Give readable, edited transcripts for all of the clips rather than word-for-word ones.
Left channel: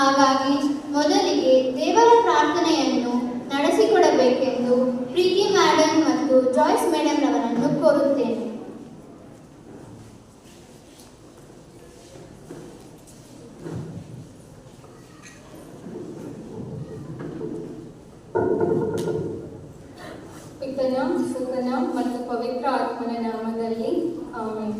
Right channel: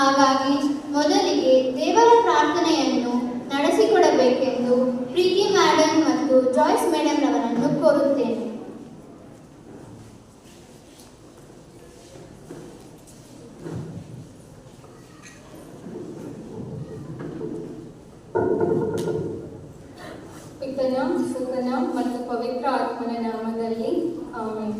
ಹಾಗಾಗಿ ಮೊದಲಿಗೆ ದೇವರ ಪ್ರಾರ್ಥನೆಯನ್ನು ನಡೆಸಿಕೊಡಬೇಕೆಂದು ಪ್ರೀತಿ ಮೇಡಮ್ ಮತ್ತು ಜಾಯ್ಸ್ ಮೇಡಮ್ ರವರನ್ನು ಕೋರುತ್ತೇನೆ. ಪಿತನ ಸುತನ ಮತ್ತು ಪವಿತ್ರ ಆತ್ಮನ ನಾಮದಲ್ಲಿ ಆಮೆನ್.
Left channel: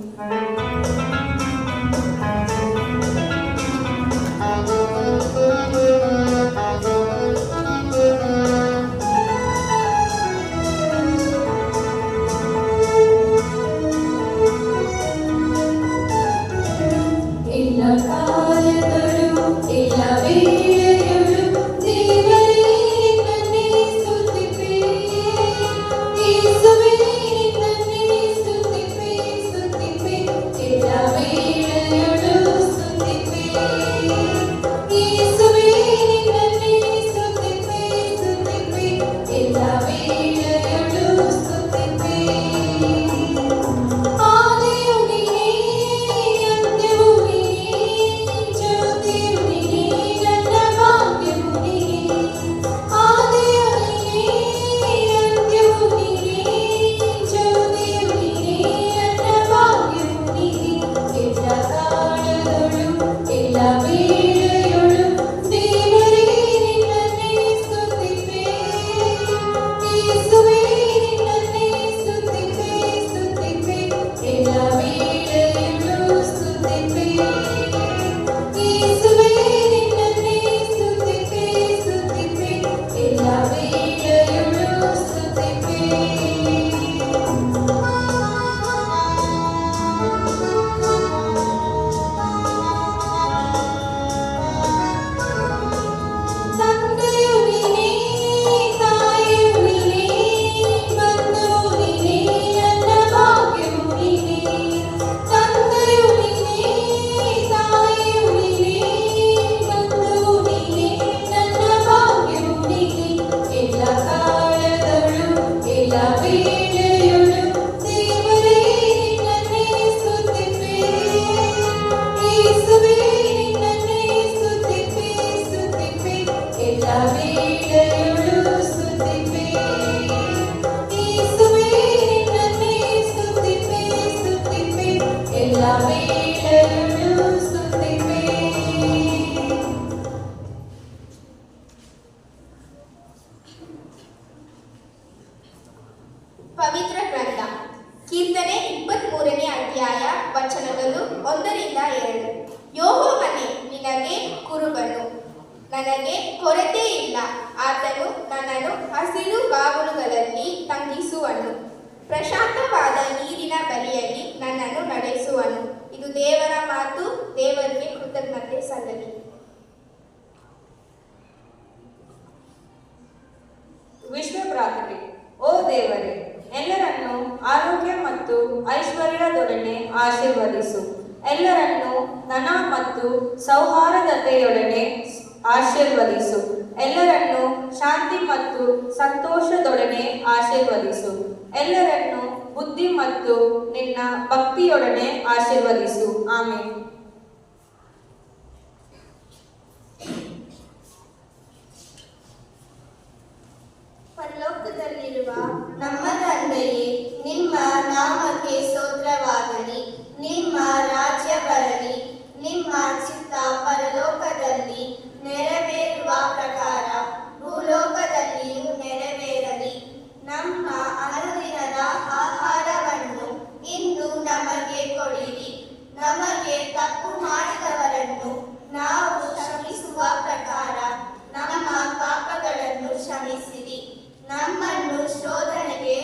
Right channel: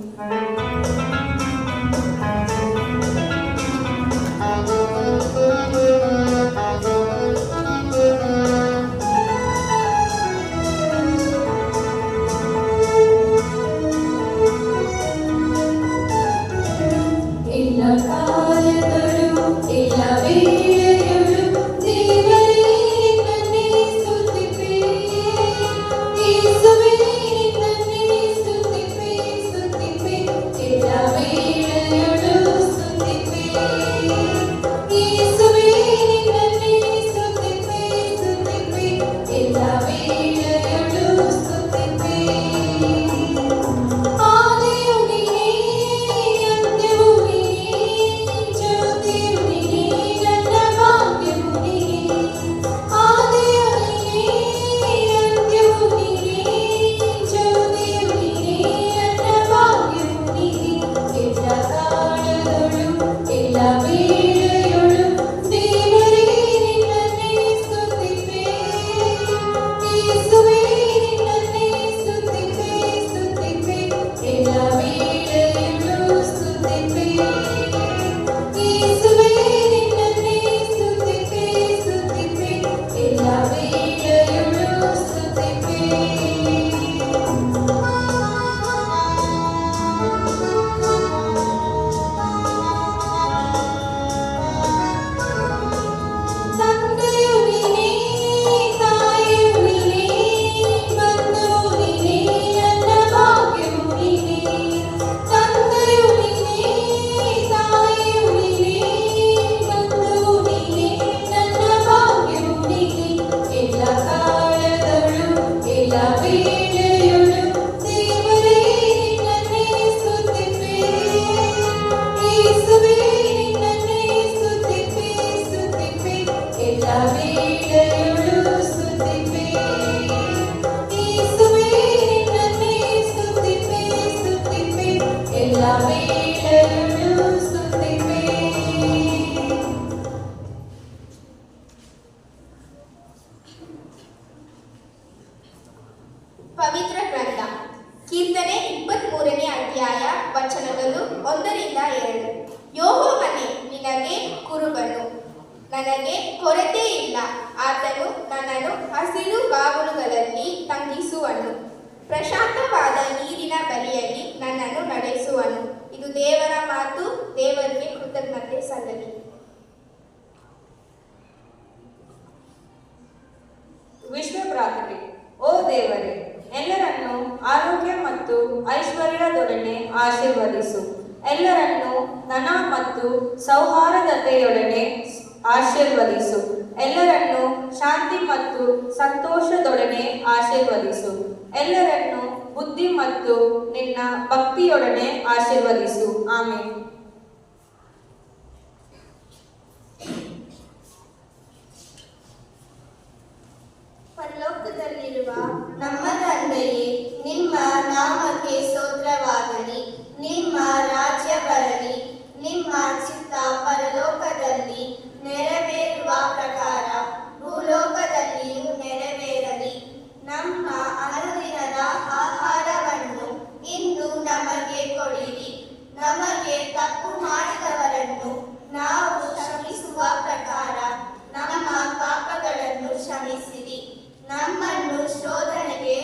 ಇಲ್ಲ ಕಾಲಗಳು ಇಲ್ಲ ವೇಳೆಗಳು ದೇವರೇ ನಿನ್ನನ್ನೇ ಸ್ತುತಿಪೆ, ಯೇಸುವೇ ನಿನ್ನನ್ನೇ ಸ್ತುತಿಪೆ, ಸ್ತುತಿಪೆ ಇಲ್ಲ ವೇಳೆಗಳು ಸ್ತುತಿಪೆ, ಯೇಸುವೇ ನಿನ್ನನ್ನೇ ಸ್ತುತಿಪೆ, ಸ್ತುತಿಪೆ ಇಲ್ಲ ವೇಳೆಗಳು ಸ್ತುತಿಪೆ. ಆದಿಯು ನೀನೇ, ಅಂತ್ಯವೂ ನೀನೇ, ಜ್ಯೋತಿಯು ನೀನೇ, ನನ್ನ ಭಾಗ್ಯವು ನೀನೇ. ಆದಿಯು ನೀನೇ, ಅಂತ್ಯವೂ ನೀನೇ, ಜ್ಯೋತಿಯು ನೀನೇ, ನನ್ನ ಭಾಗ್ಯವು ನೀನೇ. ಎಲ್ಲ ಕಾಲಗಳು ಎಲ್ಲ ವೇಳೆಗಳು ದೇವರೇ ನಿನ್ನನ್ನೇ ಸ್ತುತಿಪೆ, ಯೇಸುವೇ ನಿನ್ನನ್ನೇ ಸ್ತುತಿಪೆ, ಸ್ತುತಿಪೆ ಎಲ್ಲ ವೇಳೆಗಳು ಸ್ತುತಿಪೆ, ಯೇಸುವೇ ನಿನ್ನನ್ನೇ ಸ್ತುತಿಪೆ, ಸ್ತುತಿಪೆ ಎಲ್ಲ ವೇಳೆಗಳು ಸ್ತುತಿಪೆ. ತಂದೆಯು ನೀನೇ, ತಾಯಿಯು ನೀನೇ, ಬಂಧುವು ನೀನೇ, ನನ್ನ ಭಾಗ್ಯವು ನೀನೇ. ತಂದೆಯು ನೀನೇ, ತಾಯಿಯು ನೀನೇ, ಬಂಧುವು ನೀನೇ, ನನ್ನ ಭಾಗ್ಯವು ನೀನೇ. ಎಲ್ಲ ಕಾಲಗಳು ಎಲ್ಲ ವೇಳೆಗಳು ದೇವರೇ ನಿನ್ನನ್ನೇ ಸ್ತುತಿಪೆ, ಯೇಸುವೇ ನಿನ್ನನ್ನೇ ಸ್ತುತಿಪೆ, ಸ್ತುತಿಪೆ ಎಲ್ಲ ವೇಳೆಗಳು ಸ್ತುತಿಪೆ, ಯೇಸುವೇ ನಿನ್ನನ್ನೇ ಸ್ತುತಿಪೆ, ಸ್ತುತಿಪೆ ಎಲ್ಲ ವೇಳೆಗಳು ಸ್ತುತಿಪೆ. ಪವಿತ್ರ ಗ್ರಂಥ ಕೀರ್ತನೆ 23ನೇ ಅಧ್ಯಾಯ ವಚನಗಳು 1-2. ಯೆಹೋವನೇ ನಿನಗೆ ಕುರುಬನು, ನನಗೆ ಕೊರತೆ ಇಲ್ಲ. ಆತನು ನನ್ನನ್ನು ಹಸಿರು ಗಾವಲುಗಳಲ್ಲಿ ತಂಗಿಸುವನು, ಪ್ರಶಾಂತವಾದ ನೀರಿನ ಬಳಿಯಲ್ಲಿ ನನ್ನನ್ನು ನಡೆಸುವನು. ಇದು ದೇವರ ಮಾತು. ದೇವರಿಗೆ ಕೃತಜ್ಞತೆ ಸಲ್ಲಲಿ. ವಿಶ್ವ ಪ್ರಾರ್ಥನೆ. ಓ ದೇವರೇ, ಎಲ್ಲರನ್ನೂ ಆರೋಗ್ಯ ಮತ್ತು ಐಶ್ವರ್ಯದೊಡನೆ ಆಶೀರ್ವದಿಸು. ಎಲ್ಲರನ್ನೂ ಧನ ಮತ್ತು ಸೌಹಾರ್ದತೆಯೊಡನೆ ಆಶೀರ್ವದಿಸು. ಎಲ್ಲರನ್ನೂ ಶಾಂತಿ ಮತ್ತು ಸಂತೋಷದೊಡನೆ ಆಶೀರ್ವದಿಸು. ಎಲ್ಲರನ್ನೂ ಬುದ್ಧಿ ಮತ್ತು ನಿನ್ನ ಭಕ್ತಿಯೊಡನೆ ಆಶೀರ್ವದಿಸು. ಆಮೆನ್. ಪರಲೋಕದಲ್ಲಿರುವ ನಮ್ಮ ತಂದೆಯೇ, ನಿಮ್ಮ ನಾಮಕ್ಕೆ ಸ್ತೋತ್ರವಾಗಲಿ. ನಿಮ್ಮ ರಾಜ್ಯ ಬರಲಿ. ನಿಮ್ಮ ಚಿತ್ತ ಪರಲೋಕದಲ್ಲಿ ನೆರವೇರುವ ಪ್ರಕಾರ ಭೂಲೋಕದಲ್ಲಿಯೂ ನೆರವೇರಲಿ. ನಮ್ಮ ಅನುದಿನದ ಆಹಾರವನ್ನು ಇಂದು ನಮಗೆ ಕೊಡಿರಿ. ನಮಗೆ ತಪ್ಪು ಮಾಡಿದವರನ್ನು ನಾವು ಕ್ಷಮಿಸುವ ಪ್ರಕಾರ ನಮ್ಮ ಪಾಪಗಳನ್ನು ಕ್ಷಮಿಸಿರಿ. ನಮ್ಮನ್ನು ಶೋಧನೆಗೆ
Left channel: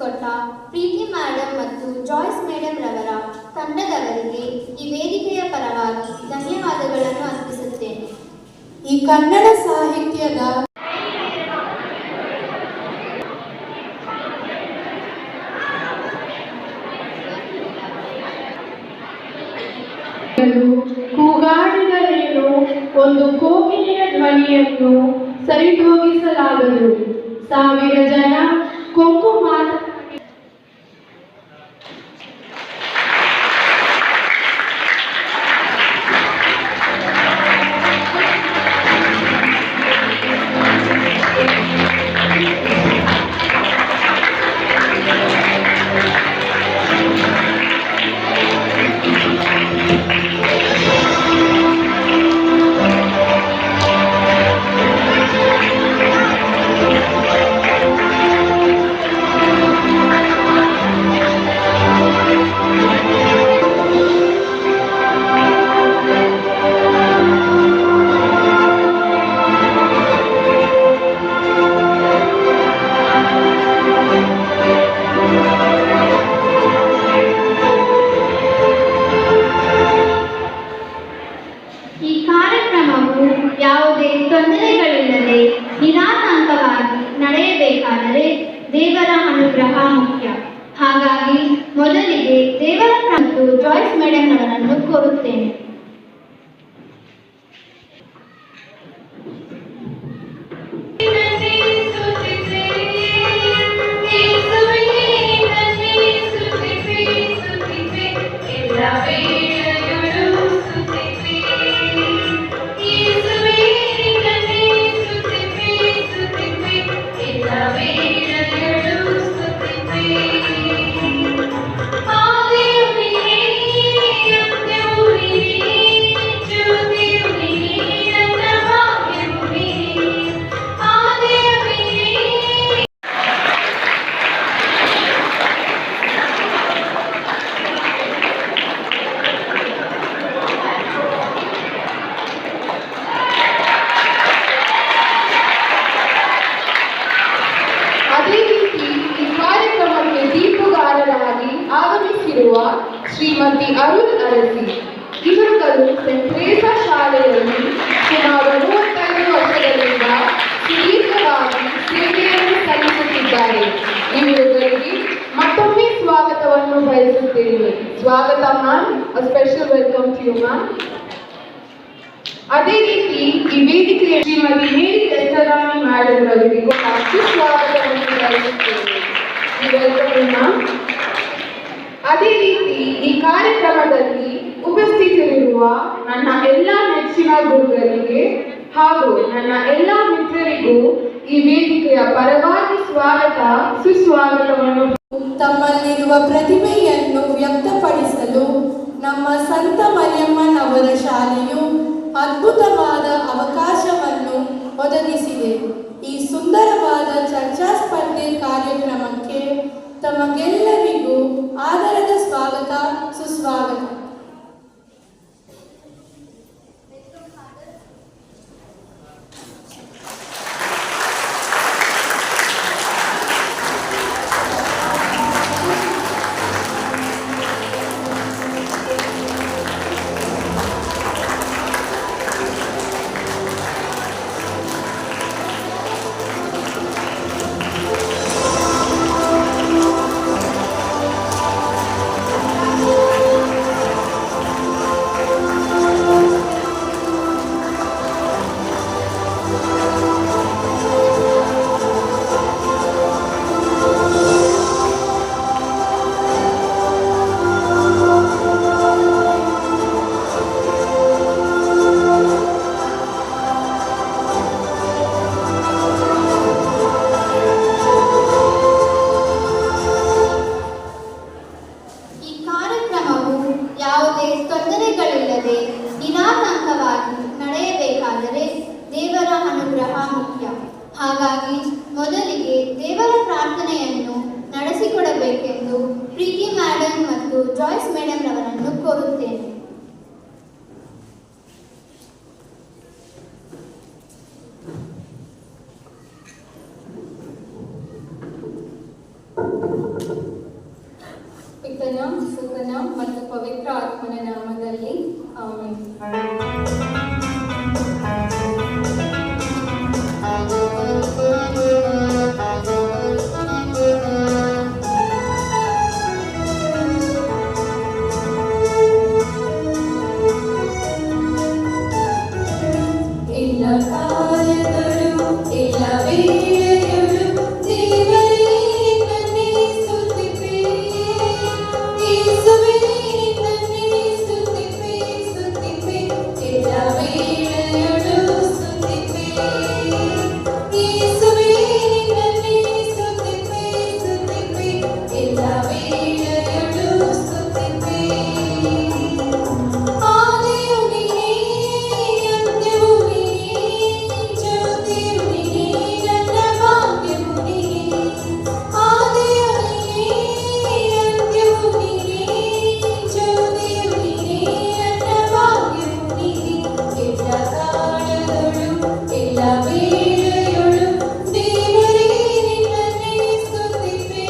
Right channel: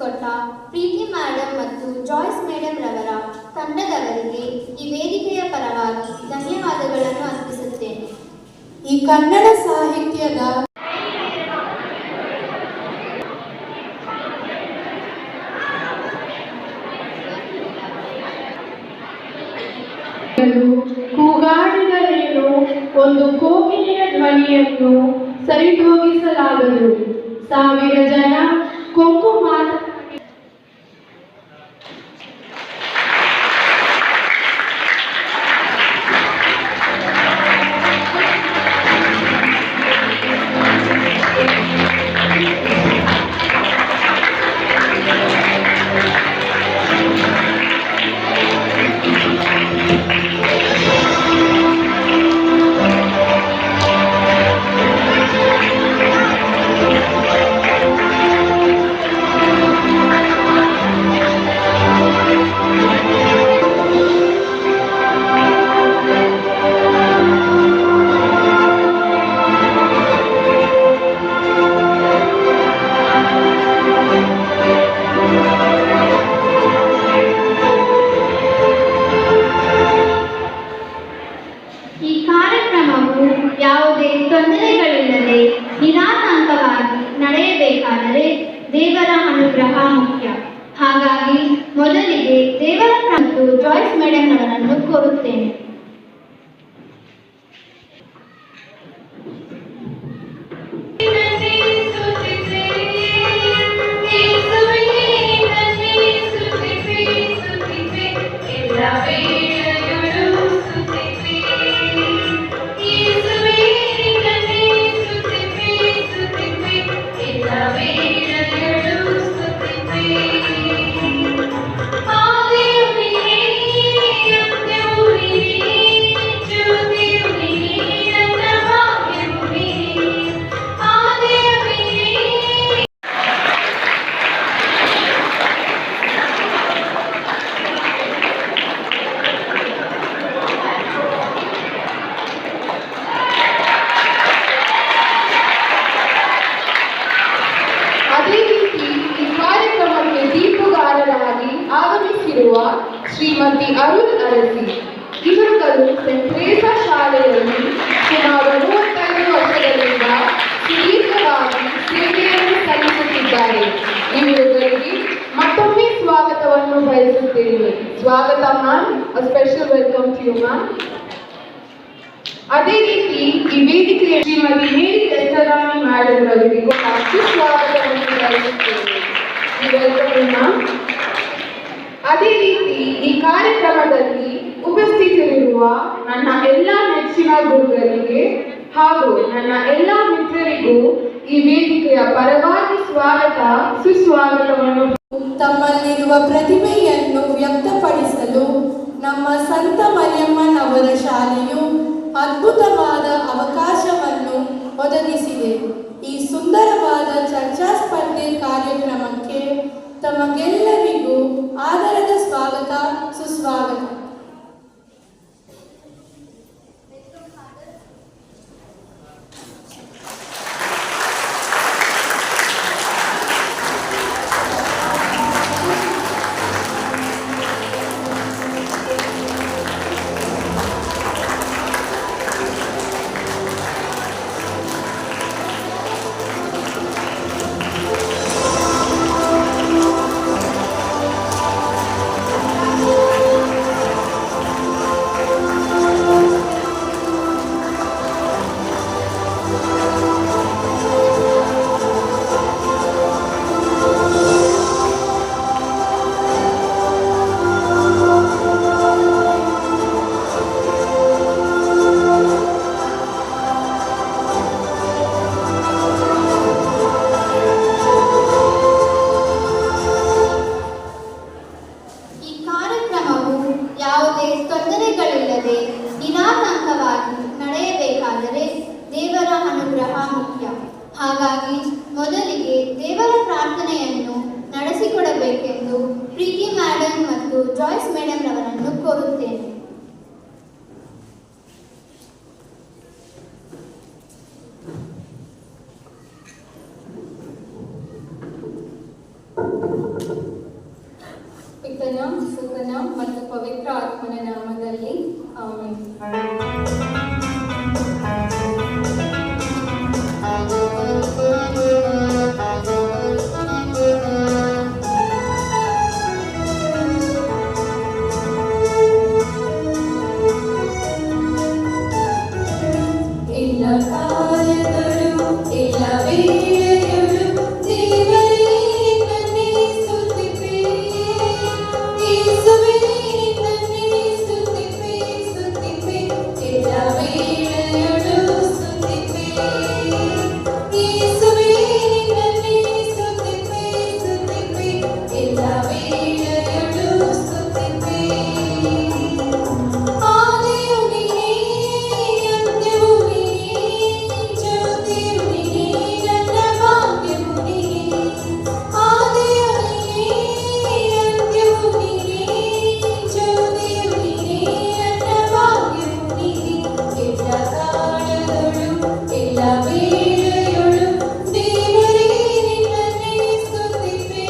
ನಡೆಸಿಕೊಟ್ಟ ಪ್ರೀತಿ ಮೇಡಮ್ ಮತ್ತು ಜಾಯ್ಸ್ ಮೇಡಮ್ ರವರ ತಂಡದವರಿಗೆ ಈ ವೇದಿಕೆಯ ಪರವಾಗಿ ಧನ್ಯವಾದಗಳನ್ನು ಅರ್ಪಿಸುತ್ತೇನೆ. ಈ ಕನ್ನಡ ಸಾಹಿತ್ಯದ ಕೂಗಾಡಿದರೇನು ಒಂದು ಕೋಗಿಲೆಯ ಧ್ವನಿಯನ್ನು ಸರಿದೂಗಿಸಲಾಗದು. 1000 ಜನ ಕೊಂಕು ಮಾತನಾಡಿ ಈ ಕಾರ್ಯಕ್ರಮವು ಯಾವುದೇ ತೊಂದರೆಗಳಿಲ್ಲದೆ ನಿರಾತಂಕವಾಗಿ ನಡೆಯಬೇಕಾದರೆ ದೇವರ ಅನುಗ್ರಹ ಮುಖ್ಯ. ಹಾಗಾಗಿ ಮೊದಲಿಗೆ ದೇವರ ಮತ್ತು ಜಾಯ್ಸ್ ಮೇಡಮ್ ಅವರನ್ನು ಕೋರುತ್ತೇನೆ. ಅದೇ ರೀತಿ ಈ ಕಾರ್ಯಕ್ರಮಕ್ಕೆ ದೀಪಗಾರರಾಗಿ ಆಗಮಿಸಿರುವ ಶ್ರೀಮತಿ ಅರುಣ್ ಅರಸಿ ಇವರುಗಳು ಸೆಂಟ್ ಥೆರೇಸಾ ಶಾಲೆಯಲ್ಲಿ ಸುಮಾರು 35 ವರ್ಷಗಳಿಂದ ಸುದೀರ್ಘವಾಗಿ ಸೇವೆಯನ್ನು ಸಲ್ಲಿಸುತ್ತಿದ್ದಾರೆ. ಇವರುಗಳಿಗೆ ಮತ್ತೊಮ್ಮೆ ಸ್ವಾಗತವನ್ನು ಬಯಸುತ್ತೇವೆ. ಸ್ವಾಗತ ma'am, special welcome to you ma'am. ಅದೇ ರೀತಿ ಈ ವೇದಿಕೆಯ ಶ್ರೀಮತಿ ಮೇರಿ ಎಸ್ತರಾಣಿ ಮೇಡಮ್ ಅವರಿಗೆ ಕೂಡ ಸುಸ್ವಾಗತವನ್ನು ಬಯಸುತ್ತೇವೆ. Welcome ma'am. ಅದೇ ರೀತಿ ಈ ಕಾರ್ಯಕ್ರಮದಲ್ಲಿ ಉಪಸ್ಥಿತರಿರುವ ನನ್ನ ಎಲ್ಲ ನೆಚ್ಚಿನ ಗುರುಗಳಿಗೆ ಹಾಗೂ ನನ್ನ ಎಲ್ಲ ಮಿತ್ರರಿಗೂ ಈ ವೇದಿಕೆಯ ಪರವಾಗಿ ಸ್ವಾಗತ ಸುಸ್ವಾಗತವನ್ನು. ತಮ್ಮಲ್ಲಿರುವ ಪ್ರತಿಭೆಯನ್ನು ವ್ಯಕ್ತಪಡಿಸಲು ನಮ್ಮ ಸಂತ ಮರಿಯಮ್ಮನವರ ಶಾಲೆಯು ಅದ್ಭುತವಾದ ಅವಕಾಶವನ್ನು ಒದಗಿಸಿದೆ. ಈ ಸುಂದರವಾದ ಚರ್ಚಾ ಸ್ಪರ್ಧೆ ಕಾರ್ಯಕ್ರಮಕ್ಕೆ ತಮಗೆಲ್ಲರಿಗೂ ಆದರದ ಸ್ವಾಗತ ಸುಸ್ವಾಗತ. ಹಾಗಾಗಿ ಮೊದಲಿಗೆ ದೇವರ ಪ್ರಾರ್ಥನೆಯನ್ನು ನಡೆಸಿಕೊಡಬೇಕೆಂದು ಪ್ರೀತಿ ಮೇಡಮ್ ಮತ್ತು ಜಾಯ್ಸ್ ಮೇಡಮ್ ರವರನ್ನು ಕೋರುತ್ತೇನೆ. ಸುತನ ಮತ್ತು ಪವಿತ್ರ ಆತ್ಮನ ನಾಮದಲ್ಲಿ ಆಮೆನ್. ಇಲ್ಲ ಕಾಲಗಳು ಇಲ್ಲ ವೇಳೆಗಳು ದೇವರೇ ನಿನ್ನನ್ನೇ ಸ್ತುತಿಪೆ. ಯೇಸುವೇ ನಿನ್ನನ್ನೇ ಸ್ತುತಿಪೆ, ಸ್ತುತಿಪೆ. ಇಲ್ಲ ವೇಳೆಗಳು ಸ್ತುತಿಪೆ. ಯೇಸುವೇ ನಿನ್ನನ್ನೇ ಸ್ತುತಿಪೆ, ಸ್ತುತಿಪೆ. ಇಲ್ಲ ವೇಳೆಗಳು ಸ್ತುತಿಪೆ. ಆದಿಯು ನೀನೇ, ಅಂತ್ಯವೂ ನೀನೇ, ಜ್ಯೋತಿಯು ನೀನೇ, ನನ್ನ ಭಾಗ್ಯವು ನೀನೇ. ಆದಿಯು ನೀನೇ, ಅಂತ್ಯವೂ ನೀನೇ, ಜ್ಯೋತಿಯು ನೀನೇ, ನನ್ನ ಭಾಗ್ಯವು ನೀನೇ. ಎಲ್ಲ ಕಾಲಗಳು ಎಲ್ಲ ವೇಳೆಗಳು ದೇವರೇ ನಿನ್ನನ್ನೇ ಸ್ತುತಿಪೆ.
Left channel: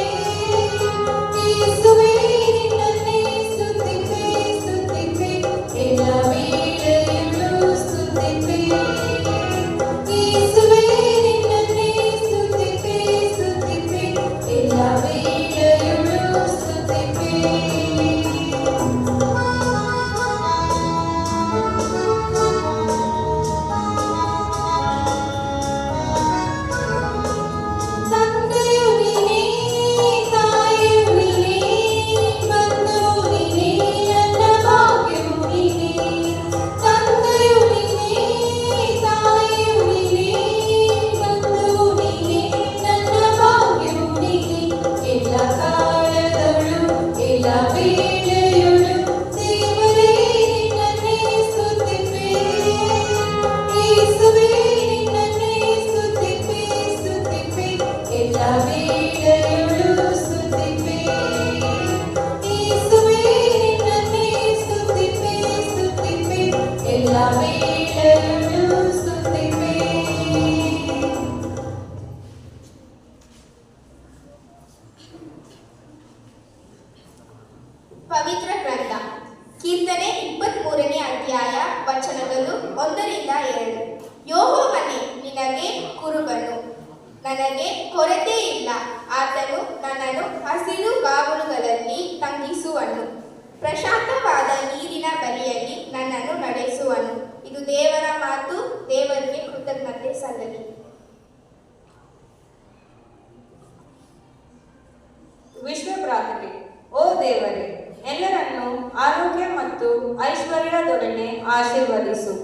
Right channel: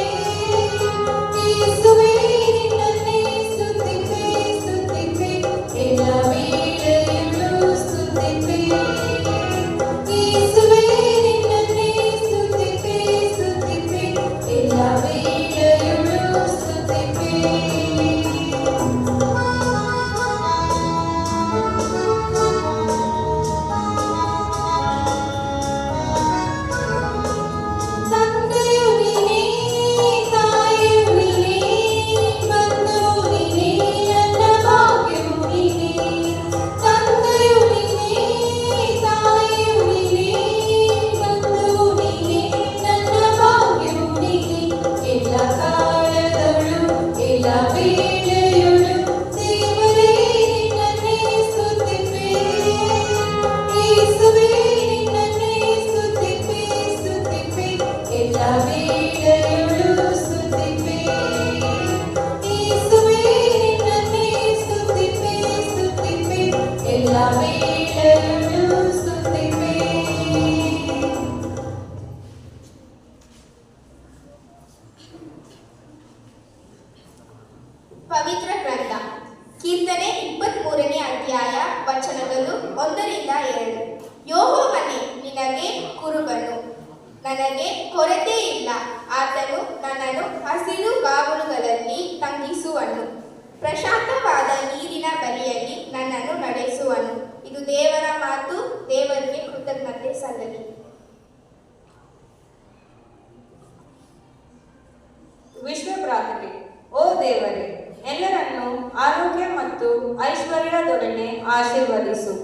ಯೇಸುವೇ ನಿನ್ನನ್ನೇ ಸ್ತುತಿಪೆ, ಸ್ತುತಿಪೆ. ಎಲ್ಲ ವೇಳೆಗಳು ಸ್ತುತಿಪೆ. ಯೇಸುವೇ ನಿನ್ನನ್ನೇ ಸ್ತುತಿಪೆ, ಸ್ತುತಿಪೆ. ಎಲ್ಲ ವೇಳೆಗಳು ಸ್ತುತಿಪೆ. ತಂದೆಯು ನೀನೇ, ತಾಯಿಯು ನೀನೇ, ಬಂಧುವು ನೀನೇ, ನನ್ನ ಭಾಗ್ಯವು ನೀನೇ. ತಂದೆಯು ನೀನೇ, ತಾಯಿಯು ನೀನೇ, ಬಂಧುವು ನೀನೇ, ನನ್ನ ಭಾಗ್ಯವು ನೀನೇ. ಎಲ್ಲ ಕಾಲಗಳು ಎಲ್ಲ ವೇಳೆಗಳು ದೇವರೇ ನಿನ್ನನ್ನೇ ಸ್ತುತಿಪೆ. ಯೇಸುವೇ ನಿನ್ನನ್ನೇ ಸ್ತುತಿಪೆ, ಸ್ತುತಿಪೆ. ಎಲ್ಲ ವೇಳೆಗಳು ಸ್ತುತಿಪೆ. ಯೇಸುವೇ ನಿನ್ನನ್ನೇ ಸ್ತುತಿಪೆ, ಸ್ತುತಿಪೆ. ಎಲ್ಲ ವೇಳೆಗಳು ಸ್ತುತಿಪೆ. ಪವಿತ್ರ ಗ್ರಂಥ ಕೀರ್ತನೆ 23ನೇ ಅಧ್ಯಾಯ ವಚನಗಳು 1-7. ಯೆಹೋವನೇ ನಿನಗೆ ಕುರುಬನು, ನನಗೆ ಕೊರತೆ ಇಲ್ಲ. ಆತನು ನನ್ನನ್ನು ಹಸಿರು ಗಾವಲುಗಳಲ್ಲಿ ತಂಗಿಸುವನು, ಪ್ರಶಾಂತವಾದ ನೀರಿನ ಬಳಿಯಲ್ಲಿ ನನ್ನನ್ನು ನಡೆಸುವನು. ಇದು ದೇವರ ಮಾತು. ದೇವರಿಗೆ ಕೃತಜ್ಞತೆ ಸಲ್ಲಲಿ. ವಿಶ್ವ ಪ್ರಾರ್ಥನೆ. ಓ ದೇವರೇ, ಎಲ್ಲರನ್ನೂ ಆರೋಗ್ಯ ಮತ್ತು ಐಶ್ವರ್ಯದೊಡನೆ ಆಶೀರ್ವದಿಸು.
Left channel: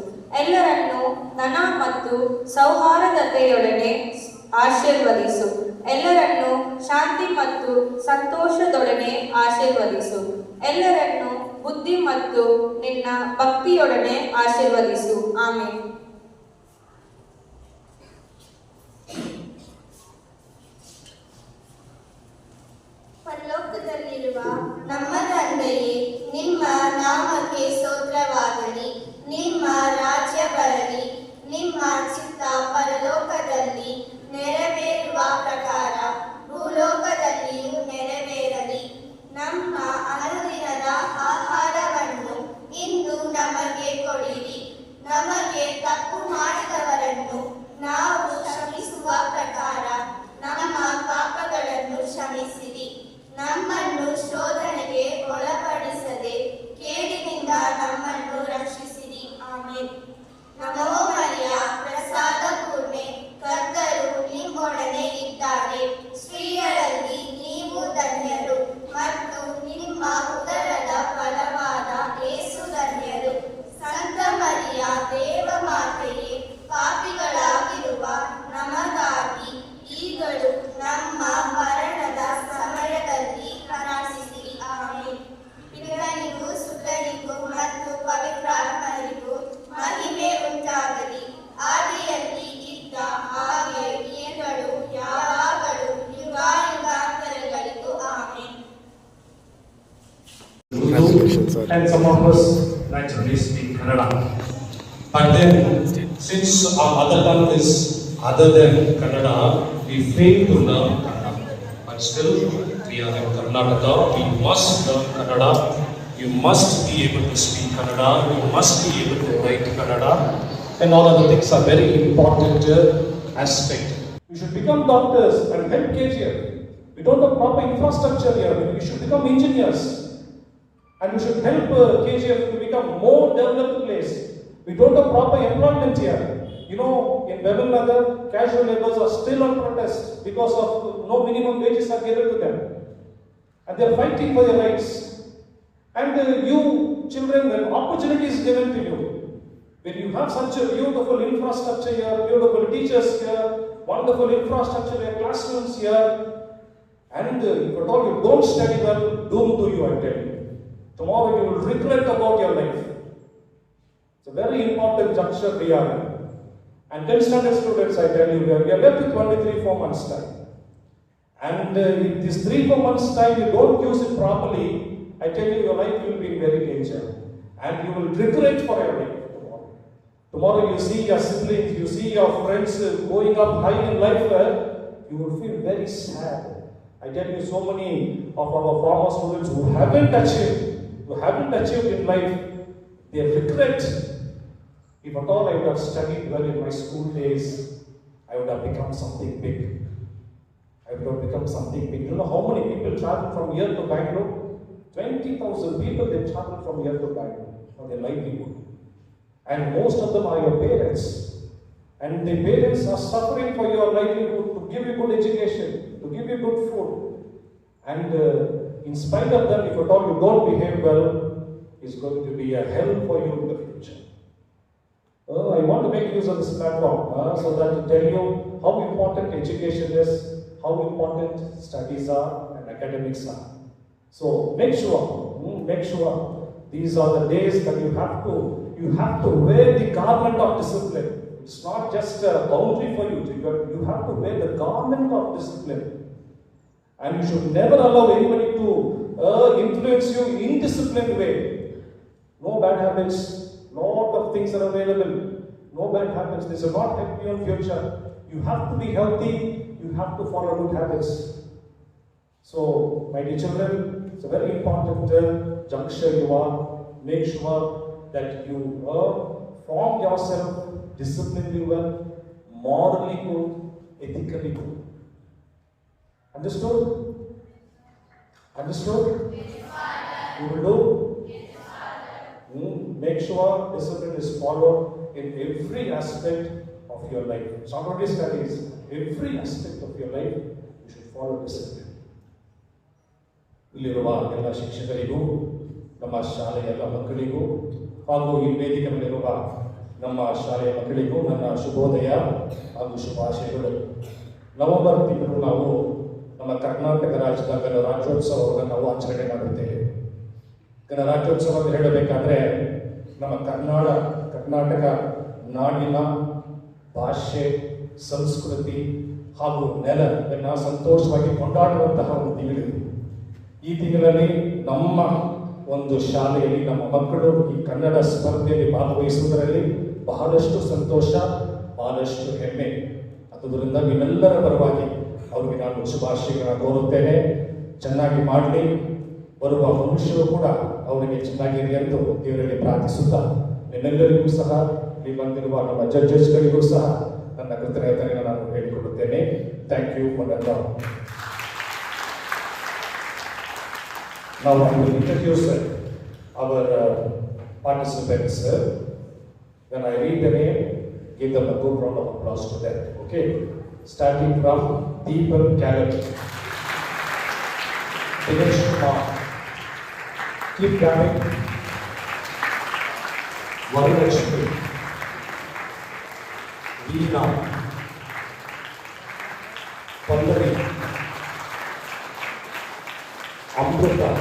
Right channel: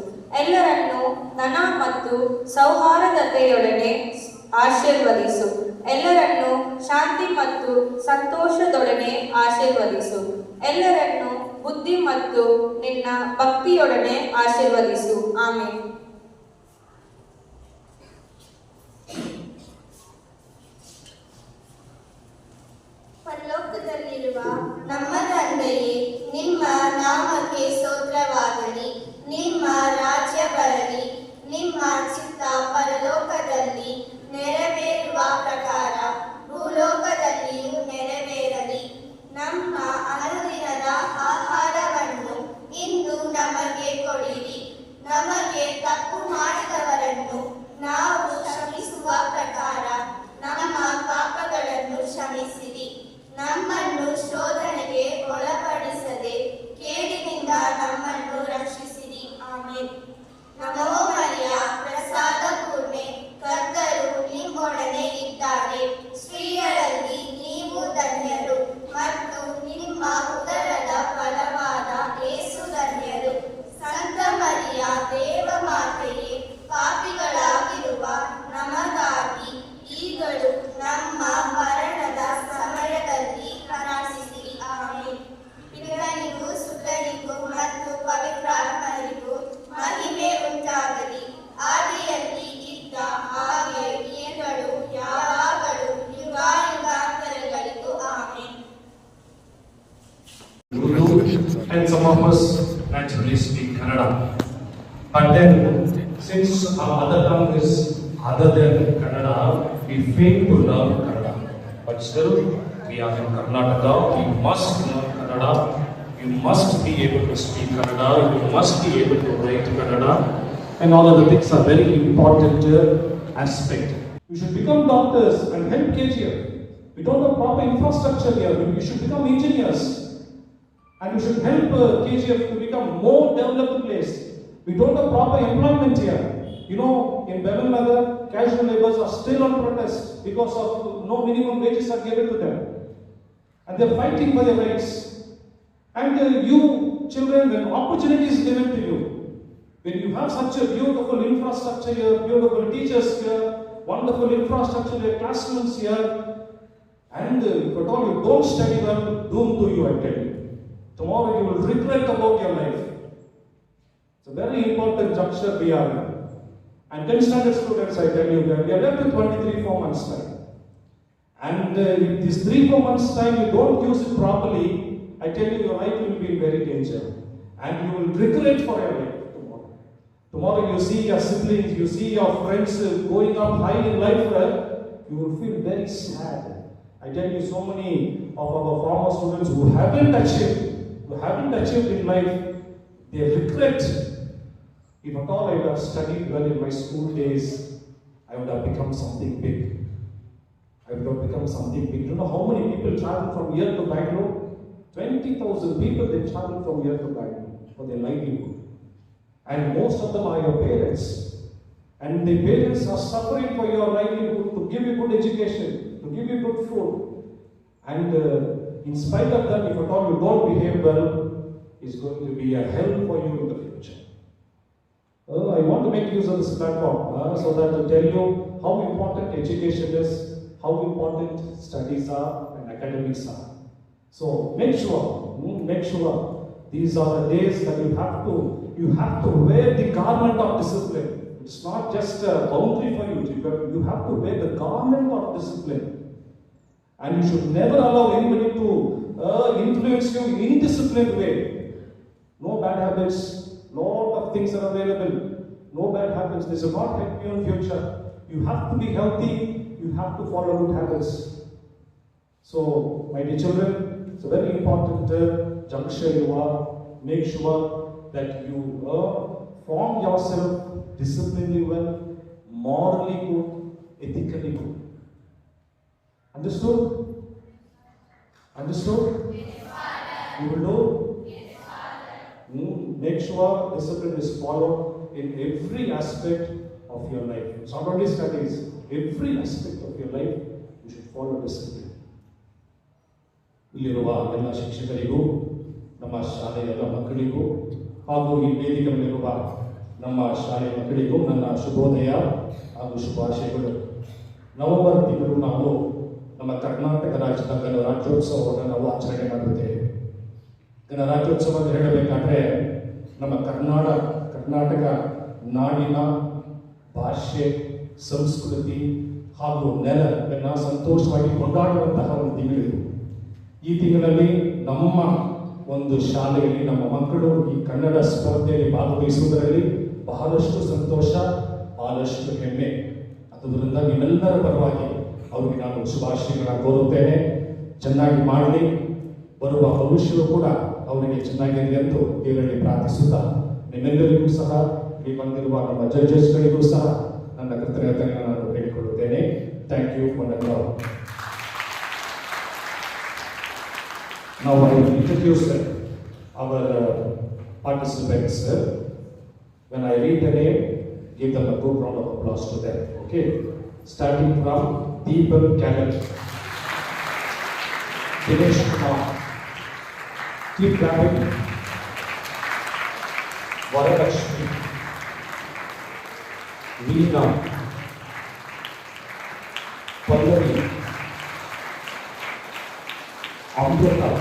ಎಲ್ಲರನ್ನೂ ಧನ ಮತ್ತು ಸೌಹಾರ್ದತೆಯೊಡನೆ ಆಶೀರ್ವದಿಸು. ಎಲ್ಲರನ್ನೂ ಶಾಂತಿ ಮತ್ತು ಸಂತೋಷದೊಡನೆ ಆಶೀರ್ವದಿಸು. ಎಲ್ಲರನ್ನೂ ಬುದ್ಧಿ ಮತ್ತು ನಿನ್ನ ಭಕ್ತಿಯೊಡನೆ ಆಶೀರ್ವದಿಸು. ಆಮೆನ್. ಪರಲೋಕದಲ್ಲಿರುವ ನಮ್ಮ ತಂದೆಯೇ, ನಿಮ್ಮ ನಾಮಕ್ಕೆ ಸ್ತೋತ್ರವಾಗಲಿ. ನಿಮ್ಮ ರಾಜ್ಯ ಬರಲಿ. ನಿಮ್ಮ ಚಿತ್ತ ಪರಲೋಕದಲ್ಲಿ ನೆರವೇರುವ ಪ್ರಕಾರ ಭೂಲೋಕದಲ್ಲಿಯೂ ನೆರವೇರಲಿ. ನಮ್ಮ ಅನುದಿನದ ಆಹಾರವನ್ನು ಇಂದು ನಮಗೆ ಕೊಡಿರಿ. ನಮಗೆ ತಪ್ಪು ಮಾಡಿದವರನ್ನು ನಾವು ಕ್ಷಮಿಸುವ ಪ್ರಕಾರ ನಮ್ಮ ಪಾಪಗಳನ್ನು ಕ್ಷಮಿಸಿರಿ. ನಮ್ಮನ್ನು ಶೋಧನೆಗೆ ಒಳಪಡಿಸದೆ ಕೇಡಿನಿಂದ ನಮ್ಮನ್ನು ರಕ್ಷಿಸಿರಿ. ಆಮೆನ್. ನಮೋ ಮರಿಯ, ಪ್ರಸಾದ ಪೂರ್ಣೆ, ಕರ್ತರು ನಿಮ್ಮೊಡನೆ ಇದ್ದಾರೆ. ಸ್ತ್ರೀಯರಲ್ಲಿ ನೀವು ಧನ್ಯರು, ಮತ್ತು ನಿಮ್ಮ ಉದರದ ಫಲವಾದ ಯೇಸು ಧನ್ಯರು. ಸಂತ ಮರಿಯ, ದೇವ ಮಾತೆಯೇ, ಪಾಪಿಗಳಾಗಿರುವ ನಮಗಾಗಿ ಈಗಲೂ ನಮ್ಮ ಮರಣದ ಸಮಯದಲ್ಲಿ ಪ್ರಾರ್ಥಿಸಿರಿ. ಆಮೆನ್. ಪಿತನಿಗೂ ಸುತನಿಗೂ ಮತ್ತು ಪವಿತ್ರಾತ್ಮರಿಗೂ ಮಹಿಮೆ ಉಂಟಾಗಲಿ. ಆದಿಯಲ್ಲಿ ಇದ್ದ ಹಾಗೆ ಈಗಲೂ ಯಾವಾಗಲೂ ಯುಗಾಯುಗಾಂತರಗಳಿಗೂ. Amen. And some of us naturally speak Kannada. But then, since our mother tongue is other than Kannada, we fail to learn Kannada. But still, we we are in Karnataka, we must learn Kannada. You must be able to speak Kannada. You must be able to write Kannada. And all of the things are very important aspect. You should become doctors and help KGF. We don't have proper infrastructure here. We should become engineers. And we should help KGF to become more developed place. We don't have proper employment here. You know, in Bevel Nagar, casual laborers are still on protest because of no minimum wages are given to them. And they are fighting for their rights. And you children, when opportunity is given to you, when you have such a beautiful infrastructure here, beautiful teachers here, wonderful infrastructure here, classrooms here, and if at all you don't study well, doom to you, I tell you. Tomorrow you will regret about your life. It's a very important juncture we are in. And 10 standard students, I tell you, we are left with only 3-4 months time. And if this 3-4 months time you don't use it properly, I tell you, your life will be in very danger. And you will regret for your life tomorrow. Tomorrow you see your siblings, you see your friends going up high in life, you will feel very sad. I tell you, so many of our former students who haven't achieved in life, they regret. If at all I would have studied well in my school days, I would have become something big. I would have become something big. You know how many people travel from here to Bangalore? 20,000 people, they travel from here to Bangalore for their livelihood. And most of them are your parents. And the parents are suffering for your livelihood to give you good education, to give you good food. And in spite of that, if at all you don't behave well, it's going to be a hell for you in the future. I want to make use of this platform so that to tell you how important education is, how important studies are and academics are. So make sure these are the days that you have to wear the garment of discipline. It's not just a boundary for you. You have to wear the garment of discipline. And you should never allow anybody to influence you in indisciplined way. No bad habits. Lot of things are available. No bad habits. This will not help you in future. You have to be healthy. You have to follow good habits. So, my dear children, it's a very important juncture you are. Make sure that you form yourself disciplinedly well, morally good, ethically good. Understood? Understood? You will do? Make sure discipline is followed in every aspect of your life. It's not only studies, every aspect of your life, you should follow discipline. ಇಲ್ಲಿರುವ ಎಲ್ಲ ಶಿಕ್ಷಕರಿಗೂ, ನಮ್ಮ ಶಾಲೆಯ ಎಲ್ಲ ಮಕ್ಕಳಿಗೂ ಹಾಗೂ ಈ ವೇದಿಕೆ ಮೇಲಿರುವ ನಮ್ಮ ಶಾಲೆಯ ಮಕ್ಕಳಿಗೂ ನನ್ನ ಶುಭೋದಯ ಹಾಗೂ ಶುಭಾಶಯಗಳು. ನವೆಂಬರ್ ತಿಂಗಳು ನಾವು ನಮ್ಮ ಕರ್ನಾಟಕ ರಾಜ್ಯದ ಗಣರಾಜ್ಯೋತ್ಸವವನ್ನು ನಾವು ಆಚರಣೆ ಮಾಡುತ್ತೇವೆ. ಗಣರಾಜ್ಯೋತ್ಸವ ಅಂತ ಹೇಳಬೇಕಾದ್ರೆ ನಮ್ಮ ಕರ್ನಾಟಕ ನಾಡಿನ ಭಾಷೆ, ಸಂಸ್ಕೃತಿ ಹಾಗೂ ನೆಲವನ್ನು ಸಂತೋಷವಾಗಿ ಕೊಂಡಾಡುವಂತಹ ಒಂದು ತಿಂಗಳಿದು. ಈ ತಿಂಗಳಲ್ಲಿ ನಮ್ಮ ಒಂದು ಶಾಲೆಯಲ್ಲಿ ನಮ್ಮ ಮಕ್ಕಳು ಈ ಕನ್ನಡ ಸ್ಪರ್ಧೆಯಲ್ಲಿ ಭಾಗವಹಿಸುವುದರಲ್ಲಿ ಬಹಳಷ್ಟು ಸಂತೋಷ, ಬಹಳಷ್ಟು ಹೆಮ್ಮೆ. ಅದರಿಂದ ನಿಮ್ಮೆಲ್ಲರ ಪರವಾಗಿ ಅವರಿಗೆ ನಾನು ಶುಭಾಶಯಗಳನ್ನು ಕೋರುತ್ತೇನೆ. ಚೆನ್ನಾಗಿ ಮಾಡಲಿ, ಬರುವ ಭವಿಷ್ಯವು ಕೂಡ ಅವರಿಗೆ ಚೆನ್ನಾಗಿರಲಿ ಎಂದು ದೇವರಲ್ಲಿ ಪ್ರಾರ್ಥಿಸುತ್ತಾ, ನಿಮ್ಮೆಲ್ಲರಿಗೂ ಸಹ ಇಲ್ಲಿ ಬಂದಿರುವ ನಮ್ಮ ಜಡ್ಜಸ್ಗಳಿಗೂ ಸಹ ನನ್ನ ಕೃತಜ್ಞತೆಯನ್ನು ನಾನು ಹೇಳಿಕೊಳ್ಳುತ್ತೇನೆ. Thank you for all. Now I will introduce our participants. When I read the name, give them a good round of applause to them. Okay? Starting from Deepan Cadet, Dinesh Kumar, keep clapping. Varalakshmi, Veena, Pallavi, Amrita,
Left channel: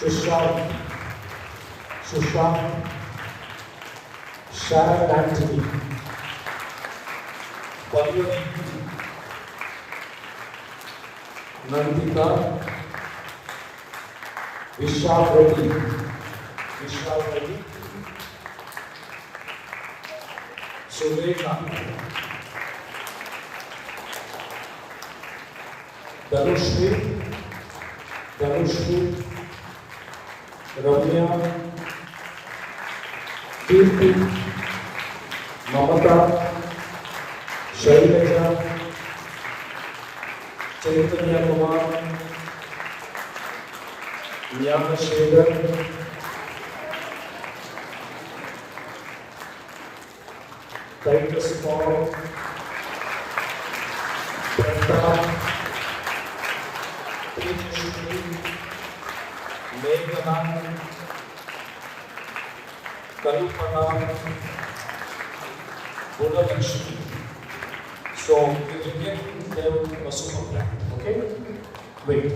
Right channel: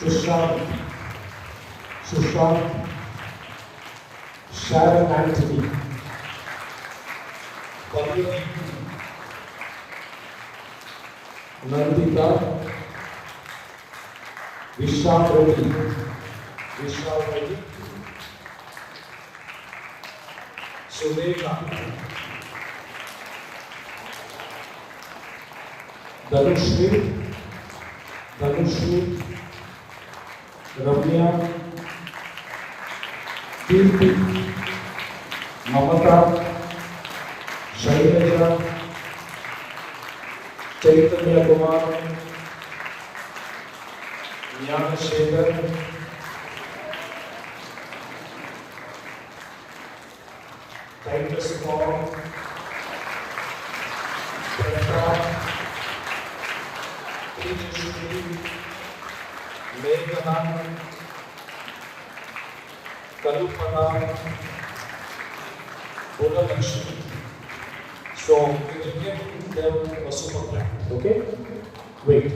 Sushant, Sharon Anthony, Nandita, Vishal Reddy, Sureka, Dhanushri, Ramya, Kirti, Mamata, Shailaja, Chaitanya Kumar, Nyamashekhar, Titus Paul, Brenda, So we can give them a super clap, okay? Wait.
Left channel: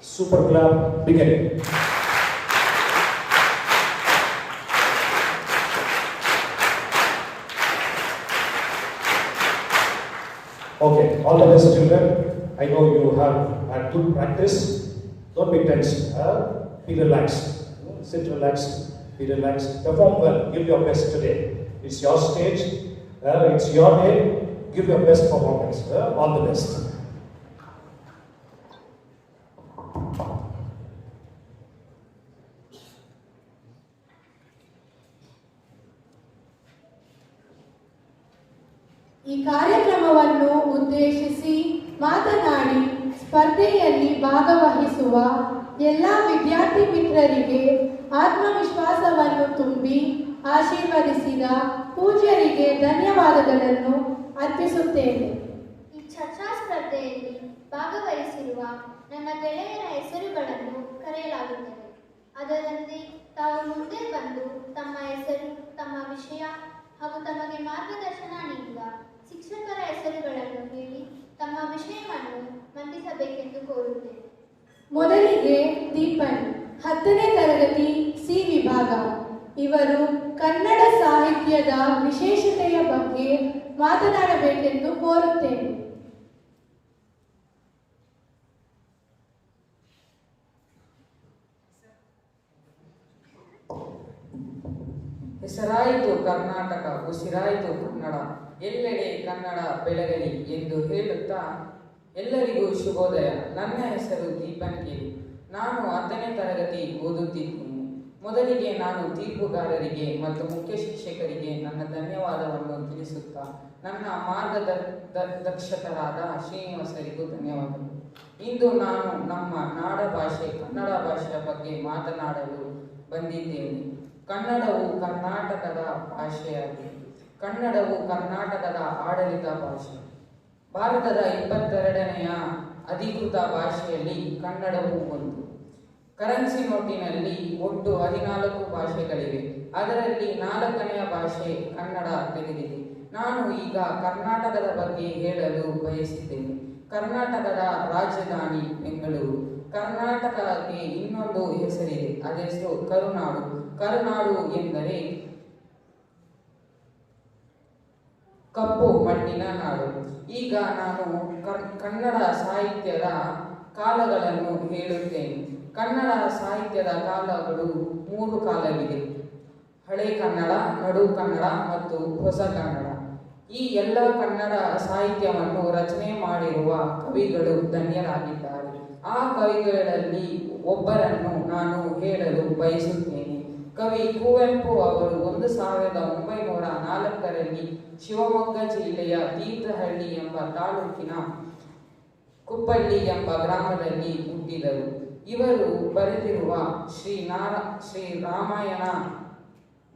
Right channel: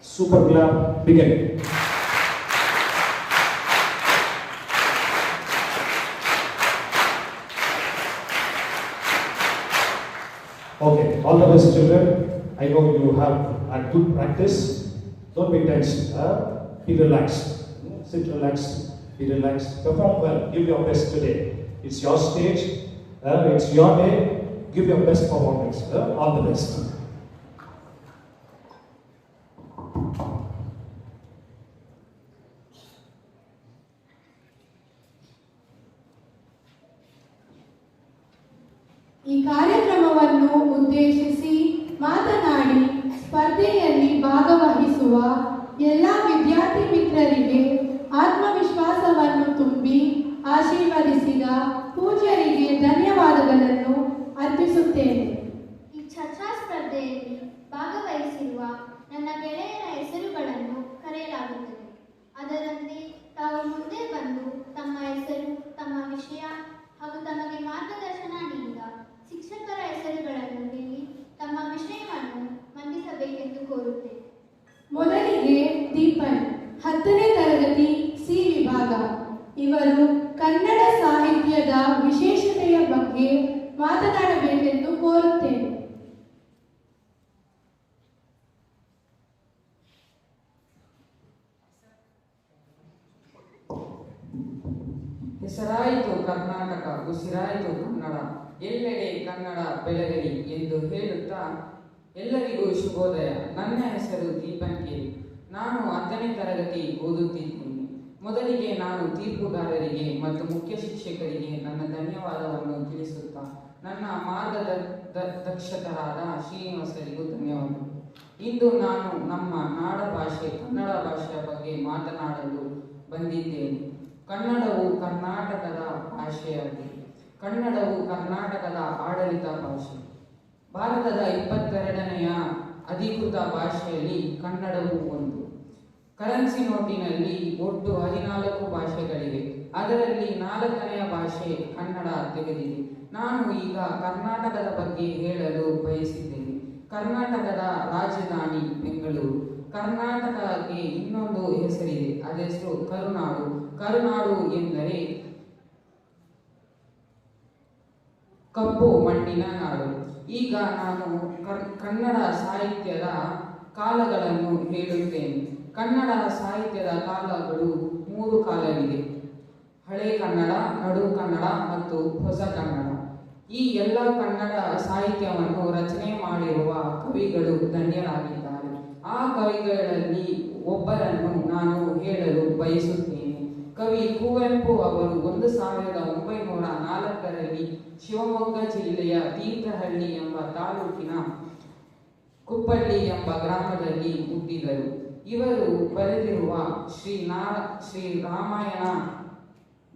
Super clap, begin. Okay, all the best children. I know you have had good practice. Don't be tense. Be relaxed. Sit relaxed. Be relaxed. Perform well. Give your best today. It's your stage. It's your day. Give your best performance. All the best. ಈ ಕಾರ್ಯಕ್ರಮವನ್ನು ಉದ್ದೇಶಿಸಿ ಮಾತನಾಡಿ ಸ್ಪರ್ಧೆಯಲ್ಲಿ ಭಾಗವಹಿಸುವ ಎಲ್ಲ ವಿದ್ಯಾರ್ಥಿ ಮಿತ್ರರಿಗೆ ಆತ್ಮವಿಶ್ವಾಸವನ್ನು ತುಂಬಿ ಆಶೀರ್ವದಿಸಿದ ಪೂಜ್ಯರಿಗೆ ಧನ್ಯವಾದಗಳನ್ನು ಅರ್ಪಿಸುತ್ತೇನೆ. ಈ ಚರ್ಚಾ ಸ್ಪರ್ಧೆಯಲ್ಲಿ ಭಾಗವಹಿಸಿರುವ ನನ್ನ ಗೆಳೆಯರ ಹೆಸರುಗಳನ್ನು ಕರೆಯಲಾಗುತ್ತದೆ. ಅದರಂತೆ ತಾವು ಮುಂದೆ ಬಂದು ತಮ್ಮ ಹೆಸರು, ತಮ್ಮ ವಿಷಯ ಹಾಗೂ ತಮಗೆ ಮಾರ್ಗದರ್ಶನ ನೀಡಿದ ಶಿಕ್ಷಕರ ಹೆಸರುಗಳನ್ನು ಹೇಳಿ ತಮ್ಮ ವಿಷಯವನ್ನು ಮಂಡಿಸಬೇಕೆಂದು ಕೋರುತ್ತೇನೆ. ಮೊದಲಿಗೆ ದೀಪನ್, 10ನೇ ತರಗತಿ ಸಿ ವಿಭಾಗ. ಇವರು ಕನ್ನಡ ಸಾಹಿತ್ಯದ ವಿಶೇಷತೆಯ ಬಗ್ಗೆ ಮಾತನಾಡಬೇಕೆಂದು ಕೋರುತ್ತೇನೆ. ಹೆಸರಾಯಿತು ಕರ್ನಾಟಕ, ಉಸಿರಾಯಿತು ಕನ್ನಡ, ಎಲ್ಲೆಡೆ ಕನ್ನಡ ಬೆಳಗಲಿ ಎಂದು ಹೇಳುತ್ತಾ ಎಲ್ಲರಿಗೂ ಶುಭೋದಯ. ನನ್ನ ಹೆಸರು ದೀಪನ್ ಕೆ. ನಾನು 10ನೇ ತರಗತಿ ಓದುತ್ತಿದ್ದೇನೆ. ಮೊದಲಿಗೆ ನಾನು ತೀರ್ಪುಗಾರರಿಗೆ ಮತ್ತು ಮುಖ್ಯ ಶಿಕ್ಷಕರಿಗೆ ನನ್ನ ಧನ್ಯವಾದವನ್ನು ತಿಳಿಸುತ್ತಾ ನನ್ನ ಮಾರ್ಗದರ್ಶಕರಾದ ಶ್ರೀನಿವಾಸರಿಗೂ ಧನ್ಯವಾದಗಳು. ಇಂದು ನಾನು ನಮ್ಮ ನಾಡ ಭಾಷೆ ಕನ್ನಡ ಭಾಷೆಯ ಬಗ್ಗೆ ಮಾತನಾಡಲು ಬಂದಿದ್ದೇನೆ. ಕನ್ನಡವು ಕರ್ನಾಟಕದ ಭಾಷೆಯಾಗಿದೆ. ಕನ್ನಡವು ಕರ್ನಾಟಕದ ಆಡಳಿತ ಭಾಷೆ. ಭಾರತದ 22ನೆಯ ಅಧಿಕೃತ ಭಾಷೆಯಲ್ಲಿ ಕನ್ನಡವು ಒಂದು. ಕರೆನ್ಸಿ ನೋಟಿನಲ್ಲಿ ಒಟ್ಟು 14 ಭಾಷೆಗಳಿವೆ. ಅದರಲ್ಲಿ 4ನೆಯ ಭಾಷೆ ಕನ್ನಡ ತೆಗೆದಿದೆ. ನಾನು ಈಗ ಕರ್ನಾಟಕದ ಬಗ್ಗೆ ಹೇಳಲು ಬಯಸಿದ್ದೇನೆ. ಕರ್ನಾಟಕದ ರಾಜಧಾನಿ ಬೆಂಗಳೂರು. ಕರ್ನಾಟಕಕ್ಕೆ ಇನ್ನೊಂದು ಹೆಸರಿದೆ, ಅದೆಸರು ಕರುನಾಡು. ಕರುನಾಡು ಎಂದರೆ ಕಪ್ಪು ಮಣ್ಣಿನ ನಾಡು. ಈಗ ನಾನು ಕನ್ನಡ ಸಾಹಿತ್ಯದ ಕಾಲಗಳನ್ನು ಹೇಳುತ್ತೇನೆ. ಕನ್ನಡ ಸಾಹಿತ್ಯದ ಕಾಲಗಳು 3 ಕಾಲವಿದೆ: ಹಳೆ ಕನ್ನಡ, ನಡು ಕನ್ನಡ ಮತ್ತು ಹೊಸ ಕನ್ನಡ. ಈ ಎಲ್ಲ ಕನ್ನಡ ಸಾಹಿತ್ಯವನ್ನು ರಚನೆ ಮಾಡಿರುವ ಕವಿಗಳು ಧನ್ಯರಾಗಿದ್ದಾರೆ. ಆ ಕವಿಗಳಲ್ಲಿ ಒಬ್ಬರನ್ನು ನಾನು ಹೇಳಲು ಬಯಸುತ್ತೇನೆ. ಕವಿ ಕುವೆಂಪು ಅವರು 1904ರಲ್ಲಿ ಶಿವಮೊಗ್ಗ ಜಿಲ್ಲೆಯ ತೀರ್ಥಹಳ್ಳಿ ಎಂಬ ತಾಲೂಕಿನ ಕುಪ್ಪಳ್ಳಿ ಎಂಬ ಗ್ರಾಮದಲ್ಲಿ ಹುಟ್ಟಿದರು. ಇವರು ಬರೆದಿರುವ ಶ್ರೀ ರಾಮಾಯಣ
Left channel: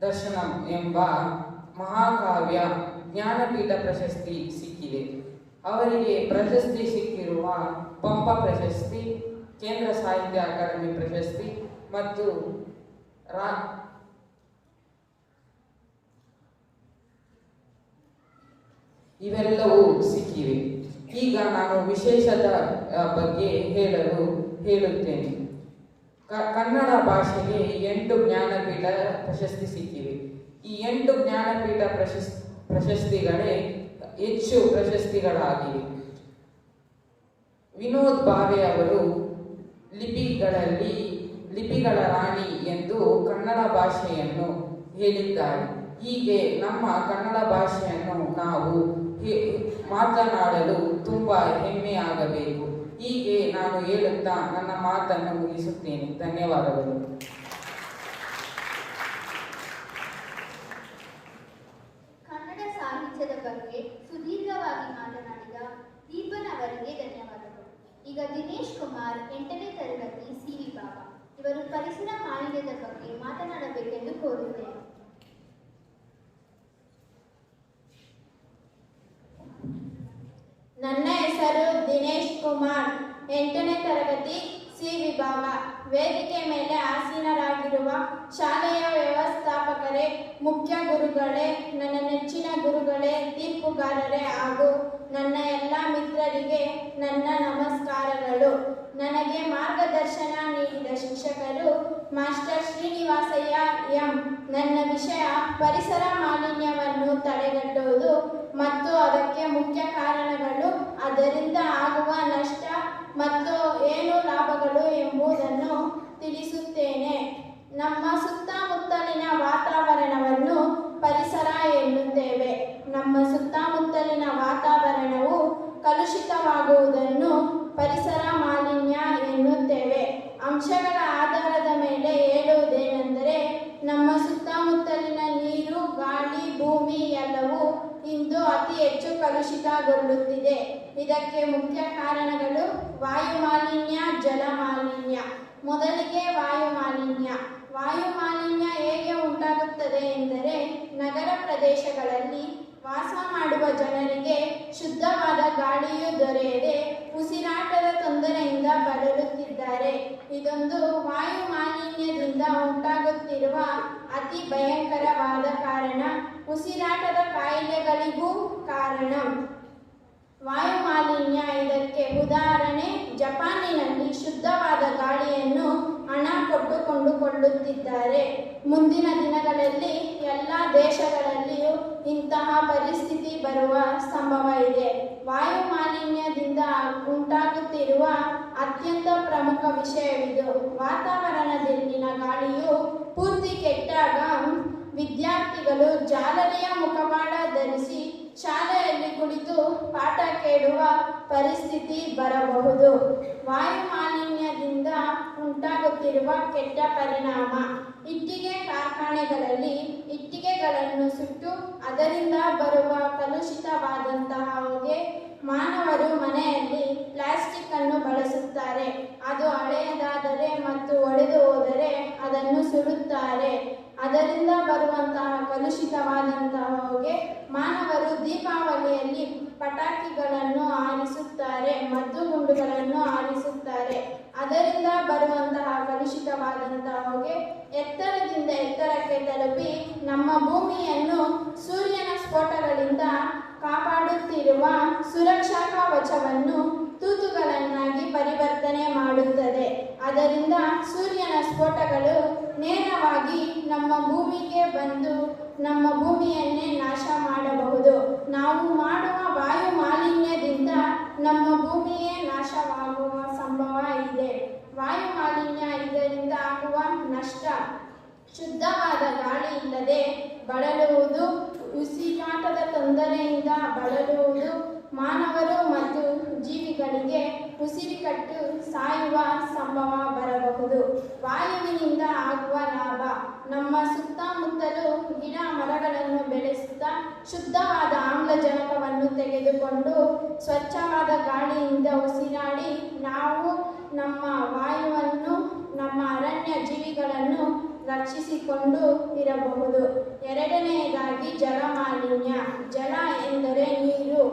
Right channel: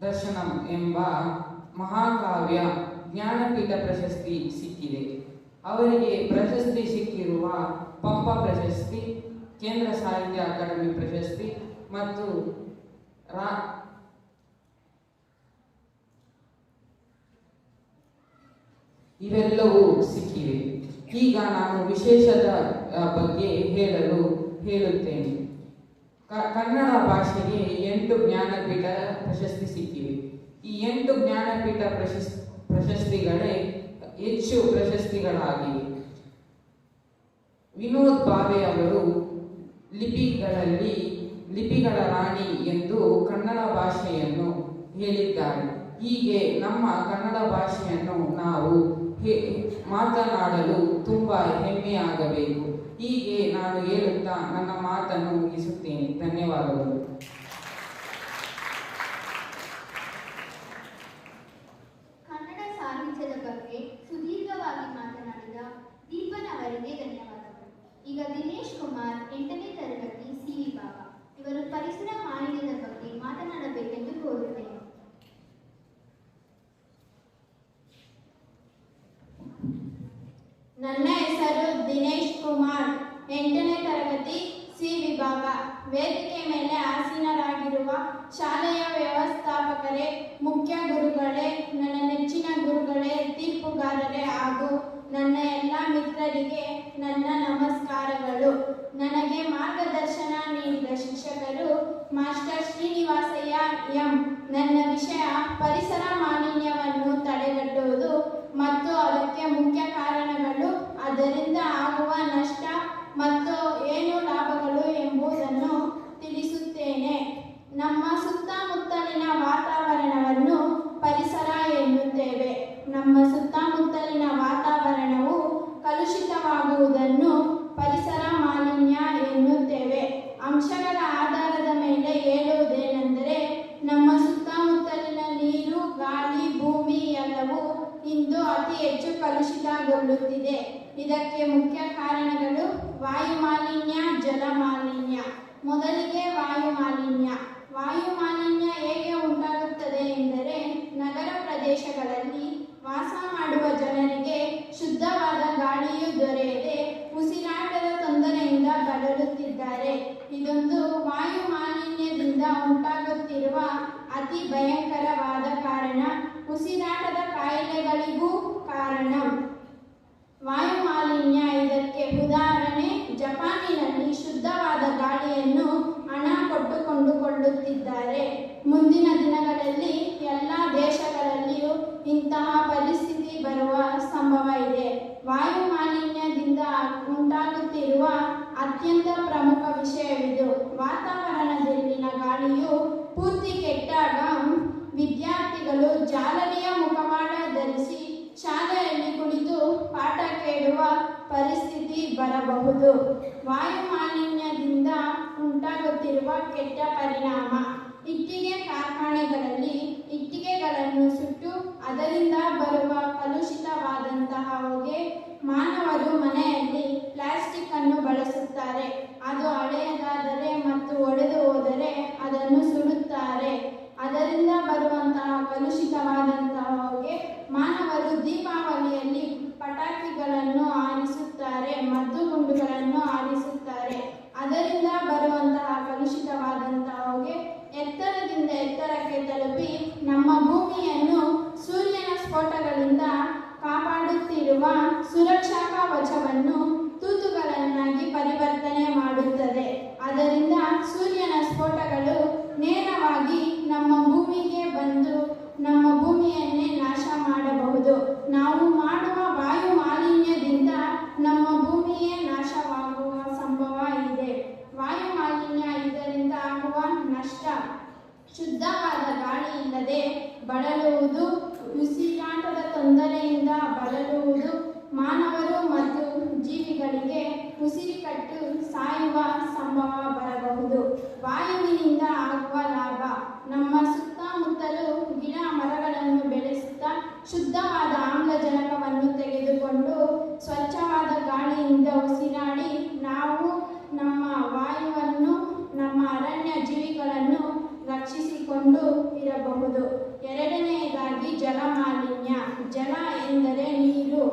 ದರ್ಶನಂ ಎಂಬ ಮಹಾಕಾವ್ಯ ಜ್ಞಾನಪೀಠ ಪ್ರಶಸ್ತಿ ಸಿಕ್ಕಿದೆ. ಅವರಿಗೆ ಪ್ರಶಸ್ತಿ ಸಿಕ್ಕಿರುವ ಪಂಪ ಪ್ರಶಸ್ತಿ, ಕೇಂದ್ರ ಸಾಹಿತ್ಯ ಅಕಾಡೆಮಿ ಪ್ರಶಸ್ತಿ ಮತ್ತು ಇವೆಲ್ಲವೂ ಸಿಕ್ಕಿವೆ. ಈಗ ನಾನು ವಿಶೇಷದ ಬಗ್ಗೆ ಹೇಳುತ್ತೇನೆ. ಕನ್ನಡ ಭಾಷೆಗೆ 8 ಜ್ಞಾನಪೀಠ ಪ್ರಶಸ್ತಿ ಸಿಕ್ಕಿವೆ. ಈ 8 ಜ್ಞಾನಪೀಠ ಪ್ರಶಸ್ತಿಗಳೇ ಹೆಚ್ಚು ಪ್ರಶಸ್ತಿಗಳಾಗಿವೆ. ವಿನೋದ್ ಭಾವೆ ಅವರು ಲಿಪಿಗಳ ರಾಣಿ ಎಂದು ಕನ್ನಡ ಭಾಷೆಯನ್ನು ಹೇಳಿದ್ದಾರೆ. ಹೀಗೆ ನಮ್ಮ ಕನ್ನಡ ಭಾಷೆಯನ್ನು ನಾವು ಮಾತನಾಡಲು ತುಂಬ ಹೆಮ್ಮೆಯಾಗಬೇಕು. ಹೇಳುತ್ತಾ ನನ್ನ ಮಾತನ್ನು ಮುಗಿಸುತ್ತೇನೆ. ಧನ್ಯವಾದಗಳು. ಕನ್ನಡ ಸಾಹಿತ್ಯದ ಬಗ್ಗೆ ಸುದೀರ್ಘವಾಗಿ ಮಾತನಾಡಿದ ದೀಪನ್ ಅವರಿಗೆ ಧನ್ಯವಾದಗಳು. ಈಗ ದಿನೇಶ್ ಕುಮಾರ್ 8ನೇ ತರಗತಿ ಸಿ ವಿಭಾಗ ಇವರು ಪರಿಸರ ಮಾಲಿನ್ಯದ ಬಗ್ಗೆ ಮಾತನಾಡಬೇಕೆಂದು ಕೋರುತ್ತೇನೆ. ನನ್ನ ಹೆಸರು ದಿನೇಶ್ ಕುಮಾರ್, 8ನೇ ತರಗತಿ ಸಿ ವಿಭಾಗ. ವೇದಿಕೆ ಮೇಲೆ ಆಸೀನರಾಗಿರುವ ಶಾಲೆಯ ವ್ಯವಸ್ಥಾಪಕರೇ, ಮುಖ್ಯ ಗುರುಗಳೇ, ನನ್ನ ನೆಚ್ಚಿನ ಗುರುಗಳೇ, ತೀರ್ಪುಗಾರರೇ ಹಾಗೂ ನನ್ನ ಎಲ್ಲ ಮಿತ್ರರಿಗೆ ನನ್ನ ನಮಸ್ಕಾರಗಳು. ನನಗೆ ಮಾರ್ಗದರ್ಶನ ನೀಡಿದ ಶಿಕ್ಷಕರು ಮಾಸ್ಟರ್ ಶ್ರೀನಿವಾಸಯ್ಯ ಎಂ. ನನ್ನ ವಿಷಯ ಪರಿಸರ ಮಾಲಿನ್ಯವನ್ನು ತಡೆಗಟ್ಟುವುದು ಮತ್ತು ಅದಕ್ಕೆ ಮುಖ್ಯ ಕಾರಣಗಳು, ಅದರಿಂದ ಆಗುವ ನಷ್ಟ ಮತ್ತು ಏನು ಲಾಭಗಳು ಎಂಬುದನ್ನು ತಿಳಿಸುತ್ತೇನೆ. ನಮ್ಮ ಸುತ್ತಮುತ್ತಲಿನ ವಾತಾವರಣವನ್ನು ಪರಿಸರ ಎನ್ನುತ್ತೇವೆ. ನಮ್ಮ ಸುತ್ತಮುತ್ತಲಿನ ವಾತಾವರಣವು ಕಲುಷಿತವಾಗುವುದನ್ನು ಪರಿಸರ ಮಾಲಿನ್ಯ ಎನ್ನುತ್ತೇವೆ. ಅಂಶಗಳ ಆಧಾರದ ಮೇಲೆ ಹೇಳುವುದೇನೆಂದರೆ, ನಮ್ಮ ಸುತ್ತಮುತ್ತಲಿನ ನೀರು, ಗಾಳಿ, ಭೂಮಿ ಎಲ್ಲವೂ ಇಂದು ಅತಿ ಹೆಚ್ಚು ಕಲುಷಿತಗೊಳ್ಳುತ್ತಿದೆ. ಇದಕ್ಕೆ ಮುಖ್ಯ ಕಾರಣಗಳು ವಾಯು ಮಾಲಿನ್ಯ, ಜಲ ಮಾಲಿನ್ಯ. ಮೊದಲಿಗೆ ವಾಯು ಮಾಲಿನ್ಯ. ವಾಯು ಮಾಲಿನ್ಯ ಹೇಗೆ ಉಂಟಾಗುತ್ತದೆ ಎಂದರೆ, ನಗರ ಪ್ರದೇಶಗಳಲ್ಲಿ ವಾಸ ಮಾಡುವ ಜನರಿಗೆ ಶುದ್ಧವಾದ ಗಾಳಿಯು ದೊರೆಯದೆ ಉಸಿರಾಟದ ತೊಂದರೆಯಿಂದ ಬಳಲುತ್ತಿದ್ದಾರೆ. ಇದೊಂದು ವಾಯು ಮಾಲಿನ್ಯದಿಂದ ಉಂಟಾಗುತ್ತಿರುವ ಅತಿ ಭಯಂಕರವಾದ ಕಾರಣ. ಉಸಿರಾಟದ ಕಾಯಿಲೆಗಳಿಗೂ ಕಾರಣ ವಾಯು ಮಾಲಿನ್ಯ. ಇದಕ್ಕೆ ಉದಾಹರಣೆ, ಜಪಾನಿನಲ್ಲಿ ಶುದ್ಧವಾದ ಗಾಳಿಯನ್ನು ಹಣ ಕೊಟ್ಟು ಕೊಂಡುಕೊಳ್ಳುತ್ತಿದ್ದಾರೆ. ಮುಂದಿನ ದಿನಗಳಲ್ಲಿ ಎಲ್ಲ ದೇಶಗಳಲ್ಲಿಯೂ ಇಂತಹ ಪರಿಸ್ಥಿತಿ ಬರುವ ಸಂಭವ ಇದೆ. ವಾಯು ಮಾಲಿನ್ಯದಿಂದ ಉಂಟಾಗುತ್ತಿರುವ ಅತ್ಯಂತ ಪ್ರಮುಖ ವಿಷಯವಿದು. ವಾತಾವರಣದಲ್ಲಿನ ಗಾಳಿಯು ಪೂರ್ತಿ ಕೆಟ್ಟಾಗ ವಿದ್ಯಾರ್ಥಿಗಳು ಜಾಲರಿಯ ಮುಖವಾಡ ಧರಿಸಿ ಶಾಲೆಯಲ್ಲಿ ಕುಳಿತು ಪಾಠ ಕೇಳುವ ಪರಿಸ್ಥಿತಿ ಬರಬಹುದು. ವಾಯು ಮಾಲಿನ್ಯದಿಂದ ಉಂಟಾಗುತ್ತಿರುವ ಕೆಟ್ಟ ಪರಿಣಾಮ, ಇಟ್ಟಿಗೆ ಕಾರ್ಖಾನೆಗಳಲ್ಲಿ ಇಟ್ಟಿಗೆಗಳನ್ನು ಸುಟ್ಟು ಅದರಿಂದ ಬರುವ ಕಲುಷಿತವಾದಂತಹ ಹೊಗೆ. ಮಾನವರು ಮನೆಯಲ್ಲಿ ಪ್ಲಾಸ್ಟಿಕ್ ಅನ್ನು ಬಳಸುತ್ತಾರೆ. ಅದು ಹಳೆಯದಾದರೆ ಮತ್ತು ಒಡೆದು ಹೋದರೆ ಅದನ್ನು ಸುಡುತ್ತಾರೆ. ಅದರಿಂದ ಬರುವಂತಹ ಕಲುಷಿತವಾದಂತಹ ಹೊಗೆ. ಮಾನವರು ದೀಪಾವಳಿಯಲ್ಲಿ ಪಟಾಕಿಗಳನ್ನು ಹಾರಿಸುತ್ತಾರೆ, ಮದ್ದುಗುಂಡುಗಳನ್ನು ಹಾರಿಸುತ್ತಾರೆ. ಅದರಿಂದ ಬರುವಂತಹ ಕಲುಷಿತವಾದಂತಹ ಹೊಗೆ ಎತ್ತರದಿಂದ ಎತ್ತರಕ್ಕೆ ತಲುಪಿ ನಮ್ಮ ಭೂಮಿಯನ್ನು ಸೂರ್ಯನ ಸ್ಫೋಟಗಳಿಂದ ಕಾಪಾಡುತ್ತಿರುವ ಸುರಕ್ಷಾ ಕವಚವನ್ನು ತೂತುಗಳನ್ನಾಗಿ ಪರಿವರ್ತನೆ ಮಾಡುತ್ತದೆ. ಅದರಿಂದ ಸೂರ್ಯನ ಸ್ಫೋಟಗಳು ನೇರವಾಗಿ ನಮ್ಮ ಭೂಮಿಗೆ ಬಂದು ನಮ್ಮ ಭೂಮಿಯನ್ನೇ ನಾಶ ಮಾಡಬಹುದು. ನಾವು ಮಾಡುವ ವಾಯು ಮಾಲಿನ್ಯದಿಂದ ನಮ್ಮ ಭೂಮಿಯೇ ನಾಶವಾಗುವ ಸಂಭವ ಇದೆ. ವಾಯು ಮಾಲಿನ್ಯ ಇದರಿಂದ ಆಗುವ ನಷ್ಟ: ಶುದ್ಧವಾದ ಗಾಳಿ ಇಲ್ಲದೆ ಬಳಲುವುದು, ಉಸಿರಾಟದ ತೊಂದರೆಯಿಂದ ಬಳಲುವುದು, ಮಾನವರು ಮತ್ತು ಜೀವಿಗಳಿಗೆ ಉಸಿರುಕಟ್ಟು ಸಾಯುವ ಸಂಭವ ಬರಬಹುದು. ವಾಯುವಿನಿಂದ ಆಗುವ ಲಾಭ: ನಮ್ಮ ಸುತ್ತಮುತ್ತಲೂ ಗಿಡ ಮರಗಳನ್ನು ಬೆಳೆಸುತ್ತಾ ಶುದ್ಧವಾದ ಆಮ್ಲಜನಕವನ್ನು ತೆಗೆದುಕೊಂಡು ಸ್ವಚ್ಛವಾದ ಗಾಳಿಯಿಂದ ಉಸಿರಾಡಿ ನಾವು ನಮ್ಮ ವಾಯುವನ್ನು, ನಮ್ಮ ಅರಣ್ಯ ಜೀವಿಗಳನ್ನು ರಕ್ಷಿಸಿಕೊಂಡು ಇರಬಹುದು. ಎರಡನೆಯದಾಗಿ ಜಲ ಮಾಲಿನ್ಯ. ಜಲ ಎಂದರೆ ನೀರು.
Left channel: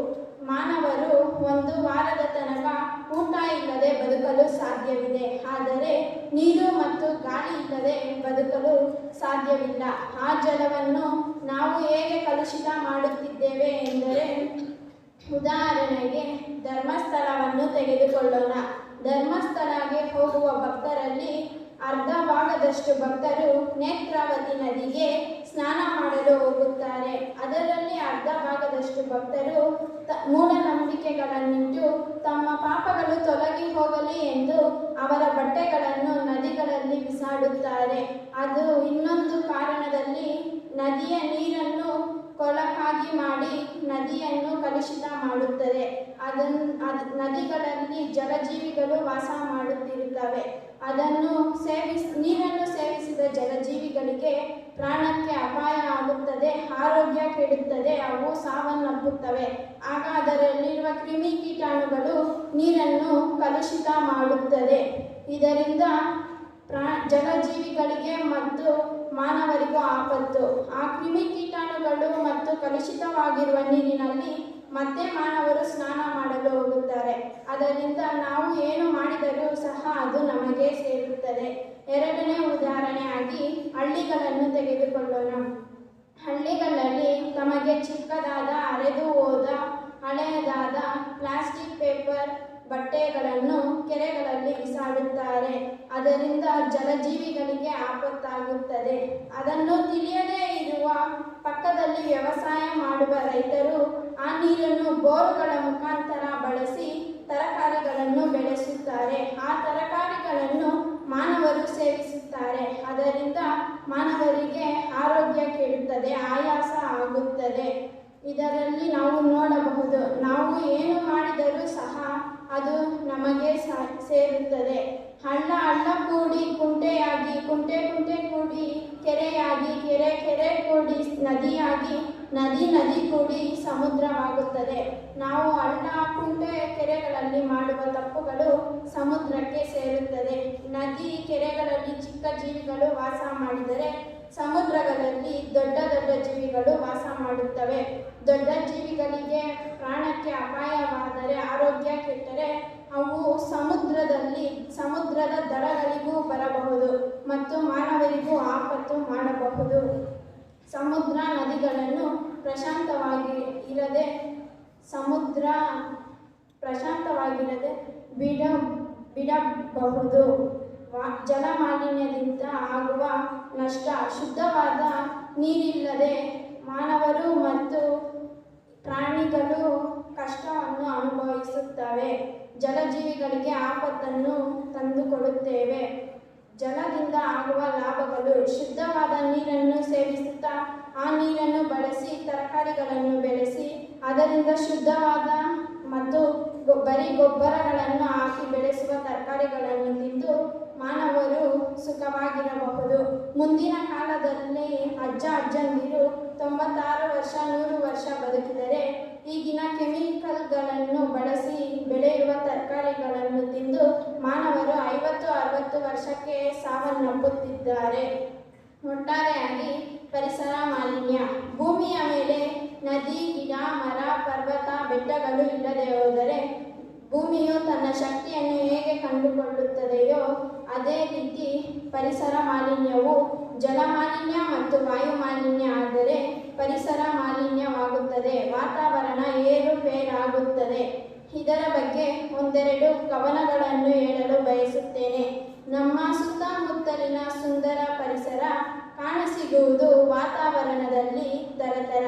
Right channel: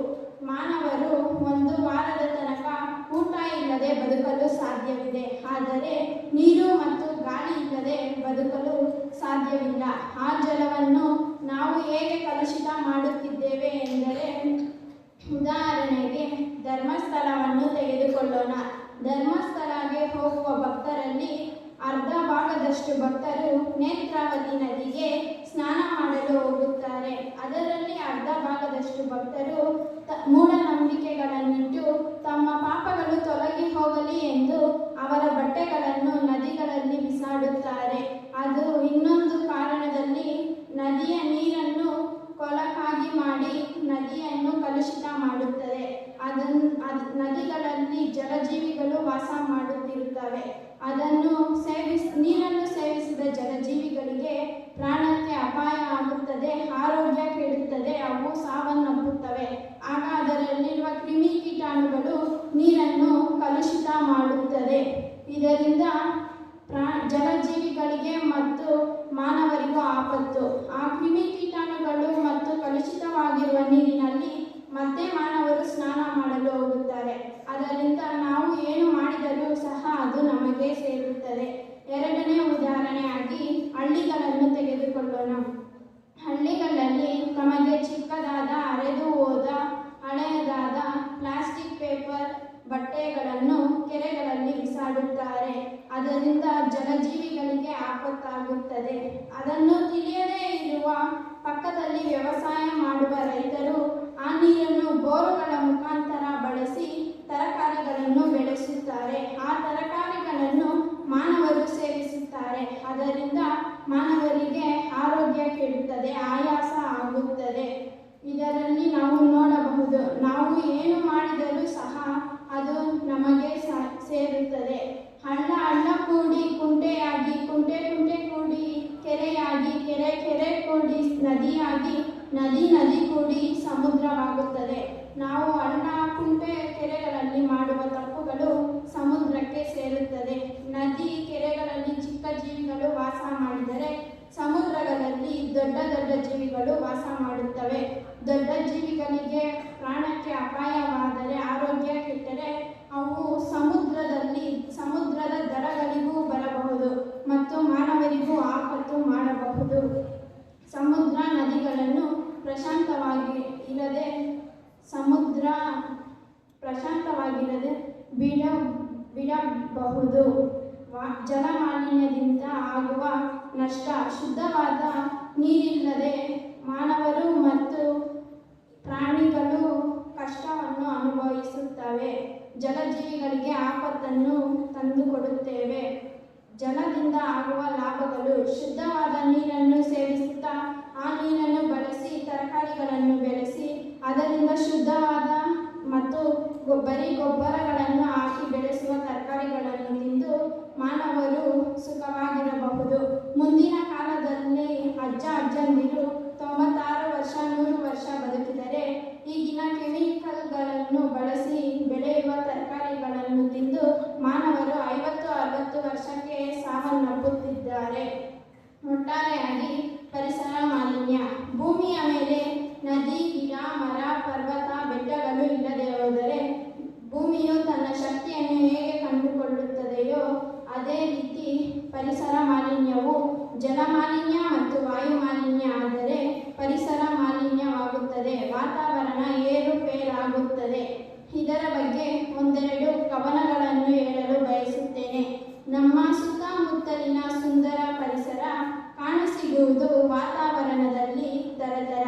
ಮಾನವರು ಒಂದು ವಾರದ ತನಕ ಊಟ ಇಲ್ಲದೆ ಬದುಕಲು ಸಾಧ್ಯವಿದೆ, ಆದರೆ ನೀರು ಮತ್ತು ಗಾಳಿ ಇಲ್ಲದೆ ಬದುಕಲು ಸಾಧ್ಯವಿಲ್ಲ. ಆ ಜಲವನ್ನು ನಾವು ಹೇಗೆ ಕಲುಷಿತ ಮಾಡುತ್ತಿದ್ದೇವೆ ಎಂದರೆ, ಉದಾಹರಣೆಗೆ ಧರ್ಮಸ್ಥಳವನ್ನು ತೆಗೆದುಕೊಳ್ಳೋಣ. ಧರ್ಮಸ್ಥಳಕ್ಕೆ ಹೋಗುವ ಭಕ್ತರಲ್ಲಿ ಅರ್ಧ ಭಾಗದಷ್ಟು ಭಕ್ತರು ನೇತ್ರಾವತಿ ನದಿಗೆ ಸ್ನಾನ ಮಾಡಲು ಹೋಗುತ್ತಾರೆ. ಅದರಲ್ಲಿ ಅರ್ಧ ಭಾಗದಷ್ಟು ಭಕ್ತರು ಮೂಢನಂಬಿಕೆಗಳನ್ನಿಟ್ಟು ತಮ್ಮ ಪಾಪಗಳು ತೊಲಗಿ ಹೋಗಲಿ ಎಂದು ಅವರ ಬಟ್ಟೆಗಳನ್ನು ನದಿಗಳಲ್ಲಿ ಬಿಸಾಡುತ್ತಾರೆ. ಅದು ಇನ್ನೊಂದು ಕಾರಣದಲ್ಲಿ ನದಿಯ ನೀರನ್ನು ಕೊಳಕಾಗಿ ಮಾಡಿ ನದಿಯನ್ನು ಕಲುಷಿತ ಮಾಡುತ್ತದೆ. ನದಿಗಳಲ್ಲಿ ಜಲಜೀವಿಗಳು ವಾಸ ಮಾಡುತ್ತಿರುತ್ತವೆ. ನೀರನ್ನು ಸೇವಿಸಿದ ಜಲಜೀವಿಗಳಿಗೆ ಪ್ರಾಣಕ್ಕೆ ಅಪಾಯ ಆಗುತ್ತದೆ, ಆರೋಗ್ಯ ಕೆಡುತ್ತದೆ, ಅವು ಸಾವನ್ನಪ್ಪುತ್ತವೆ. ಆಗ ಅದರಲ್ಲಿರುವ ಕ್ರಿಮಿಕೀಟಾಣುಗಳು ನೀರನ್ನು ಕಲುಷಿತ ಮಾಡುತ್ತದೆ. ಇದರಿಂದ ಜಲಜೀವಿಗಳಿಗೆ ಮತ್ತು ಮಾನವರಿಗೂ ಆಪತ್ತು. ಆ ಕ್ರಿಮಿಕೀಟಾಣುಗಳು ಮತ್ತು ಕಲುಷಿತವಾಗಿರುವ ನೀರಿನಲ್ಲಿ ಮತ್ತೆ ಮಾನವರು ಸ್ನಾನ ಮಾಡಲು ಹೋಗುತ್ತಾರೆ. ಅದರಿಂದ ನಾವು ಏನು ಮಾಡಿದರೂ ಸಹ ಅದು ನಮಗೆ ಸೇರುತ್ತದೆ. ಎರಡನೇ ಉದಾಹರಣೆಯಾಗಿ ಹಳ್ಳಿಗಳನ್ನು ತೆಗೆದುಕೊಳ್ಳೋಣ. ಹಳ್ಳಿಗಳಲ್ಲಿ ತಮಗೆ ಚಿಕ್ಕದಾದ ಹರಿದು ಹೋದ ಹಳೆಯದಾದ ಪ್ಲಾಸ್ಟಿಕ್ ಪೇಪರ್ ಬಟ್ಟೆಗಳನ್ನು ಕೆರೆಗಳಲ್ಲಿ ಬಿಸಾಡುತ್ತಾರೆ. ಅದರಿಂದ ಜಲಜೀವಿಗಳಿಗೆ ಆಪತ್ತಾಗುತ್ತದೆ. ಅದನ್ನು ತಿಳಿಯದೇ ಇರುವ ಪಕ್ಕದಲ್ಲಿ ವ್ಯವಸಾಯ ಮಾಡುವ ರೈತರು ಆ ನೀರನ್ನು ಬೋರುಗಳ ಮುಖಾಂತರ ಬಳಸಿ ತರಕಾರಿಗಳನ್ನು ಬೆಳೆಸುತ್ತಾರೆ. ಆ ತರಕಾರಿಗಳನ್ನು ಮಾನವರು ಸೇವಿಸುತ್ತಾರೆ. ಅದರಿಂದ ಮಾನವರಿಗೆ ಆರೋಗ್ಯ ಕೆಡುತ್ತದೆ, ಆಯಾಸ ಆಗುತ್ತದೆ. ಇದರಲ್ಲಿ ನಾವು ನೋಡಬಹುದು, ನಾವು ಏನು ಮಾಡಿದರೂ ಸಹ ಅದು ನಮಗೆ ಸೇರುತ್ತದೆ. ಹಳ್ಳ ಕೂಡಿ ಕುಂಟೆಯಾಗಿ, ಕುಂಟೆ ಕೂಡಿ ಕೆರೆಯಾಗಿ, ಕೆರೆ ಕೂಡಿ ನದಿಯಾಗಿ, ನದಿ ಕೂಡಿ ಸಮುದ್ರವಾಗುತ್ತದೆ. ನಾವು ಹಳ್ಳ ಕುಂಟೆ ಕೆರೆಗಳಲ್ಲಿ ಮಾಡುವ ತಪ್ಪುಗಳು ಸಮುದ್ರಕ್ಕೆ ಸೇರುತ್ತದೆ. ನದಿ ಕೆರೆಗಳಲ್ಲಿ ಚಿಕ್ಕ ಜೀವಿಗಳು ವಾಸ ಮಾಡಿದರೆ ಸಮುದ್ರಗಳಲ್ಲಿ ದೊಡ್ಡ ದೊಡ್ಡ ಜೀವಿಗಳು ವಾಸ ಮಾಡುತ್ತವೆ. ದೊಡ್ಡ ಜೀವಿಗಳಿಗೆ ಪ್ರಾಣಕ್ಕೆ ಅಪಾಯವಾದರೆ, ಆರೋಗ್ಯ ಕೆಟ್ಟರೆ ಅವು ಸಮುದ್ರದ ದಡಗಳಿಗೂ ಬರಬಹುದು ಮತ್ತು ಮಾನವರಿಗೂ ಆಪತ್ತು ಮಾಡಬಹುದು. ಸಮುದ್ರ ನದಿಗಳನ್ನು ಪ್ರಶಾಂತವಾಗಿರದೆ ಬಿಡಬಹುದು. ಜಲಮಾಲಿನ್ಯದಿಂದ ಆಗುವ ನಷ್ಟ. ಶುದ್ಧವಾದ ನೀರಿಲ್ಲದೆ ಮಾನವರು ಮತ್ತು ಪ್ರಾಣಿಗಳು ಕಷ್ಟವನ್ನು ಅನುಭವಿಸುತ್ತವೆ. ಜಲಜೀವಿಗಳಿಗೆ ಆಪತ್ತನ್ನು ತಂದುಕೊಡುತ್ತೇವೆ. ಜಲದಿಂದ ಆಗುವ ಲಾಭಗಳು: ಶುದ್ಧವಾದ ನೀರನ್ನು ಸೇವಿಸುತ್ತಾ ಆ ನೀರನ್ನು ಬಳಸಿ ತರಕಾರಿಗಳನ್ನು ಬೆಳೆಸಿ ಅದರಿಂದ ಶುದ್ಧವಾದ ಮತ್ತು ಬರೀ ಗೊಬ್ಬರಗಳನ್ನು ಹಾಕಿ ಬೆಳೆಸುವ ತರಕಾರಿಗಳನ್ನು ತಿಂದು ಮಾನವರು ಸುಖವಾಗಿರಬಹುದು. ಮುಂದಿನ ಕಾಲದಲ್ಲಿ ಅಜ್ಜಂದಿರು 96 ವರ್ಷ 100 ವರ್ಷ ಬದುಕಿದರೆ ಈಗಿನ ಕೆಮಿಕಲ್ಗಳನ್ನು ಬಳಸಿ ಬೆಳೆಯುವ ತರಕಾರಿಗಳನ್ನು ತಿಂದು ಮಾನವರು 50-60 ವರ್ಷಕ್ಕೆ ಸಾವನ್ನಪ್ಪುತ್ತಿದ್ದಾರೆ. ಒಟ್ಟಾರೆಯಾಗಿ ಪರಿಸರ ಮಾಲಿನ್ಯ. ಭೂಮಿಯ ಮೇಲೆ ನದಿ, ಗಿಡ, ಮರ, ಪರ್ವತ, ಬೆಟ್ಟಗಳು ಇಲ್ಲದೆ ಹೋದರೆ ಭೂಮಿಯು ತನ್ನ ಶಕ್ತಿಯನ್ನು ಹೇಗೆ ಕಂಡುಕೊಳ್ಳುತ್ತದೆಯೋ ಅದೇ ರೀತಿ ಪರಿಸರ ಮಾಲಿನ್ಯವು ಜಲಮಾಲಿನ್ಯ ಮತ್ತು ವಾಯು ಮಾಲಿನ್ಯ ಆದರೆ ಪರಿಸರ ಮಾಲಿನ್ಯವಾಗುತ್ತದೆ, ವಾತಾವರಣ ಏರುಪೇರಾಗುತ್ತದೆ. ಇದರ ಬಗ್ಗೆ ಒಂದೆರಡು ಕವನಗಳನ್ನು ಹೇಳಲು ಬಯಸುತ್ತೇನೆ. ನಮ್ಮ ಸುತ್ತಮುತ್ತಲಿನ ಸುಂದರ ಪರಿಸರ ಕಾಣಸಿಗುವುದು ವಾತಾವರಣದಲ್ಲಿ ತರತರ.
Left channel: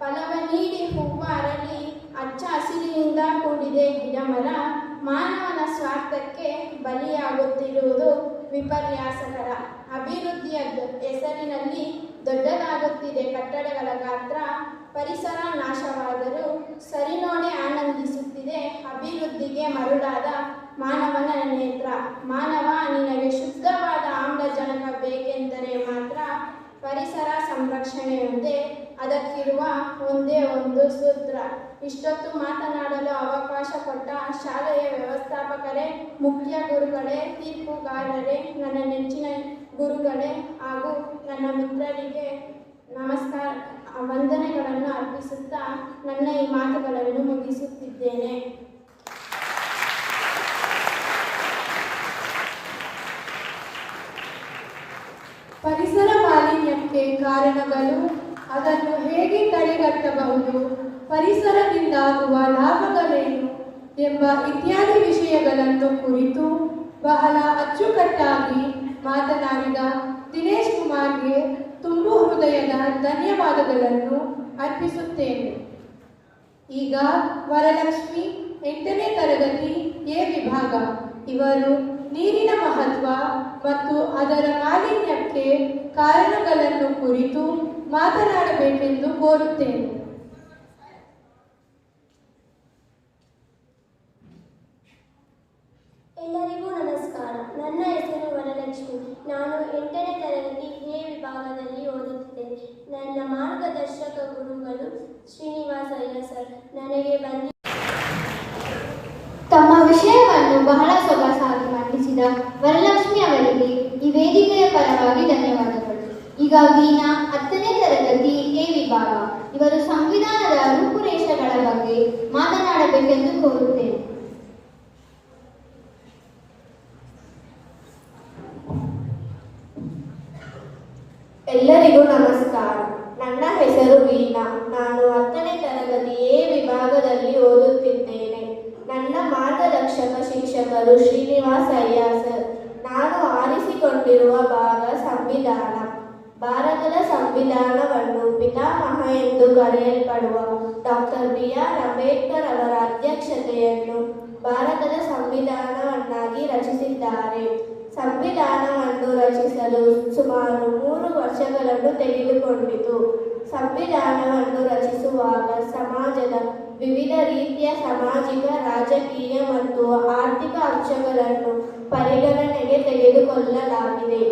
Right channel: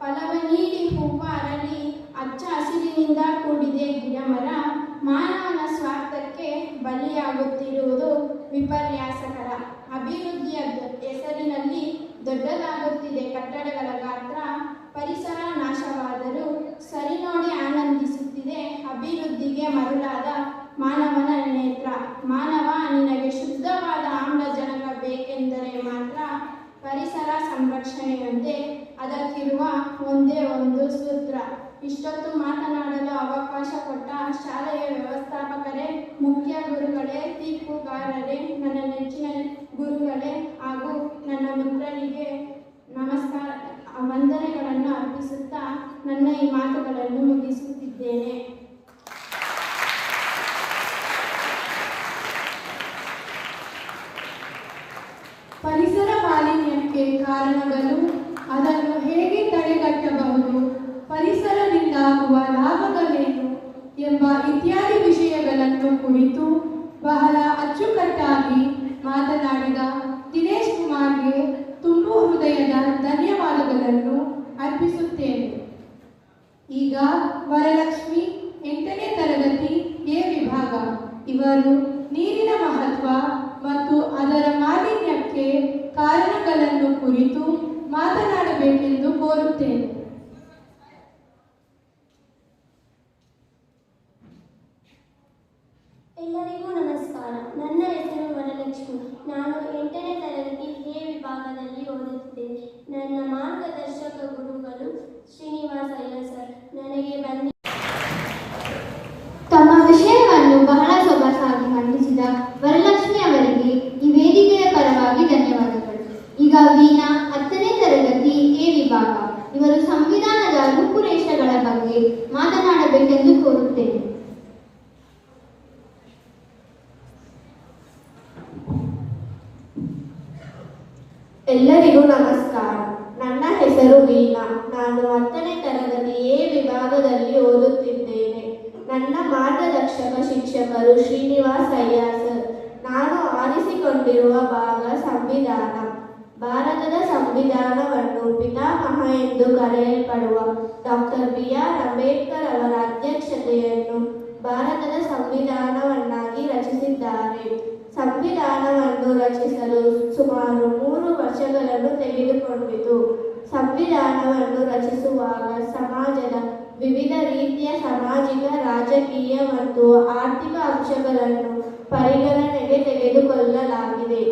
ಫಲವ ನೀಡಿ ಹೂವ ಅರಳಿ ಹಚ್ಚ ಹಸಿರಿನಿಂದ ಕೂಡಿದೆ ಗಿಡಮರ. ಮಾನವನ ಸ್ವಾರ್ಥಕ್ಕೆ ಬಲಿಯಾಗುತ್ತಿರುವುದು ವಿಪರ್ಯಾಸಕರ. ಅಭಿವೃದ್ಧಿಯ ಹೆಸರಿನಲ್ಲಿ ದೊಡ್ಡದಾಗುತ್ತಿದೆ ಕಟ್ಟಡಗಳ ಗಾತ್ರ. ಪರಿಸರ ನಾಶವಾದರೂ ಸರಿ ನೋಡಿ ಆನಂದಿಸುತ್ತಿದೆ ಅಭಿವೃದ್ಧಿಗೆ ಮರುಳಾದ ಮಾನವನ ನೇತ್ರ. ಮಾನವ, ನಿನಗೆ ಶುದ್ಧವಾದ ಆಮ್ಲಜನಕ ಬೇಕೆಂದರೆ ಮಾತ್ರ ಪರಿಸರ ಸಂರಕ್ಷಣೆಯೊಂದೇ ಅದಕ್ಕಿರುವ ಒಂದೇ ಒಂದು ಸೂತ್ರ. ಇಷ್ಟೊತ್ತು ಮಾತನಾಡಲು ಅವಕಾಶ ಕೊಟ್ಟ ಶಾಲೆಯ ವ್ಯವಸ್ಥಾಪಕರೇ, ಮುಖ್ಯ ಗುರುಗಳೇ, ತೀರ್ಪುಗಾರರೇ, ನನ್ನ ನೆಚ್ಚಿನ ಗುರುಗಳೇ ಹಾಗೂ ನನ್ನ ಮಿತ್ರರಿಗೆ ನಮಸ್ಕಾರ, ವಂದನೆಗಳನ್ನು ಅರ್ಪಿಸುತ್ತಾ ನನ್ನ ಈ ಮಾತುಗಳನ್ನು ಮುಗಿಸುತ್ತಿದ್ದೇನೆ. ಪರಿಸರ ಮಾಲಿನ್ಯಕ್ಕೆ ಕಾರಣಗಳು, ಅದನ್ನು ಹೇಗೆ ತಡೆಗಟ್ಟಬಹುದು, ಪರಿಸರದಿಂದಾಗುವ ಲಾಭಗಳೇನು ಎಂಬ ಇತ್ಯಾದಿ ವಿಷಯಗಳನ್ನು ಕುರಿತು ಬಹಳ ಅಚ್ಚುಕಟ್ಟಾಗಿ ಮಾತನಾಡಿದ ದಿನೇಶ್ ಕುಮಾರ್ಗೆ ತುಂಬು ಹೃದಯದ ಧನ್ಯವಾದಗಳನ್ನು ಅರ್ಪಿಸುತ್ತೇನೆ. ಈಗ ವರಲಕ್ಷ್ಮಿ 8ನೇ ತರಗತಿ ಎ ವಿಭಾಗ ಇವರು ನೀರಿನ ಮಹತ್ವ ಮತ್ತು ಅದರ ಮಾಲಿನ್ಯಕ್ಕೆ ಕಾರಣಗಳನ್ನು ಕುರಿತು ಮಾತನಾಡಬೇಕೆಂದು ಕೋರುತ್ತೇನೆ. ನಾನು 8ನೇ ತರಗತಿ ಎ ವಿಭಾಗದಲ್ಲಿ ಓದುತ್ತಿದ್ದೇನೆ. ನನ್ನ ಮಾರ್ಗದರ್ಶಕ ಗುರುಗಳು ಶ್ರೀನಿವಾಸ ಅಯ್ಯ ಸರ್. ನನಗೆ ತಮ್ಮ ವಿಷಯವನ್ನು ಬಹಳ ಸೊಗಸಾಗಿ ಮಂಡಿಸಿದ ವರಲಕ್ಷ್ಮಿ ಅವರಿಗೆ ಈ ವೇದಿಕೆಯ ಪರವಾಗಿ ಧನ್ಯವಾದಗಳು. ಈಗ ವೀಣಾ 10ನೇ ತರಗತಿ ಎ ವಿಭಾಗ, ಇವರು ಸಂವಿಧಾನದ ರೂಪುರೇಷೆಗಳ ಬಗ್ಗೆ ಮಾತನಾಡಬೇಕೆಂದು ಕೋರುತ್ತೇನೆ. ಎಲ್ಲರಿಗೂ ನಮಸ್ಕಾರ. ನನ್ನ ಹೆಸರು ವೀಣಾ. ನಾನು 10ನೇ ತರಗತಿ ಎ ವಿಭಾಗದಲ್ಲಿ ಓದುತ್ತಿದ್ದೇನೆ. ನನ್ನ ಮಾರ್ಗದರ್ಶಕ ಶಿಕ್ಷಕರು ಶ್ರೀನಿವಾಸ ಅಯ್ಯ ಸರ್. ನಾನು ಆರಿಸಿಕೊಂಡಿರುವ ಭಾಗ ಸಂವಿಧಾನ. ಭಾರತದ ಸಂವಿಧಾನವನ್ನು ಪಿತಾಮಹ ಎಂದು ಕರೆಯಲ್ಪಡುವ ಡಾಕ್ಟರ್ BR ಅಂಬೇಡ್ಕರ್ ಅವರ ಅಧ್ಯಕ್ಷತೆಯನ್ನು ಭಾರತದ ಸಂವಿಧಾನವನ್ನಾಗಿ ರಚಿಸಿದ್ದಾರೆ. ಸಂವಿಧಾನವನ್ನು ರಚಿಸಲು ಸುಮಾರು 3 ವರ್ಷಗಳನ್ನು ತೆಗೆದುಕೊಂಡಿತು. ಸಂವಿಧಾನವನ್ನು ರಚಿಸುವಾಗ ಸಮಾಜದ ವಿವಿಧ ರೀತಿಯ ಸಾಮಾಜಿಕ, ರಾಜಕೀಯ ಮತ್ತು ಆರ್ಥಿಕ ಅಂಶಗಳನ್ನು ಪರಿಗಣನೆಗೆ ತೆಗೆದುಕೊಳ್ಳಲಾಗಿದೆ.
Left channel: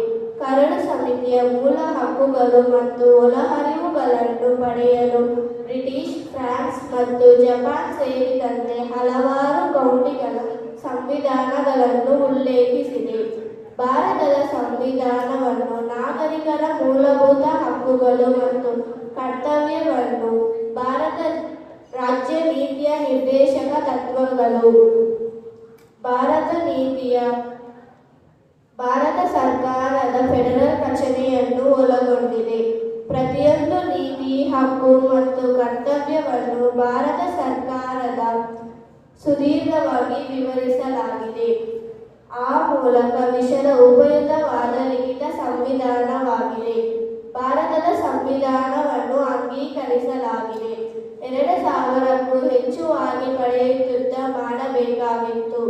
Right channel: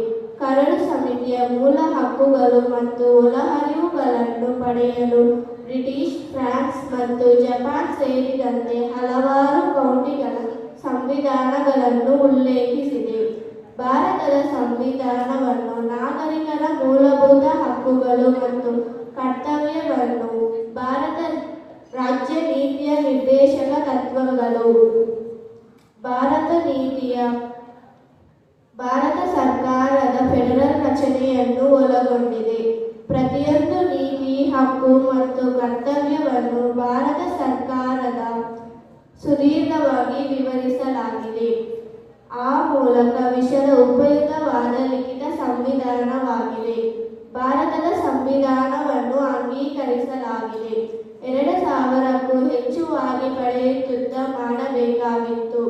ಕರಡು ಸಮಿತಿಯ ಮೂಲ ಹಕ್ಕುಗಳು ಮತ್ತು ಒಳಹರಿವುಗಳನ್ನು ಪಡೆಯಲು ಬ್ರಿಟಿಷ್, ಫ್ರಾನ್ಸ್ ಮತ್ತು ಜಪಾನ್ ಸೇರಿದಂತೆ ಹಲವಾರು ಕೌಂಟಿಗಳ ಸಂವಿಧಾನಗಳನ್ನು ಉಲ್ಲೇಖಿಸಿದೆ. ಭಾರತದ ಸಂವಿಧಾನವನ್ನು ನಾಗರಿಕರ ಮೂಲಭೂತ ಹಕ್ಕುಗಳು ಮತ್ತು ಕರ್ತವ್ಯವನ್ನು ಭಾರತ ರಾಜ್ಯ ನೀತಿಯ ನಿರ್ದೇಶಕ ತತ್ವಗಳು, ಭಾರತ ಸರ್ಕಾರದ ಫೆಡರಲ್ ರಚನೆಯನ್ನು ಒಳಗೊಂಡಿದೆ. ಪ್ರತಿಯೊಂದು ನೀತಿ, ಹಕ್ಕು ಮತ್ತು ಕರ್ತವ್ಯವನ್ನು ಭಾರತ ಸರ್ಕಾರದ ಸುದೀರ್ಘವಾಗಿ ವಿವರಿಸಲಾಗಿದೆ. ಆ ಮೂಲಕ ವಿಷದ ಉಪಯುಕ್ತವಾದ ಲಿಖಿತ ಸಂವಿಧಾನವಾಗಿದೆ. ಭಾರತದ ಸಂವಿಧಾನವನ್ನು ಅಂಗೀಕರಿಸಲಾಗಿದೆ. 2000ಕ್ಕೂ ಹೆಚ್ಚುವಾಗಿ ಪಡೆಯುತ್ತ ಮಾಡಬೇಕಾಗಿತ್ತು.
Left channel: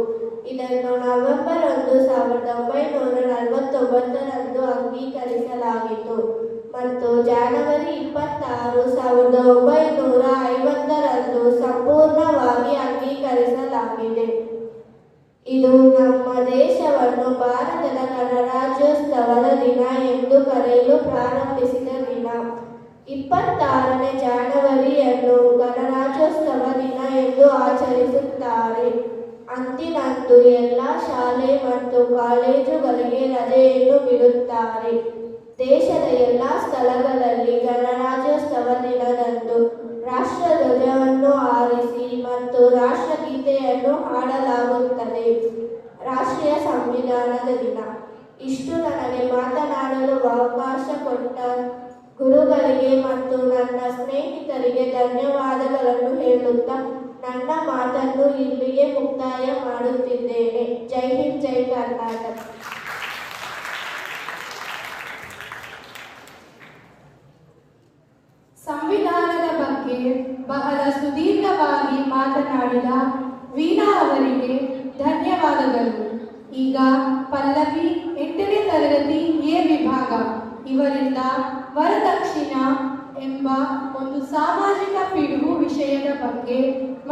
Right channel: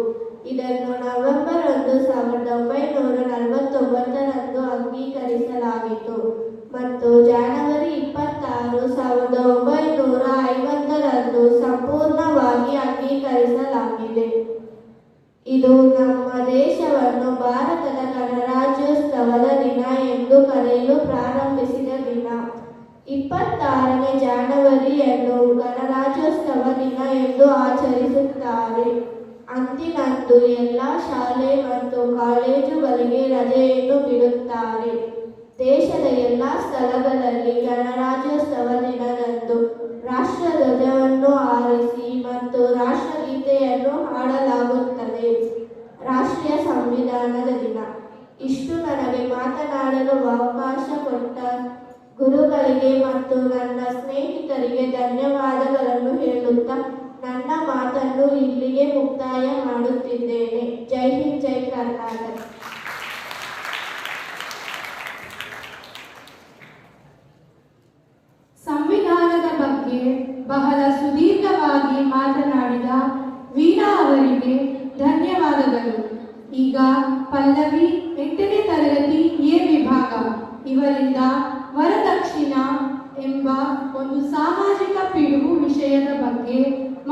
ಇದನ್ನು ನವೆಂಬರ್ 1, 1949ರಂದು ಅಂಗೀಕರಿಸಲಾಯಿತು ಮತ್ತು ಜನವರಿ 26, 1950ರಂದು ಸಂಪೂರ್ಣವಾಗಿ ಅಂಗೀಕರಿಸಲಾಗಿದೆ. ಇದು ನಮ್ಮ ದೇಶವನ್ನು ಭಾರತದ ಗಣರಾಜ್ಯೋತ್ಸವದ ದಿನ ಎಂದು ಕರೆಯಲು ಪ್ರಾರಂಭಿಸಿದ ದಿನ. 26ನೇ ಜನವರಿಯನ್ನು ಗಣರಾಜ್ಯೋತ್ಸವ ದಿನ ಎಂದು ಆಚರಿಸುತ್ತಾರೆ. ಅಂದಿನಂದು ಎಲ್ಲ ಶಾಲೆ ಮತ್ತು ಕಾಲೇಜುಗಳಿಗೆ ರಜೆಯನ್ನು ಬಿಡುತ್ತಾರೆ. ದೇಶದ ಎಲ್ಲ ಸ್ಥಳಗಳಲ್ಲಿ ಗಣರಾಜ್ಯೋತ್ಸವ ದಿನದಂದು ರಾಷ್ಟ್ರಧ್ವಜವನ್ನು ಹಾರಿಸಿ ಮತ್ತು ರಾಷ್ಟ್ರಗೀತೆಯನ್ನು ಹಾಡಲಾಗುತ್ತದೆ. ರಾಷ್ಟ್ರೀಯ ಸಂವಿಧಾನದ ದಿನ. ಇಷ್ಟು ನನಗೆ ಮಾತನಾಡಲು ಅವಕಾಶ ಕೊಟ್ಟ ಗುರುಗಳಿಗೆ ಮತ್ತು ನನ್ನ ಸ್ನೇಹಿತರಿಗೆ ಧನ್ಯವಾದಗಳನ್ನು ಹೇಳುತ್ತಾ ನನ್ನ ಮಾತನ್ನು ಇಲ್ಲಿಗೆ ಮುಕ್ತಾಯ ಮಾಡುತ್ತಿದ್ದೇನೆ. ಜೈ ಹಿಂದ್, ಜೈ ಕರ್ನಾಟಕ. ಸಂವಿಧಾನದ ಬಗ್ಗೆ ಬಹಳ ಸುದೀರ್ಘವಾಗಿ ಮಾತನಾಡಿದ ವೀಣಾ ಅವರಿಗೆ ಧನ್ಯವಾದಗಳು. ಈಗ ಪಲ್ಲವಿ 8ನೇ ತರಗತಿ ಎ ವಿಭಾಗ, ಇವರಿಂದ ವರದಕ್ಷಿಣ ಎಂಬ ಒಂದು ಸಾಮಾಜಿಕ ಪಿಡುಗು ವಿಷಯದ ಬಗ್ಗೆ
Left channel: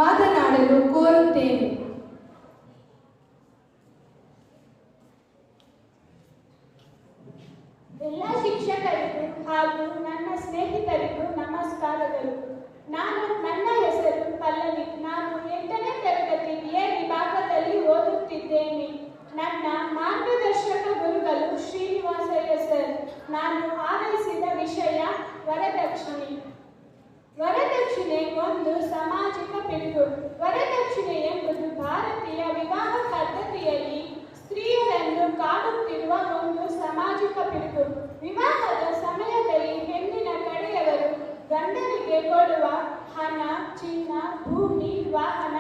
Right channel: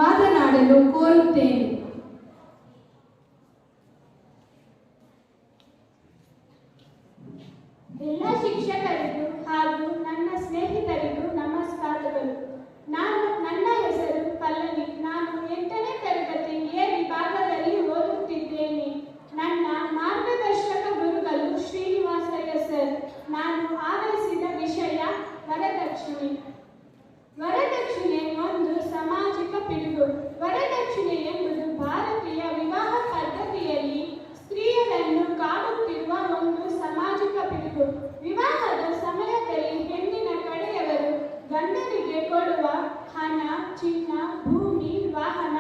ಮಾತನಾಡಲು ಕೋರುತ್ತೇನೆ. ಎಲ್ಲ ಶಿಕ್ಷಕರಿಗೂ ಹಾಗೂ ನನ್ನ ಸ್ನೇಹಿತರಿಗೂ ನಮಸ್ಕಾರಗಳು. ನನ್ನ ಹೆಸರು ಪಲ್ಲವಿ. ನಾನು 8ನೇ ತರಗತಿ ಎ ವಿಭಾಗದಲ್ಲಿ ಓದುತ್ತಿದ್ದೇನೆ. ನನ್ನ ಮಾರ್ಗದರ್ಶಕ ಗುರುಗಳು ಶ್ರೀನಿವಾಸ ಅಯ್ಯ ಸರ್. ನಾನು ಆರಿಸಿದ ವಿಷಯ ವರದಕ್ಷಿಣೆ. ವರದಕ್ಷಿಣೆ ಒಂದು ಸಾಮಾಜಿಕ ಪಿಡುಗು. ವರದಕ್ಷಿಣೆ ಎಂಬುದು ಭಾರತೀಯ ವಿವಾಹ ಪದ್ಧತಿಯಲ್ಲಿ ಸ್ತ್ರೀಯರನ್ನು ಕಾಡುತ್ತಿರುವ ಒಂದು ಸಾಮಾಜಿಕ ಪಿಡುಗು. ವಿವಾಹದ ಸಮಯದಲ್ಲಿ ಹೆಣ್ಣಿನ ಕಡೆಯವರು ಗಂಡನಿಗೆ ಕೊಡುವ ಹಣ, ಚಿನ್ನ, ಭೂಮಿ, ವಾಹನ,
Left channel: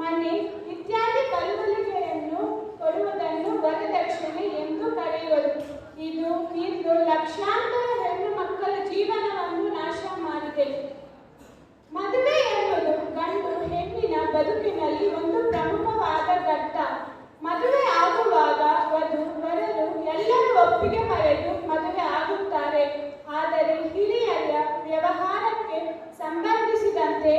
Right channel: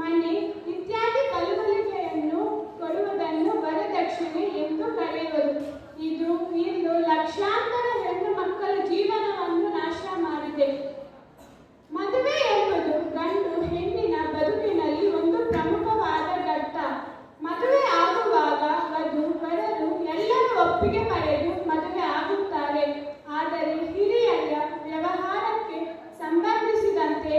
ಮನೆ ಇತ್ಯಾದಿ ಕಳುವಳಿಕೆಯನ್ನು ಕೊಡುವುದನ್ನು ವರದಕ್ಷಿಣೆ ಎಂದು ಕರೆಯುವರು. ಇದು ಇಂದು ಲಕ್ಷಾಂತರ ಹೆಣ್ಣು ಮಕ್ಕಳ ಜೀವನವನ್ನು ನಾಶ ಮಾಡಿದೆ. ಮದುವೆ ಎಂಬುದು ಗಂಡು ಹೆಣ್ಣಿನ ಬದುಕಿನಲ್ಲಿ ಒಂದು ಪ್ರಮುಖವಾದ ಘಟ್ಟ. ಮದುವೆ ಆಗುವಾಗ ವಧು ವರರು ಎಲ್ಲರೂ ಒಪ್ಪಿಗೆ ಪಡೆದು ಮದುವೆ ಆಗುತ್ತಾರೆ. ಆದರೆ ಹಿರಿಯರ ವ್ಯವಹಾರಕ್ಕೆ ಸಂಬಂಧಿಸಿದಂತೆ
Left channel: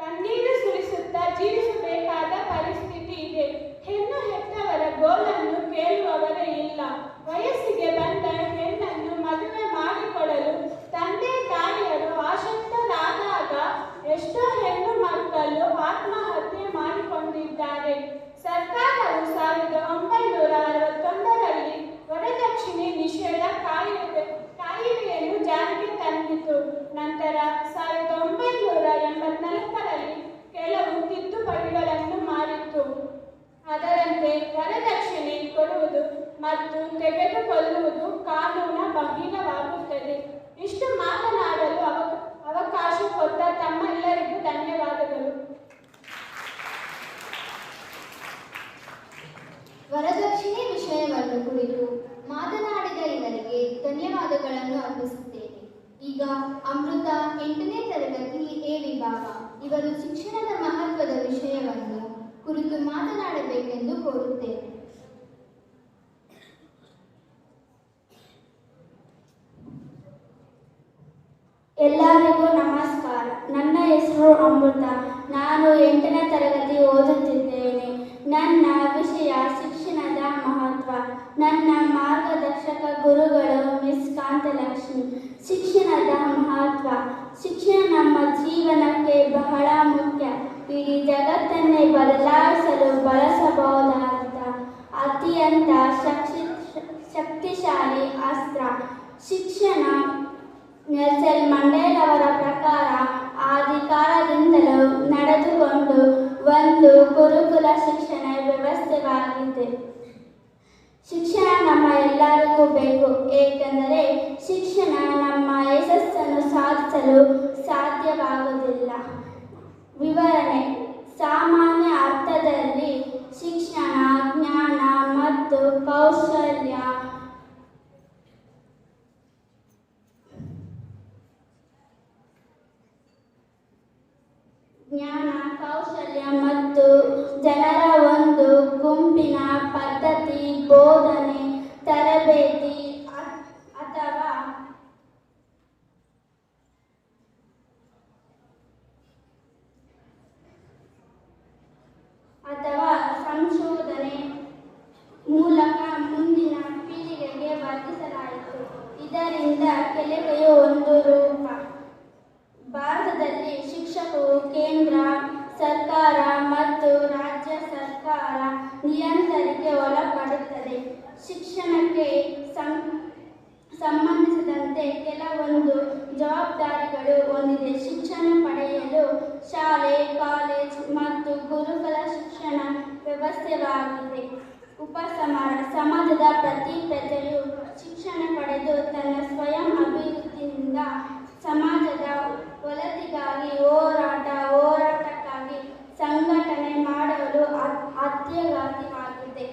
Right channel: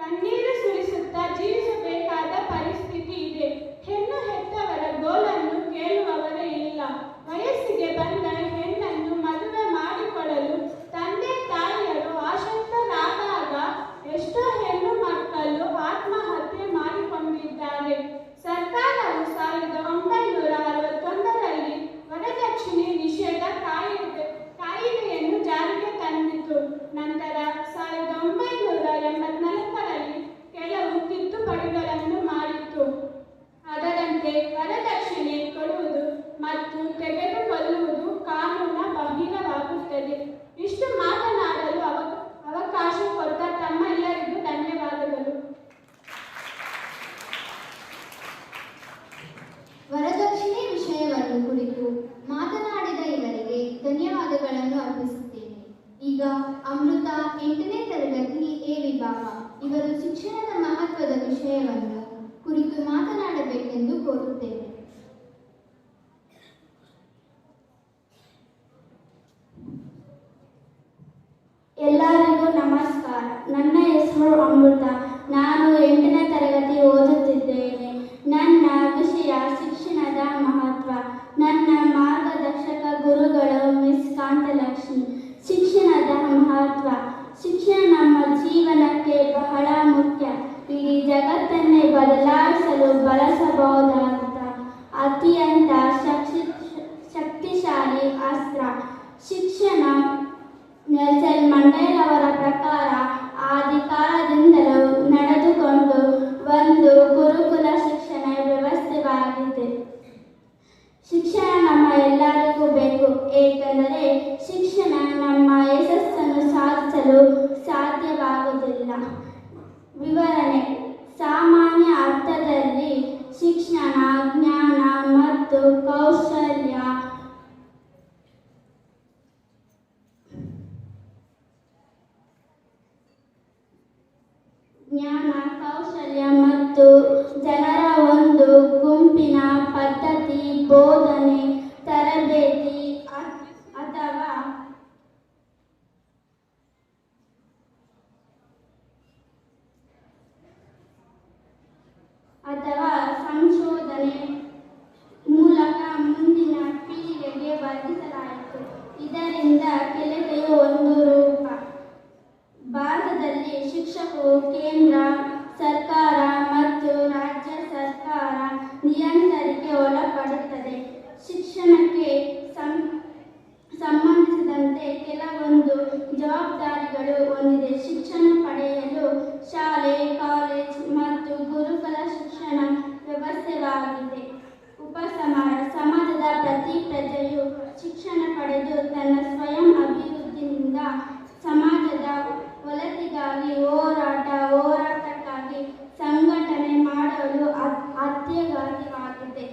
ಕಣ್ಣೀರು ಸುರಿಸುತ್ತಾ ಜೀವಿಸಬೇಕಾದ ಪರಿಸ್ಥಿತಿ ಇದೆ. ಹೆಣ್ಣು ಹೆತ್ತವರ ಗೋಳನ್ನು ಕೇಳುವವರೇ ಇಲ್ಲ. ವಯಸ್ಸಿಗೆ ಬಂದ ಹೆಣ್ಣನ್ನು ಮದುವೆ ಮಾಡಿಕೊಡಲು ತಂದೆ ತಾಯಿಯರು ಆಸಕ್ತರಾದಾಗ ಎಷ್ಟೋ ಹೆಣ್ಣು ಮಕ್ಕಳು ಆತ್ಮಹತ್ಯೆ ಮಾಡಿಕೊಂಡಿದ್ದಾರೆ. ಸರ್ಕಾರವು 1961ರಲ್ಲಿ ವರದಕ್ಷಿಣೆ ನಿಷೇಧ ಕಾಯಿದೆಯನ್ನು ಜಾರಿಗೆ ತಂದಿತು. ನಂತರ 1984ರಲ್ಲಿ ಕೆಲವು ತಿದ್ದುಪಡಿಗಳನ್ನು ಮಾಡಿತು. ಅದರಂತೆ ವರದಕ್ಷಿಣೆ ಕೊಡುವುದು ಮತ್ತು ತೆಗೆದುಕೊಳ್ಳುವುದು ಕಾನೂನು ಬಾಹಿರವಾಗುತ್ತದೆ. ಇಷ್ಟು ಮಾತನಾಡಲು ಅವಕಾಶ ಕೊಟ್ಟ ತಮ್ಮೆಲ್ಲರಿಗೂ ಧನ್ಯವಾದಗಳು. ವರದಕ್ಷಿಣೆ ವಿಷಯವನ್ನು ಕುರಿತು ಮಾತನಾಡಿದ ಇವರಿಗೆ ಧನ್ಯವಾದಗಳನ್ನು ಅರ್ಪಿಸುತ್ತೇನೆ. ಈಗ ಅಮೃತ 8ನೇ ತರಗತಿ ಎ ವಿಭಾಗ ಇವರು ಶಿಕ್ಷಣದ ಮಹತ್ವದ ವಿಷಯವನ್ನು ಕುರಿತು ಮಾತನಾಡಬೇಕೆಂದು ಕೋರುತ್ತೇನೆ. ಎಲ್ಲರಿಗೂ ನಮಸ್ಕಾರ. ನನ್ನ ಹೆಸರು ಅಮೃತ. ನಾನು 8ನೇ ತರಗತಿ ಓದುತ್ತಿದ್ದೇನೆ. ನನ್ನ ವಿಷಯ ಶಿಕ್ಷಣದ ಮಹತ್ವ. ನನ್ನ ಮಾರ್ಗದರ್ಶಕ ಗುರುಗಳು ಮಿಸ್ ಕಾಂತಲಕ್ಷ್ಮಿ. ಶಿಕ್ಷಣದ ಮಹತ್ವ. ಶಿಕ್ಷಣ ನಮ್ಮ ಜೀವನಕ್ಕೆ ಬಹಳ ಮುಖ್ಯ. ಇಡೀ ಜಗತ್ತನ್ನೇ ಬದಲಾಯಿಸಲು ಬಳಸಬಹುದಾದ ಅತ್ಯಂತ ಶಕ್ತಿಶಾಲಿ ಅಸ್ತ್ರ ಶಿಕ್ಷಣ. ನೆಲ್ಸನ್ ಮಂಡೇಲವರ ಪ್ರಕಾರ ಆದಿಕಾಲದಿಂದಲೂ ನಡೆದುಕೊಂಡು ಒಂದು ಗುರುಕುಲ ಶಿಕ್ಷಣ ವ್ಯವಸ್ಥೆವಾಗಿದೆ. ಶಿಕ್ಷಣ ನಮ್ಮ ಎಲ್ಲರಿಗೂ ಬೇಕು, ಏಕೆಂದರೆ ಶಿಕ್ಷಣ ನಮ್ಮ ಯಶಸ್ಸನ್ನು ಸಾಧಿಸಲು ಸಾಧ್ಯವಾಗುವುದಿಲ್ಲ. ವಿವರಣೆ: ಸಾಮಾನ್ಯ ಅರ್ಥದಲ್ಲಿ ಶಿಕ್ಷಣ ಜ್ಞಾನ ಮತ್ತು ಕೌಶಲ್ಯ ಮತ್ತು ಜನರ ಒಂದು ಗುಂಪಿನ ಪದ್ಧತಿ, ಬೋಧನೆ, ತರಬೇತಿ ಅಥವಾ ಸಂಶೋಧನೆ ಮೂಲಕ ಮುಂದಿನ ಪೀಳಿಗೆಗೆ ವರ್ಧಿಸಲಾಯಿತು. ಇದರಿಂದ ಕಲಿಕೆಯು ಒಂದು ರೂಪ. ಭಾರತದಲ್ಲಿ ಶಿಕ್ಷಕರು ಕೇಂದ್ರ ಸರ್ಕಾರ ಮತ್ತು ರಾಜ್ಯ ಸರ್ಕಾರ ನಿಯಂತ್ರಣಕ್ಕೆ ಒಳಪಡುತ್ತದೆ. ಶಿಕ್ಷಣಕ್ಕೆ ಸಂಬಂಧಿಸಿದಂತೆ ಕೆಲವೊಂದು ಜವಾಬ್ದಾರಿಗಳು ಹೊಂದಿದೆ. ಶಿಕ್ಷಣ ಪಡೆಯಲು ಶಾಲೆ, ಕಾಲೇಜ್ ಮತ್ತು ಗುರುಕುಲ ಶಿಕ್ಷಣ ವ್ಯವಸ್ಥೆವಾಗಿದೆ. ಉಪಸಂಹಾರ: ಸಮಾಜದ ಪ್ರತಿ ಪ್ರಜೆಯು ಶಿಕ್ಷಣ ಪಡೆದು ತನ್ನ ಸ್ವಯಂ ಅಭಿವೃದ್ಧಿಯಿಂದ ಸಮಾಜದ ಒಳಿತಿಗಾಗಿ ಹೋರಾಟಕ್ಕಾಗಿ ಸಂಘಟನೆ ಮಾಡಲು ಅತ್ಯಗತ್ಯವಾಗಿದೆ.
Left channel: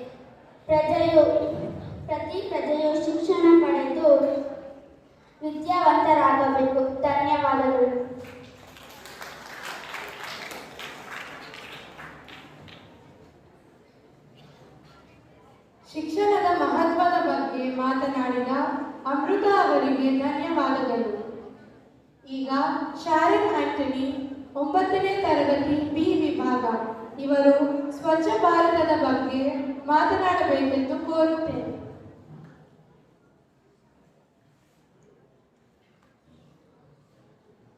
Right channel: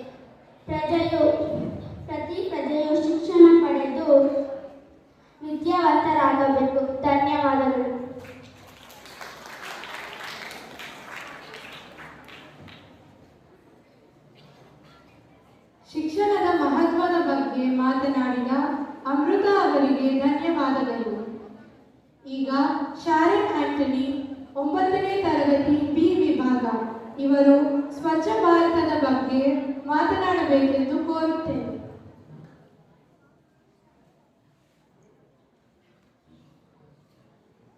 ಪ್ರತಿ ಪ್ರಜೆಯು ಶಿಕ್ಷಣ ಪಡೆದು ವಿದ್ಯಾವಂತರಾಗಬೇಕು. ಧನ್ಯವಾದಗಳು. ಶಿಕ್ಷಣದ ಮಹತ್ವದ ಬಗ್ಗೆ ಮಾತನಾಡಿದ ಅಮೃತ ಅವರಿಗೆ ಧನ್ಯವಾದಗಳು. ಈಗ ಶಾರನ್ ಆಂಟನಿ 9ನೇ ತರಗತಿ ಬಿ ವಿಭಾಗ ಇವರು ಸ್ವಚ್ಛ ಭಾರತದ ಬಗ್ಗೆ ಮಾತನಾಡಬೇಕೆಂದು ಕೋರುತ್ತೇನೆ.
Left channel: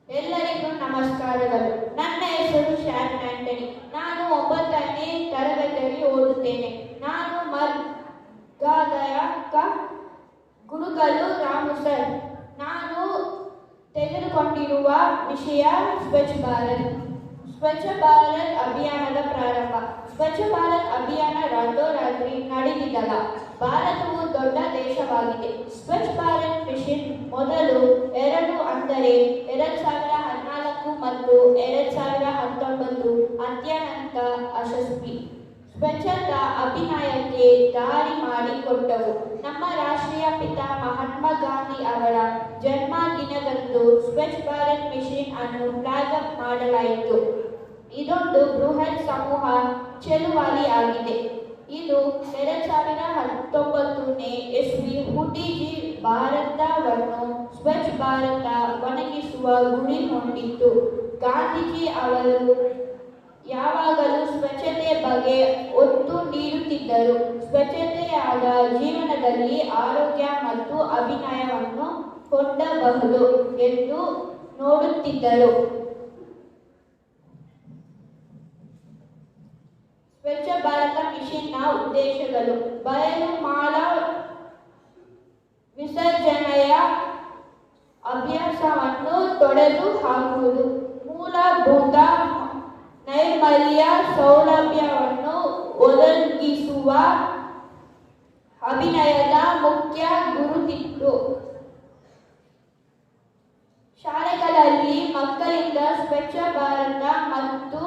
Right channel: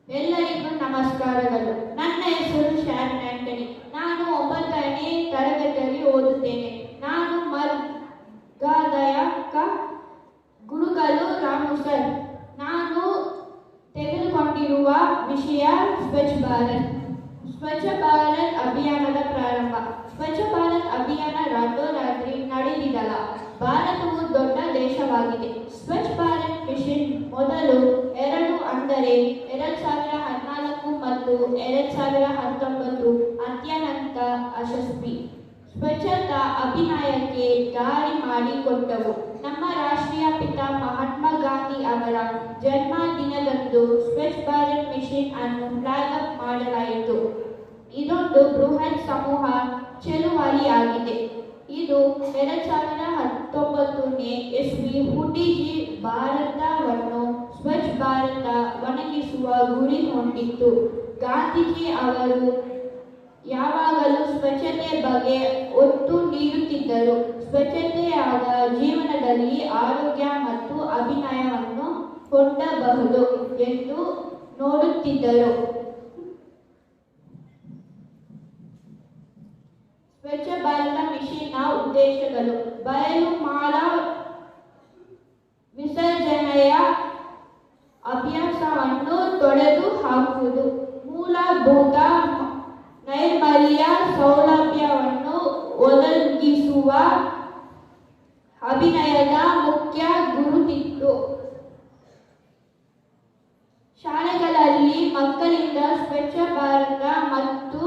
ಎಲ್ಲರಿಗೂ ನಮಸ್ಕಾರಗಳು. ನನ್ನ ಹೆಸರು ಶಾರನ್ ಆಂಟನಿ. ನಾನು 9ನೇ ತರಗತಿಯಲ್ಲಿ ಓದುತ್ತೇನೆ. ನಾನು ಮರ್ಗಾಲಯಕ ಗುರುಗಳು ರಾಮು ಸರ್. ನಾನು ತೆಗೆದುಕೊಂಡಿರುವ ವಿಷಯ ಸ್ವಚ್ಛ ಭಾರತ್. ಸ್ವಚ್ಛ ಭಾರತ್ ಅಭಿಯಾನದ ಪ್ರಾರಂಭ. ಸ್ವಚ್ಛ ಭಾರತ್ ಅಭಿಯಾನ ರಾತ್ರೋರಾತ್ರಿ ನಡೆದಿದ್ದಲ್ಲ. ಭಾರತವು ದೊಡ್ಡ ದೇಶವಾಗಿದೆ. ಸ್ವಚ್ಛ ಭಾರತ್ ಮಿಷನ್ ಮೊದಲು 2 ಅಂದರೆ 2014 ಮತ್ತು 2019 ಅತ್ಯಂತ ಯಶಸ್ವಿ ಸ್ವಚ್ಛತಾ ಅಭಿಯಾನಕ್ಕೆ ದಾರಿ ಮಾಡಿಕೊಟ್ಟವು. ನಮ್ಮ ರಾಷ್ಟ್ರೀಯ ಪಿತ ಮಹಾತ್ಮ ಗಾಂಧಿ ಅವರ ಜನ್ಮದಿನದಂದು ಸ್ವಚ್ಛ ಭಾರತ್ ಮಿಷನ್ ಅನ್ನು ಫ್ಲಾಗ್ ಅಪ್ ಮಾಡಲಾಯಿತು. ಇದೊಂದು ಬೃಹತ್ ಸಮೂಹ ಚಳುವಳಿಯಾಗಿದೆ. ಇದು 2019ನೇ ಇಸ್ವಿ ಹುಟ್ಟಿಸಿ ಭಾರತವನ್ನು ಸ್ವಚ್ಛ ಭಾರತ ಒಣಗಿಸುವ ಗುರಿ ಹೊಂದಿತ್ತು. ಗಾಂಧೀಜಿ ಅವರು ಯಾವಾಗಲೂ ಸ್ವಚ್ಛತೆ ಬಗ್ಗೆ ಒತ್ತು ನೀಡುತ್ತಿದ್ದರು. ಸ್ವಚ್ಛತೆಯಾದ ಜೀವನದಲ್ಲಿ ಆರೋಗ್ಯ ಮತ್ತು ಅಭಿನಯವನ್ನು ಹೊಂದಬಹುದು ಎಂದು ನೋಡುತ್ತಿದ್ದರು. ಸ್ವಚ್ಛ ಭಾರತ ಮಿಷನ್ನ ಉದ್ದೇಶಗಳು: ಬಯಲು ಮಾಲ ವಿಸರ್ಜನೆಯ ಅಭ್ಯಾಸವನ್ನು ತೊಡೆದು ಹಾಕುವುದು, ಮೂಲಭೂತ ನೈರ್ಮಲ್ಯ ಸೌಲಭ್ಯವನ್ನು ಒದಗಿಸುವ ಅಭಿಯಾನದ ಮುಖ್ಯ ಗುರುತಿತ್ತು. ಶಾಲೆಗಳಲ್ಲಿ ಮಕ್ಕಳಿಂದ ಸ್ವಚ್ಛ ಭಾರತ ಮತ್ತು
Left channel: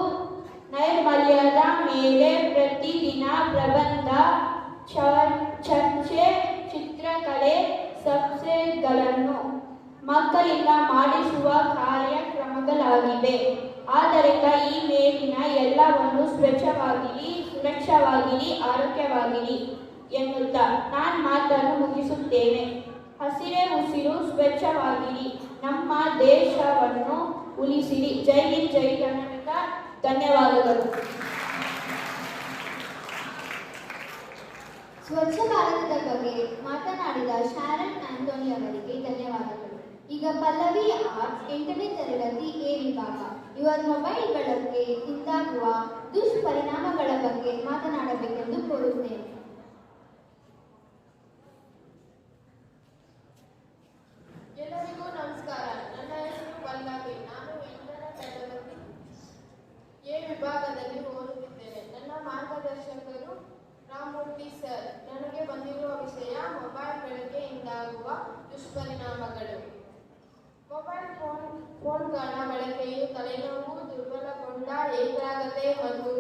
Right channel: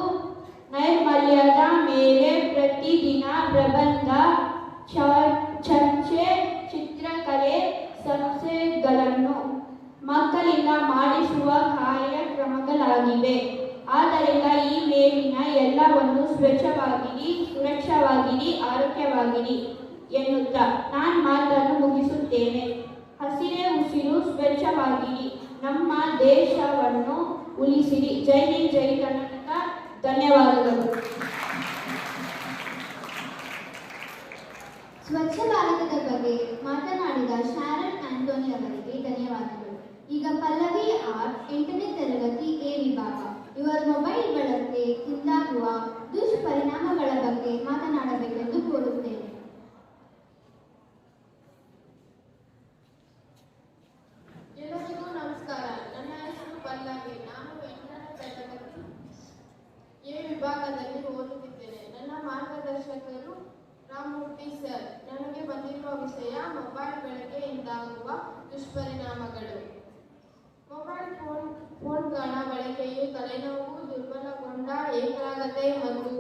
ನೈರ್ಮಲ್ಯದ ಮೇಲೆ ಪ್ರತಿದಿನ ಪ್ರಬಂಧ, ಚರ್ಚೆ, ಚಿತ್ರಕಲೆ ಸ್ಪರ್ಧೆಗಳನ್ನು ಮಕ್ಕಳಿಂದ ಮಾಡಿಸುವ ಕಾರ್ಯಕ್ರಮಗಳಾಗಿವೆ. ಆದ್ದರಿಂದ ಈ ಮೇಲಿನ ಎಲ್ಲವನ್ನು ಸ್ವಚ್ಛವಾಗಿರಿ, ಸುರಕ್ಷವಾಗಿರಿ, ಆರೋಗ್ಯವಾಗಿರಿ ಎನ್ನುತ್ತಾ ನಾನು ಮಾತನ್ನು ಮುಗಿಸುತ್ತೇನೆ. ಹಸಿರೇ ಉಸಿರು, ಸ್ವಚ್ಛವಾಗಿರಿ, ನಮ್ಮ ದೇಶವನ್ನು ಉಳಿಸಿರಿ. ಜೈ ಹಿಂದ್, ಜೈ ಕರ್ನಾಟಕ. ಧನ್ಯವಾದಗಳು. ಸ್ವಚ್ಛ ಭಾರತದ ಬಗ್ಗೆ ಮಾತನಾಡಿದ ಶಾರನ್ ಆಂಟೋನಿ ಅವರಿಗೆ ಧನ್ಯವಾದಗಳು. ಈಗ ಪಲ್ಲವಿ ಆರ್ 8ನೇ ತರಗತಿ ಎ ವಿಭಾಗ. ಇವರು ಮೊಬೈಲ್ ಬಳಕೆ ಉಂಟಾಗುವ ದುಷ್ಪರಿಣಾಮಗಳ ಬಗ್ಗೆ ಮಾತನಾಡಬೇಕೆಂದು ಕೋರುತ್ತೇನೆ. ಎಲ್ಲರಿಗೂ ನಮಸ್ಕಾರ. ನನ್ನ ಹೆಸರು ಪಲ್ಲವಿ. ನಾನು 8ನೇ ತರಗತಿ ಎ ವಿಭಾಗದಲ್ಲಿ ಓದುತ್ತಿದ್ದೇನೆ. ನನ್ನ ಮಾರ್ಗದರ್ಶಕರು ರಾಮಮೂರ್ತಿ ಸರ್. ನನಗೆ ಬಂದಿರುವ ವಿಷಯ ಮೊಬೈಲ್ ಬಳಕೆಯಿಂದಾಗುವ ದುಷ್ಪರಿಣಾಮಗಳು. ಮೊಬೈಲ್ ಫೋನ್ಗಳ ಬಳಕೆಯು ತಲೆನೋವು, ದುರ್ಬಲಗೊಂಡ ಏಕಾಗ್ರತೆ ಮತ್ತು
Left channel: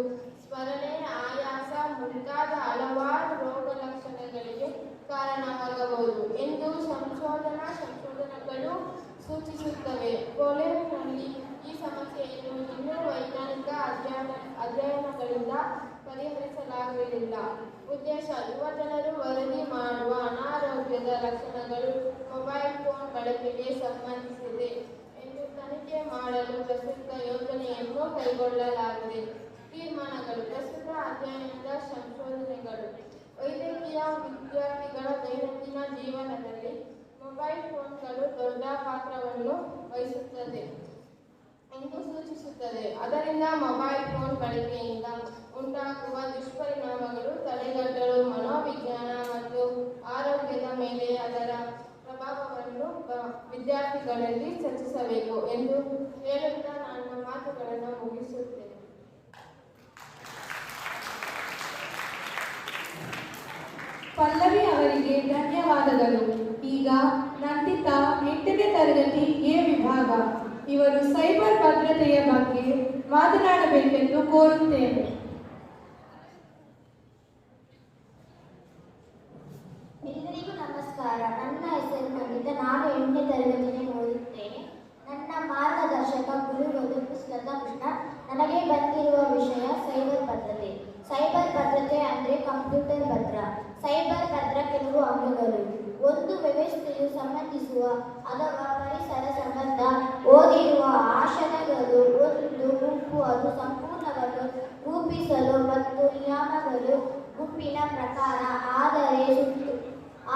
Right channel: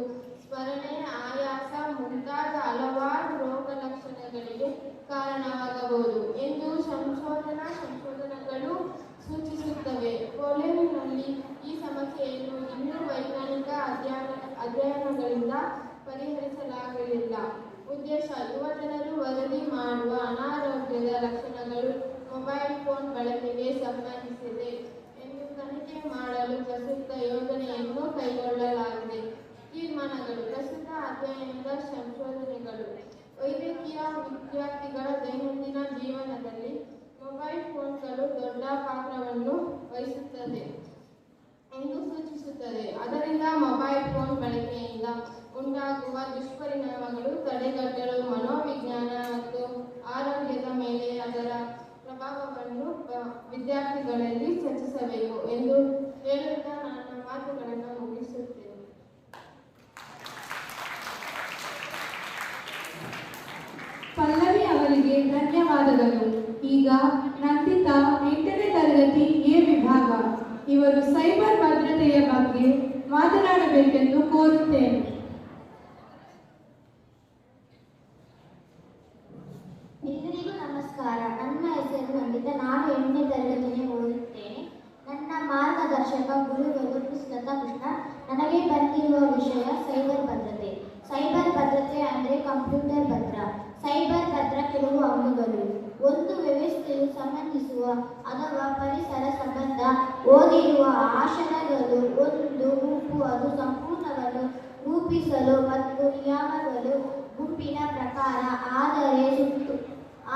ಸ್ಮರಣೆ, ಆಯಾಸ ಮುಂತಾದ ಹಲವಾರು ರೋಗ ಲಕ್ಷಣಗಳಿಗೆ ಕಾರಣವಾಗಬಹುದು ಎಂದು ಸಂಶೋಧನೆಗಳು ಸೂಚಿಸುತ್ತವೆ. ಪೋಲೆಂಡ್ನಲ್ಲಿ ಈ ಸಮಸ್ಯೆಯನ್ನು ಇನ್ನೂ ವೈಜ್ಞಾನಿಕ ಅಧ್ಯಯನಗಳಿಂದ ಪರಿಹರಿಸಲಾಗಲಿಲ್ಲ. ಉದ್ದೇಶ: ಯುವಜನರು ವರದಿ ಮಾಡುವ ಅನಾರೋಗ್ಯದ ಲಕ್ಷಣಗಳು ಮೊಬೈಲ್ ಫೋನ್ ಬಳಕೆಗೆ ಸಂಬಂಧಿಸಿದೆ ಎಂದು ತನಿಖೆ ಮಾಡಲು ಪ್ರಸ್ತುತ ಯೋಜನೆಯನ್ನು ಕೈಗೊಳ್ಳಲಾಗಿದೆ. ತೀರ್ಮಾನಗಳು: ಪ್ರಸ್ತುತ ಅಧ್ಯಯನದ ಸಂಶೋಧನೆಗಳು ವೈದ್ಯಕೀಯ ವಿದ್ಯಾರ್ಥಿಗಳ ದೈನಂದಿನ ಜೀವನದಲ್ಲಿ ಮೊಬೈಲ್ ಫೋನ್ಗಳು ದೊಡ್ಡ ಪಾತ್ರವನ್ನು ವಹಿಸುತ್ತದೆ ಎಂದು ಸೂಚಿಸುತ್ತದೆ. ಅದರಿಂದ ಮೊಬೈಲ್ ಫೋನ್ ಬಳಕೆಯಿಂದ ಉಂಟಾಗುವ ದುಷ್ಪರಿಣಾಮಗಳು ತಡೆಗಟ್ಟಲು ಮನೋವಿಜ್ಞಾನ ಮತ್ತು ಆರೋಗ್ಯದ ಮೇಲೆ ಅದರ ಪ್ರಭಾವವನ್ನು ವಿದ್ಯಾರ್ಥಿಗಳಲ್ಲಿ ಚರ್ಚಿಸಬೇಕು ಎಂದು ಹೇಳುತ್ತಾ ನನ್ನ ಮಾತುಗಳನ್ನು ಮುಗಿಸುತ್ತೇನೆ. ಪಲ್ಲವಿ ಅವರಿಗೆ ಧನ್ಯವಾದಗಳು. ಈಗ ನಂದಿತಾ 8ನೇ ತರಗತಿ ಎ ವಿಭಾಗ. ಇವರು ಸೈಬರ್ ಭದ್ರತೆಯ ಬಗ್ಗೆ ಮಾತನಾಡಬೇಕೆಂದು ಕೋರುತ್ತೇನೆ. ಎಲ್ಲರಿಗೂ ನಮಸ್ಕಾರ. ನನ್ನ ಹೆಸರು ನಂದಿತಾ. ನಾನು 8ನೇ ತರಗತಿಯಲ್ಲಿ ಓದುತ್ತೇನೆ. ನನ್ನ ಮಾರ್ಗದರ್ಶಕ ಗುರುಗಳು ಪುಸ್ತಕ ಕೃಷ್ಣ. ನನಗೆ ಬಂದಿರುವ ವಿಷಯ ಸೈಬರ್ ಭದ್ರತೆ. ಸೈಬರ್ ಭದ್ರತೆ ಅಂದರೆ ಕಂಪ್ಯೂಟರ್ ಭದ್ರ. ಸೈಬರ್ ಭದ್ರ ಕೆಲವು ಅಂಗಗಳು: ಒಂದು, ವ್ಯವಸ್ಥೆಯು ಸಂಬಂಧಿಸುವ ಅಥವಾ ಪರಿಸರ ಸಂಬಂಧ ಓದಿರುವ ಆಶಯಗಳು. ಒಂದು ಗುಂಪು ಅದು ಸಂಪೂರ್ಣವನ್ನು ರೂಪಿಸಲು ಮತ್ತು ನಿಯಮಗಳು ಗುಂಪಿನ ಪ್ರಕಾರ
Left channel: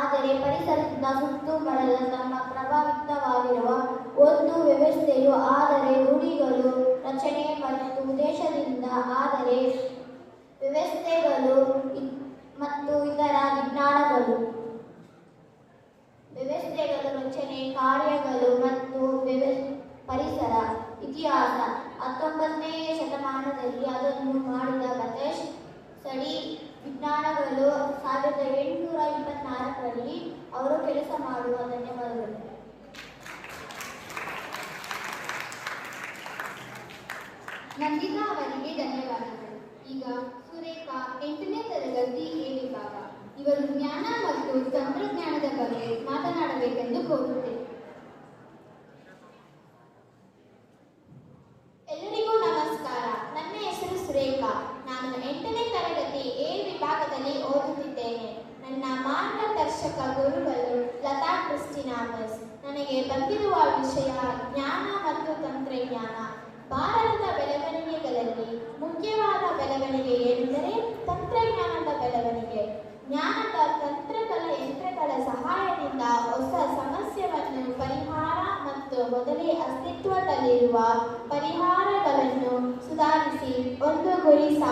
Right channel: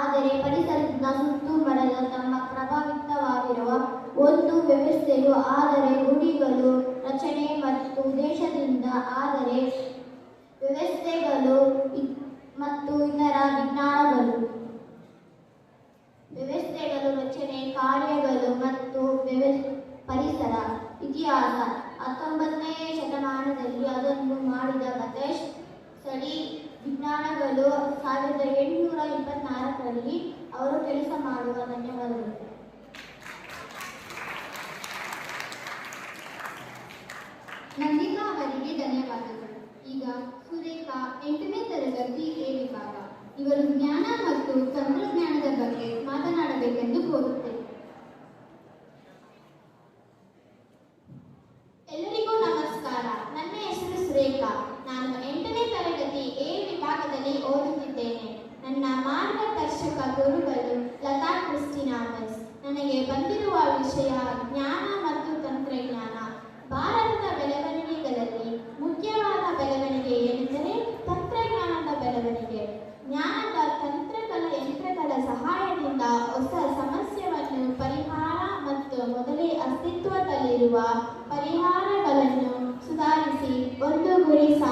ಆದರೆ ಪರಿಸರದಿಂದ ಸುತ್ತುವರೆದ ತಮ್ಮ ಪ್ರಭಾವಿತವಾಗಿರುವ ಒಂದು ವ್ಯವಸ್ಥೆಯು ಆದರೆ ರೂಢಿಗಳು, ರಚನೆ ಮತ್ತು ಉದ್ದೇಶದಿಂದ ಆದರೆ ವ್ಯವಸ್ಥೆಗಳು ಮತ್ತು ಇತರ ವಿಜ್ಞಾನಗಳು. ವ್ಯವಸ್ಥೆಗಳು, ರಚನೆ, ಕಾರ್ಯಗಳು ಮತ್ತು ಪರಿಸರ. ಇತಿಹಾಸ: 19ನೇ ಶತಮಾನದಲ್ಲಿ ಅದನ್ನು ಮಾಡಿದ ಬ್ರಿಟಿಷ್ ಸ್ಥಳೀಯ ವಿಜ್ಞಾನಿಗಳು 1824ರಲ್ಲಿ ಅವರು ಕೆಲಸ ಮಾಡುವ. ಧನ್ಯವಾದಗಳು. ನಂದಿತಾ ಅವರಿಗೆ ಧನ್ಯವಾದಗಳು. ಈಗ ಸುರೇಖಾ 8ನೇ ತರಗತಿ ಎ ವಿಭಾಗ. ಇವರು ಜ್ಞಾನ ಮತ್ತು ತಂತ್ರಜ್ಞಾನದ ಬಗ್ಗೆ ಮಾತನಾಡಬೇಕೆಂದು ಕೋರುತ್ತೇನೆ. ಎಲ್ಲರಿಗೂ ನಮಸ್ಕಾರ. ನನ್ನ ಹೆಸರು ಸುರೇಖಾ. ನಾನು 8ನೇ ತರಗತಿ ಎ ವಿಭಾಗದಲ್ಲಿ ಓದುತ್ತಿದ್ದೇನೆ. ನನ್ನ ಮಾರ್ಗದರ್ಶಕ ಗುರುಗಳು ಲತಾ ಕ್ರಿಸ್ಟಿನಾಮಸ್. ನನಗೆ ಬಂದಿರುವ ವಿಷಯ ಜ್ಞಾನ ಮತ್ತು ತಂತ್ರಜ್ಞಾನ.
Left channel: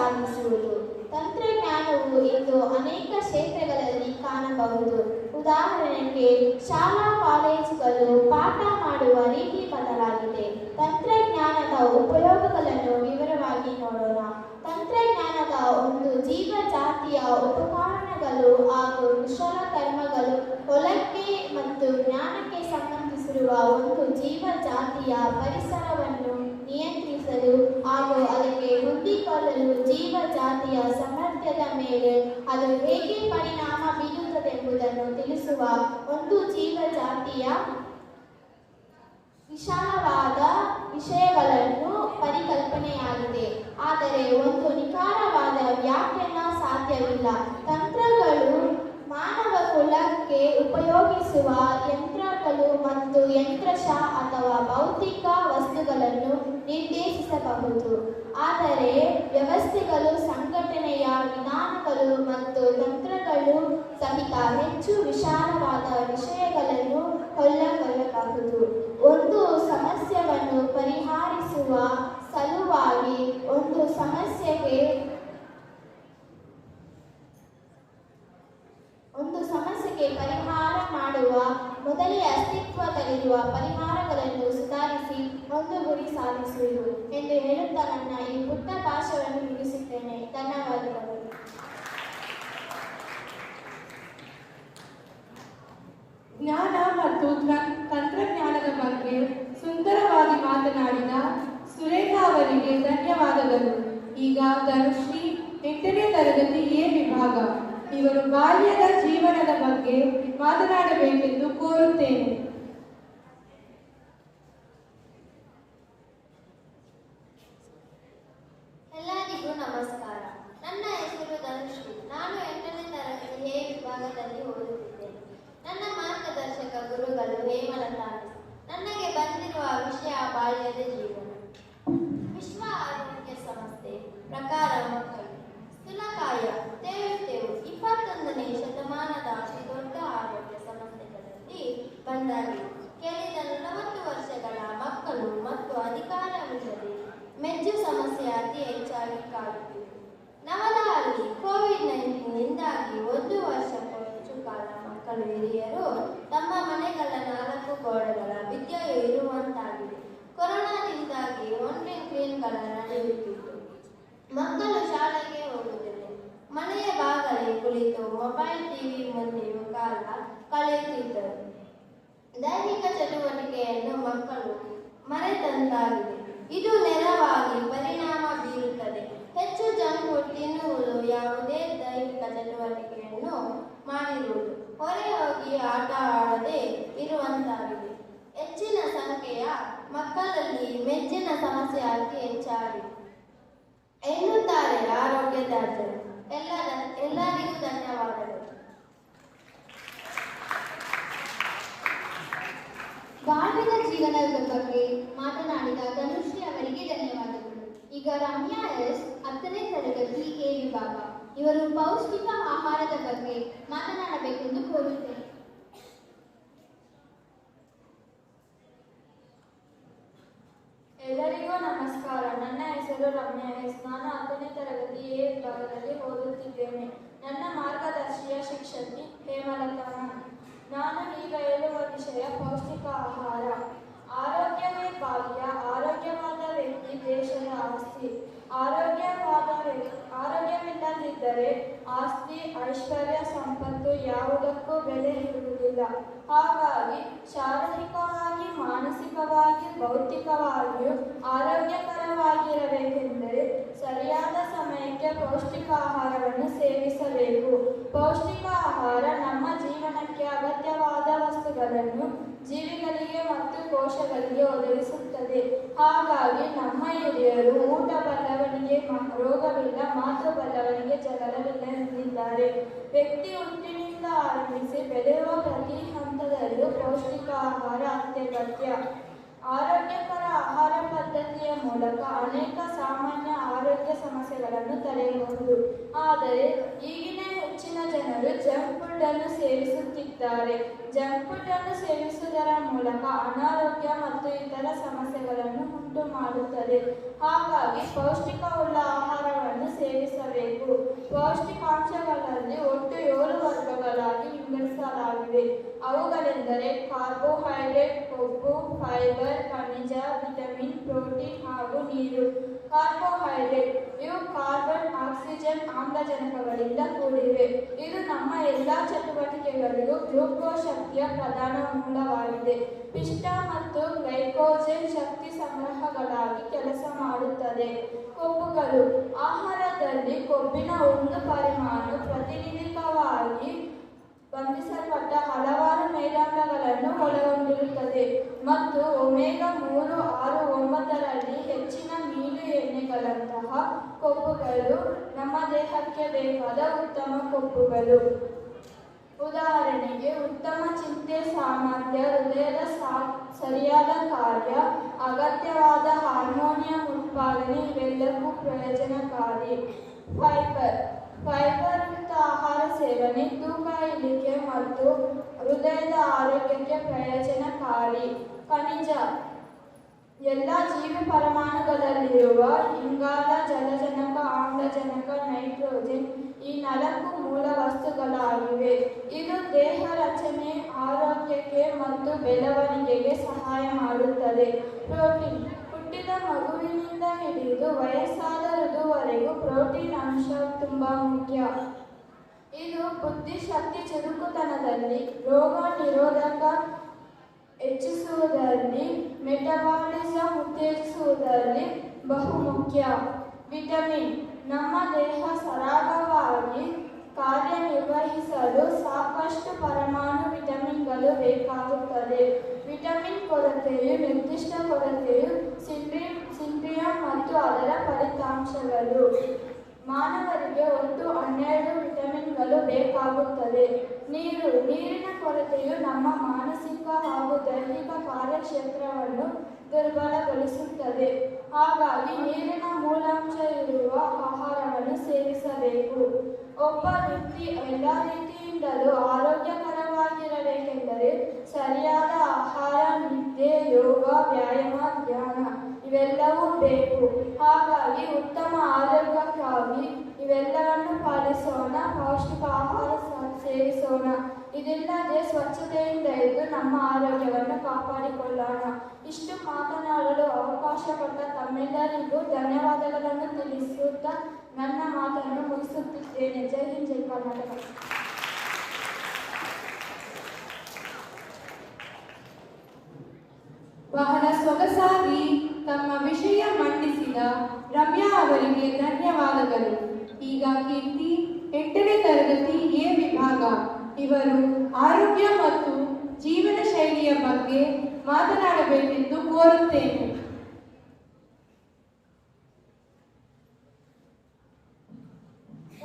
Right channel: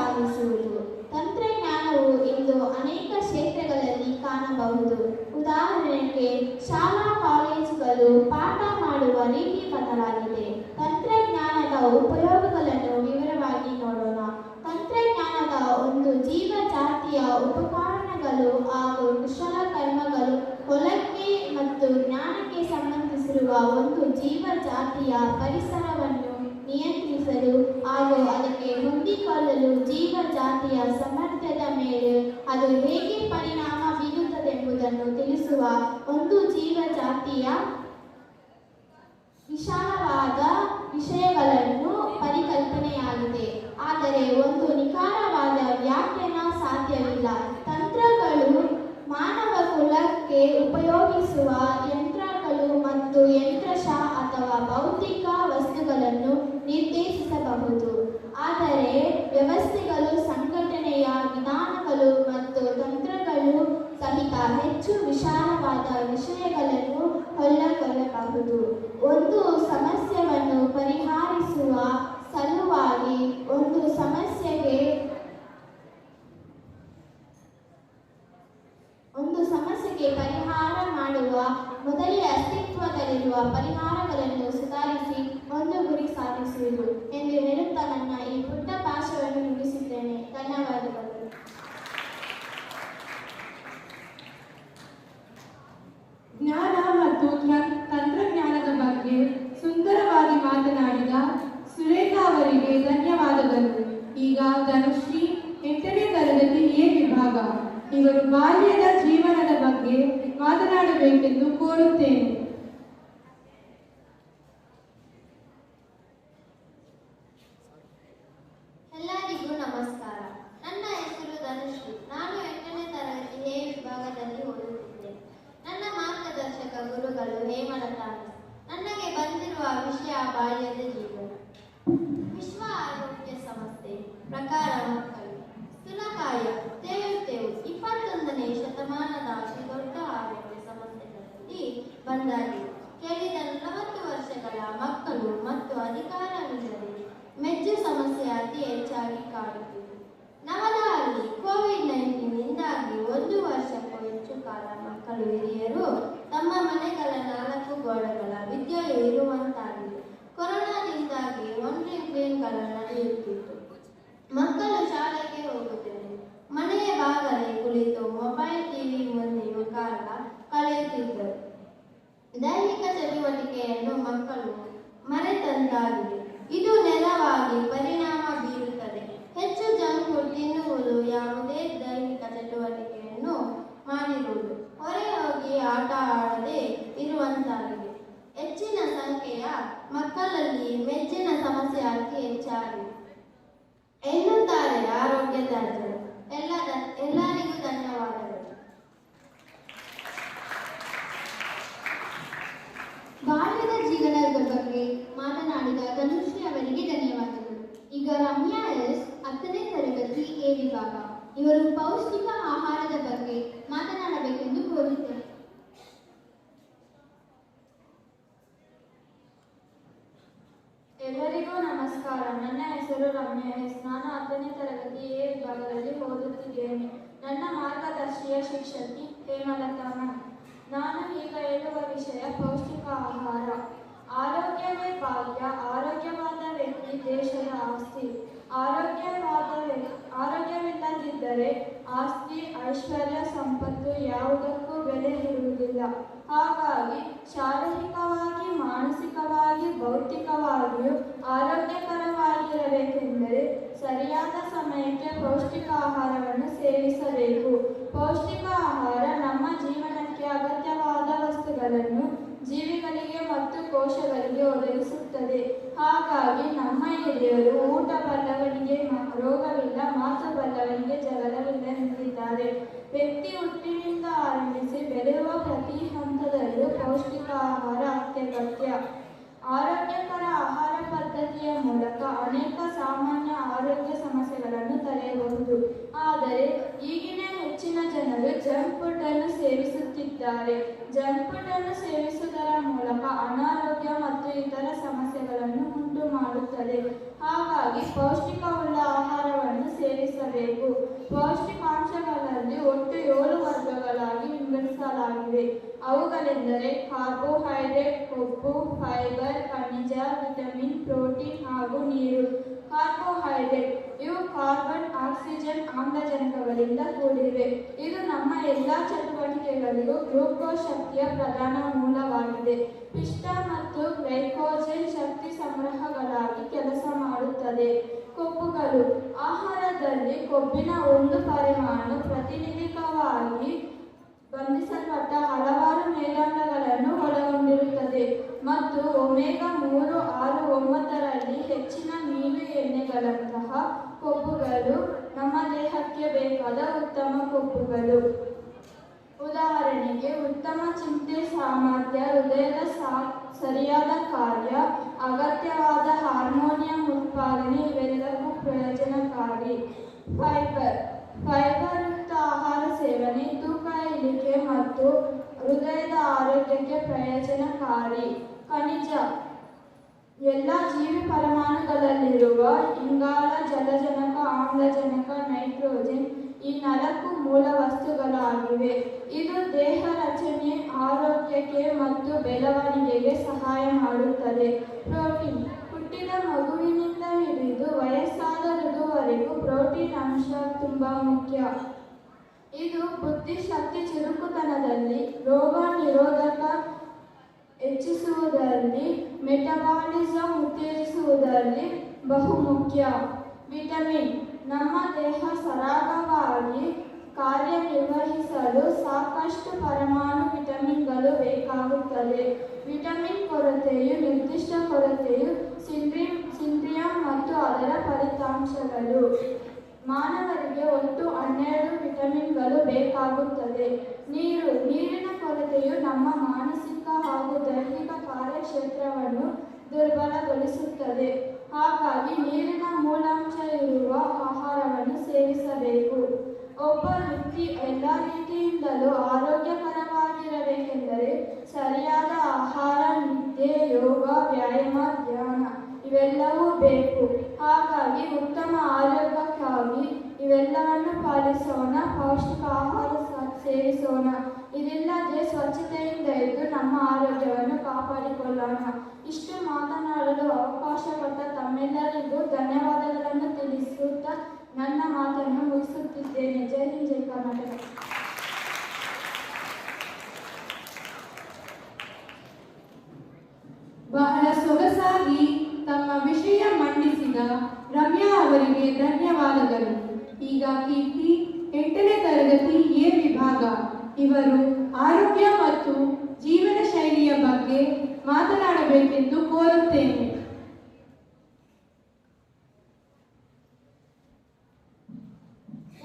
ಸಾಧಿಸುವುದು. ತಂತ್ರಜ್ಞಾನವು ಇಂದು ಅನೇಕ ಕ್ಷೇತ್ರಗಳಲ್ಲಿ ಕಾಣಬಹುದು. ಉದಾಹರಣೆಗೆ ಶಾಲಾ ಕಾಲೇಜುಗಳು ಪಾಠ ಮಾಡುವ ರೀತಿ ಬದಲಾಗಿದೆ. ತಂತ್ರಜ್ಞಾನದ ಉಪಯೋಗಗಳನ್ನು ವಿವರವಾಗಿ ನೋಡೋಣ. ತಂತ್ರಜ್ಞಾನದ ಒಂದು ಜೀವಜಾತಿಯ ಉಪಕರಣಗಳು ಹಾಗೂ ಕುಶಲಕರ್ಮಗಳು ಹೊಲಕ್ಕೆ ಮತ್ತು ಜ್ಞಾನಕ್ಕೆ ಸಂಬಂಧಿಸಿರುವ ಒಂದು ಜೀವಜಾತಿಯ ಪರಿಸರವನ್ನು ನಿಯಂತ್ರಿಸಲು ಹಾಗೂ ಅದಕ್ಕೆ ಹೊಂದಿಕೊಳ್ಳಲು ಜೀವಜಾತಿಯ ಸಾಮರ್ಥ್ಯದ ಮೇಲೆ ಅದು ಹೇಗೆ ಪರಿಣಾಮ ಬೀರುತ್ತದೆಂಬುದನ್ನು ತಿಳಿಸುವ ಒಂದು ಜೀವಜಾತಿಯ ವಿಶಾಲವಾದ ವಿಷಯಗಳನ್ನು ಪರಿಕಲ್ಪನೆಯಾಗಿದೆ. ಆದರೆ ಒಂದು ನಿಖರವಾದ ವ್ಯಾಖ್ಯಾನ ಸಾಧ್ಯವಿಲ್ಲ. ತಂತ್ರಗಳು ಮಾನವ ಕುಲಕ್ಕೆ ಉಪಯೋಗಿಸುವ ಯಂತ್ರಗಳು ಮತ್ತು ಯಂತ್ರಶಃ ಅಥವಾ ಭೌತಿಕ ವಸ್ತುಗಳನ್ನು ನಿರ್ದೇಶಿಸಬಹುದು. ಆದರೆ ವ್ಯವಸ್ಥೆಗಳು, ಸಂಘಟನೆಯ ವಿಧಾನಗಳು ಮತ್ತು ತಂತ್ರಗಳು ಸಹಿತ ಹೆಚ್ಚು ವಿಶಾಲವಾದ ವಿಷಯಗಳನ್ನು ಒಳಗೊಳ್ಳಬಹುದು. ಒಂದು ಸಮಸ್ಯೆಯನ್ನು ಪರಿಹರಿಸುವ ಸಲುವಾಗಿ ಒಂದು ಸಮಸ್ಯೆಗೆ ಪರಿಹಾರ ಮಾಡುವ ಮೊದಲೇ ಅಸ್ತಿತ್ವದಲ್ಲಿರುವ ಪರಿಹಾರಗಳನ್ನು ಸುಧಾರಿಸಿ ಒಂದು ಗುರಿ ಸಾಧಿಸುವುದು ಎಂದು ಹೇಳುತ್ತಾ ನನ್ನ ಈ ಪುಟ್ಟ ಭಾಷಣವನ್ನು ಮುಗಿಸುತ್ತೇನೆ. ಧನ್ಯವಾದಗಳು. ಜ್ಞಾನ ಮತ್ತು ತಂತ್ರಜ್ಞಾನದ ಬಗ್ಗೆ ಸುಂದರವಾಗಿ ಮಾತನಾಡಿದ ಸುರೇಖಾ ಅವರಿಗೆ ಧನ್ಯವಾದಗಳು. ಈಗ ಧನುಶ್ರೀ 8ನೇ ತರಗತಿ ಎ ವಿಭಾಗ ಇವರು ಬಾಲ್ಯದ ಜೀವನದ ಬಗ್ಗೆ ಮಾತನಾಡಬೇಕೆಂದು ಕೋರುತ್ತೇನೆ. ಎಲ್ಲರಿಗೂ ನಮಸ್ಕಾರ. ನನ್ನ ಹೆಸರು ಧನುಶ್ರೀ. ನಾನು 8ನೇ ತರಗತಿ ಎ ವಿಭಾಗದಲ್ಲಿ ಓದುತ್ತಿದ್ದೇನೆ. ನನ್ನ ಮಾರ್ಗದರ್ಶಕ ಗುರುಗಳು ಹೇಮಲತಾ. ನನಗೆ ಬಂದಿರುವ ವಿಷಯ ಬಾಲ್ಯದ ಜೀವನ. ವಿಶ್ವ ಆರೋಗ್ಯ ಸಂಸ್ಥೆ ಪ್ರಕಾರ ಮಕ್ಕಳು ಸ್ಥೂಲಕಾಯ, ತೇವು 21ನೇ ಶತಮಾನದ ಅತಿ ದೊಡ್ಡ ಆರೋಗ್ಯ ಸಮಸ್ಯೆಗಳಲ್ಲಿ ಒಂದಾಗಿದೆ. ಕೇಳಿದ 40 ವರ್ಷಗಳ ಮಕ್ಕಳು ಮತ್ತು ಅಧಿಕಾರವಿಲ್ಲದೆ ಮೆಜ್ಜು ಸಮಸ್ಯೆ ಅತಿ ಹೆಚ್ಚಾಗಿ ಕಾಡುತ್ತಿದೆ. ನವದಹಳ್ಳಿ ಕೋವಿಡ್-19 1 ವರ್ಷಕ್ಕೂ ಹೆಚ್ಚು ಕಾಲ ಮಕ್ಕಳು, ಹಿರಿಯರು ತಮ್ಮ ಮನೆಗಳ 4 ಗೋಡೆಗಳ ವಿದ್ಯೆಯು ಇರುವಂತಾಗಿದೆ. ಕೊರೋನಾದಿಂದಾಗಿ ಆನ್ಲೈನ್ ಕ್ಲಾಸ್ಗಳು ನಡೆಯುತ್ತಿತ್ತು. ಮಕ್ಕಳು ಶಾಲೆಗೆ ಹೋಗುತ್ತಿದೆ. ಮನೆಯ ಬಾಗಲೇ ಕುಳಿತು ಮೊಬೈಲ್ ಟಿವಿ ಮುಂದೆಯೂ ಕಾಲ ಕಳೆಯುತ್ತಿದ್ದರು. ದೈಹಿಕ ಚಟುವಟಿಕೆಯನ್ನು ಮಕ್ಕಳು ಮರೆತಂತಾಗಿದೆ. ಇದು ನೇರವಾಗಿ ಪರಿಣಾಮ ಬೀರುತ್ತದೆ. ಹೆಚ್ಚು ಜಂಕ್ ಫುಡ್ ತಿನ್ನುವುದು, ಯಾವುದೇ ದೈಹಿಕ ಚಟುವಟಿಕೆಯನ್ನು ಮಾಡಿರುವುದು, ಹೊರ ಹೋಗಿ ಆಟ ಆಡದೆ ಇರುವಂತಾಗಿದೆ. ಹೆಚ್ಚಿನ ಸಂಖ್ಯೆಯ ಮಕ್ಕಳಲ್ಲಿ ಮೆಜ್ಜಿನ ಸಮಸ್ಯೆ ಅತಿ ಹೆಚ್ಚಾಗಿದೆ ಎನ್ನುತ್ತಾರೆ ಆರೋಗ್ಯ ತಜ್ಞರು. ಎಲ್ಲರಿಗೂ ಧನ್ಯವಾದಗಳು. ಬಾಲ್ಯದ ಜೀವನದ ಬಗ್ಗೆ ಮಾತನಾಡಿದ ಧನುಶ್ರೀ ಅವರಿಗೆ ಧನ್ಯವಾದಗಳು. ಈಗ ರಮ್ಯಾ ಎಸ್ 10ನೇ ತರಗತಿ ಎ ವಿಭಾಗ ಇವರು ಪೌಷ್ಟಿಕ ಆಹಾರದ ಬಗ್ಗೆ ಮಾತನಾಡಬೇಕೆಂದು ಕೋರುತ್ತೇನೆ. ಎಲ್ಲರಿಗೂ ನಮಸ್ಕಾರ. ನನ್ನ ಹೆಸರು ರಮ್ಯಾ ಎಸ್. ನಾನು 10ನೇ ತರಗತಿ ಎ ವಿಭಾಗದಲ್ಲಿ ಓದುತ್ತಿದ್ದೇನೆ. ನನ್ನ ಮಾರ್ಗದರ್ಶಿಯ ಶಿಕ್ಷಕಿ ಹೇಮಲತಾ. ನಾನು ಈಗ ಹೇಳುವ ವಿಷಯ ಪೌಷ್ಟಿಕ ಆಹಾರ. ಆರೋಗ್ಯವೇ ಭಾಗ್ಯ. ಆರೋಗ್ಯವಾದ ವ್ಯಕ್ತಿ ದೇಶದ ಆಸ್ತಿ. ಆರೋಗ್ಯವಿಲ್ಲದಿದ್ದರೆ ಆಸ್ತಿ, ಐಶ್ವರ್ಯ, ಸಂಪತ್ತು ಯಾವುದಕ್ಕೂ ಬೆಲೆ ಇರುವುದಿಲ್ಲ. ಹಾಗಾಗಿ ಶಾರೀರಿಕವಾಗಿ, ಮಾನಸಿಕವಾಗಿ, ಭೌತಿಕವಾಗಿಯೂ ಆರೋಗ್ಯಕರವಾಗಿರಬೇಕೆಂದರೆ ಸರಿಯಾದ ಸಮಯಕ್ಕೆ ಪೌಷ್ಟಿಕ ಆಹಾರವನ್ನು ಸೇವಿಸಬೇಕು. ಪೌಷ್ಟಿಕ ಆಹಾರ ನಮ್ಮ ಜೀವನಕ್ಕೆ ಅಗತ್ಯವಾದ ವಸ್ತುಗಳನ್ನು ಜೀವಿಗಳಿಗೆ ಮತ್ತು ಕೋಶಗಳಿಗೆ ಒದಗಿಸುತ್ತದೆ. ಹಾಗಾಗಿ ನಮ್ಮ ಹಿರಿಯರು ಊಟ ಬಲ್ಲವನಿಗೆ ರೋಗವಿಲ್ಲ, ಮಾತು ಬಲ್ಲವನಿಗೆ ಜಗಳವಿಲ್ಲ ಎಂದಿದ್ದಾರೆ. ವ್ಯಕ್ತಿ ಹುಟ್ಟಿನಿಂದ ಆರಂಭಿಸಿ ಬೆಳೆಯುವ ಪ್ರತಿ ಹಂತದಲ್ಲೂ ಪೌಷ್ಟಿಕ ಆಹಾರ ಅತ್ಯಗತ್ಯ. ಆರೋಗ್ಯಕರ ಆಹಾರ ಪದ್ಧತಿಯ ಮೂಲಕ ಅನೇಕ ಸಾಮಾನ್ಯ ಆರೋಗ್ಯ ಸಮಸ್ಯೆಗಳನ್ನು ತಡೆಯಬಹುದು. ಆದರೆ ಈಗಿನ ಹೆಚ್ಚಿನ ಜನರು ಜಂಕ್ ಫುಡ್ ಅನ್ನು ಸೇವಿಸುತ್ತಿದ್ದಾರೆ. ಜಂಕ್ ಫುಡ್ ಅನ್ನು ಸೇವಿಸುವುದರ ಮೂಲಕ ಅನಾರೋಗ್ಯ ಮತ್ತು ಇತರ ಸಮಸ್ಯೆಗಳನ್ನು ಉಂಟು ಮಾಡುತ್ತದೆ. ಹಾಗಾಗಿ ಪೌಷ್ಟಿಕವುಳ್ಳ ಆಹಾರವನ್ನು ಸೇವಿಸಬೇಕು. ಪೌಷ್ಟಿಕಾಂಶಗಳಲ್ಲಿ ಒಟ್ಟು 7 ವರ್ಗಗಳಾಗಿ ವಿಂಗಡಿಸಲಾಗಿದೆ. ಅವುಗಳೆಂದರೆ ಕಾರ್ಬೋಹೈಡ್ರೇಟ್, ಕೊಬ್ಬು, ಫೈಬರ್, ಖನಿಜ, ವಿಟಮಿನ್, ಪ್ರೋಟೀನ್ ಹಾಗೂ ನೀರು. ಕಾರ್ಬೋಹೈಡ್ರೇಟ್ ಇವು ಕಾರ್ಬನ್, ಆಕ್ಸಿಜನ್, ಆಮ್ಲಜನಕಗಳಿಂದ ಕೂಡಿವೆ. ಇದು ನಮ್ಮ ಎಲ್ಲ ಚಟುವಟಿಕೆಗಳಿಗೂ ಗ್ಲೂಕೋಸ್ ಶಕ್ತಿಯ ಪ್ರಧಾನ ಮೂಲವಾಗಿದೆ. ಪಿಷ್ಟ ಮತ್ತು ಗ್ಲೈಕೋಜನ್ ಶಕ್ತಿ ಸಂಗ್ರಹಗಳಾಗಿ ಕೆಲಸ ಮಾಡುತ್ತದೆ. ಕೊಬ್ಬುಗಳು ಆಹಾರದಲ್ಲಿ ಕೊಬ್ಬಿನ ಒಂದು ಪರಿಮಾಣು ಪ್ರತಿನಿಧಿಕವಾಗಿ ಬಂಧಿಸಲ್ಪಟ್ಟ ಹಲವಾರು ಮೇದಾಮ್ಲಗಳನ್ನು ಒಳಗೊಂಡಿರುತ್ತದೆ ಮತ್ತು ಒಮೆಗಾ 3, 6, 9ರಲ್ಲಿ ಹೆಚ್ಚಿನ ಮೀನು ಎಣ್ಣೆಗಳಂತಹ ಕೊಬ್ಬುಗಳು ನಮ್ಮ ದೇಹಕ್ಕೆ ಬೇಕಾದ ಉತ್ತಮ ಕೊಬ್ಬುಗಳು. ಉದಾಹರಣೆಗೆ ಉತ್ತಮ ಚಿಂತೆ ಸಾಮರ್ಥ್ಯ, ಹೃದಯದ ಸರಿಯಾದ ಕಾರ್ಯ, ಅಗತ್ಯವಾದ ಹಾರ್ಮೋನಿಯಂ ಉತ್ಪಾದನೆ ಇವೆಲ್ಲವೂ ಪ್ರಯೋಜನಕಾರಿ. ಫೈಬರ್ಯುಕ್ತ ಆಹಾರ ಸೇವನೆ ತೂಕ ಇಳಿಕೆ ಮತ್ತು ಹೃದಯದ ಆರೋಗ್ಯಕ್ಕೆ ಪ್ರಯೋಜನಕಾರಿ. ಖನಿಜ ಎಲ್ಲ ಜೀವಿ ಪರಮಾಣುಗಳಲ್ಲಿರುವ ಇಂಗಾಲ, ಜಲಜನಕ, ಆಮ್ಲಜನಕ, ನೈಟ್ರೋಜನ್ ಈ 4 ಮೂಲ ವಸ್ತುಗಳಾಗಿವೆ. ಇದು ದೇಹ ರಚನೆ, ಆರೋಗ್ಯಕ್ಕೆ ಮತ್ತು ಬೆಳವಣಿಗೆಗೆ ಸಹಾಯ ಮಾಡುತ್ತದೆ. ಪ್ರೋಟೀನ್ ಹುಟ್ಟಿದ ಮಗುವಿನಿಂದ ಹಿಡಿದು ವಯಸ್ಸಾದ ವೃದ್ಧವರೆಗೂ ಪ್ರೋಟೀನ್ ಅಂಶ ತುಂಬಾ ಮುಖ್ಯ. ಇದು ಬುದ್ಧಿಶಕ್ತಿ, ಚುರುಕುತನದಲ್ಲಿ, ರೋಗ ನಿರೋಧಕ ಹೆಚ್ಚಿಸುವುದರಲ್ಲಿ, ಮೆಟಬಾಲಿಸಂ ಉತ್ತೇಜಿಸುವುದರಲ್ಲಿ ಬಹುಮುಖ್ಯ. ವಿಟಮಿನ್ ನಮ್ಮ ದೇಹ ಸರಾಗವಾಗಿ ಕಾರ್ಯನಿರ್ವಹಿಸಲು ಸಾಕಷ್ಟು ಪರಮಾಣು ವಿಟಮಿನ್ಗಳು ಬೇಕಾಗುತ್ತದೆ. ವಿಟಮಿನ್ ಕೊರತೆಯು ನಿರ್ದಿಷ್ಟ ಕೊರತೆಯು ಸಿಂಡ್ರಿಯಂ ಮತ್ತು ಅದರ ಫಲಿತಾಂಶಗಳು. ಮಾನವರಿಗೆ ಒಟ್ಟು 12 ವಿಟಮಿನ್ಗಳು ಬೇಕಾಗುತ್ತದೆ. ನೀರಿನ ಕೊರತೆಯು ನಮ್ಮ ಮಾನಸಿಕ ಹಾಗೂ ದೈಹಿಕ ಕಾರ್ಯಕ್ಷೇತ್ರವನ್ನು ದುರ್ಬಲಗೊಳಿಸುತ್ತದೆ. ಹಾಗಾಗಿ ನೀರಿನ ಮೂಲಾಂಶ ಇರುವ ಆಹಾರವನ್ನು ಸೇವಿಸಬೇಕು. ಒಬ್ಬ ವ್ಯಕ್ತಿ ಎಲ್ಲ ರೀತಿಯಿಂದಲೂ ಆರೋಗ್ಯಕರವಾಗಿರಬೇಕೆಂದರೆ ಸರಿಯಾದ ಆಹಾರ, ನಿದ್ದೆ, ಯೋಗ, ವ್ಯಾಯಾಮ, ಧ್ಯಾನ ಇವೆಲ್ಲವೂ ಬೇಕು. ಹಾಗಾಗಿ ಉತ್ತಮ ಆರೋಗ್ಯಕ್ಕಾಗಿ ಇವೆಲ್ಲವನ್ನು ಪಾಲಿಸೋಣ, ಪೌಷ್ಟಿಕ ಆಹಾರ ಸೇವಿಸೋಣ. ಇದಿಲ್ಲದೆ ಸ್ವಚ್ಛತೆಯಿಂದ ಇದ್ದು ನಮ್ಮ ಆರೋಗ್ಯವನ್ನು ಕಾಪಾಡಿಕೊಳ್ಳೋಣ. ಇಷ್ಟು ಮಾತನಾಡಲು ಅವಕಾಶ ಕೊಟ್ಟ ತಮ್ಮೆಲ್ಲರಿಗೂ ಧನ್ಯವಾದಗಳನ್ನು ತಿಳಿಸುತ್ತಾ ನನ್ನ ಮಾತನ್ನು ಮುಗಿಸುತ್ತಿದ್ದೇನೆ. ಜೈ ಹಿಂದ್, ಜೈ ಕರ್ನಾಟಕ. ಬಹಳ ಸೊಗಸಾಗಿ ತಮ್ಮ ವಿಷಯ ಮಂಡಿಸಿದ ರಮ್ಯಾ ಅವರಿಗೆ ಧನ್ಯವಾದಗಳು. ಈಗ ಕೀರ್ತಿ 8ನೇ ತರಗತಿ ಎ ವಿಭಾಗ ಇವರು ಆರೋಗ್ಯ ಮತ್ತು ಜೀವನ ಶೈಲಿಯ ಬಗ್ಗೆ ಮಾತನಾಡಬೇಕೆಂದು ಕೋರುತ್ತೇನೆ.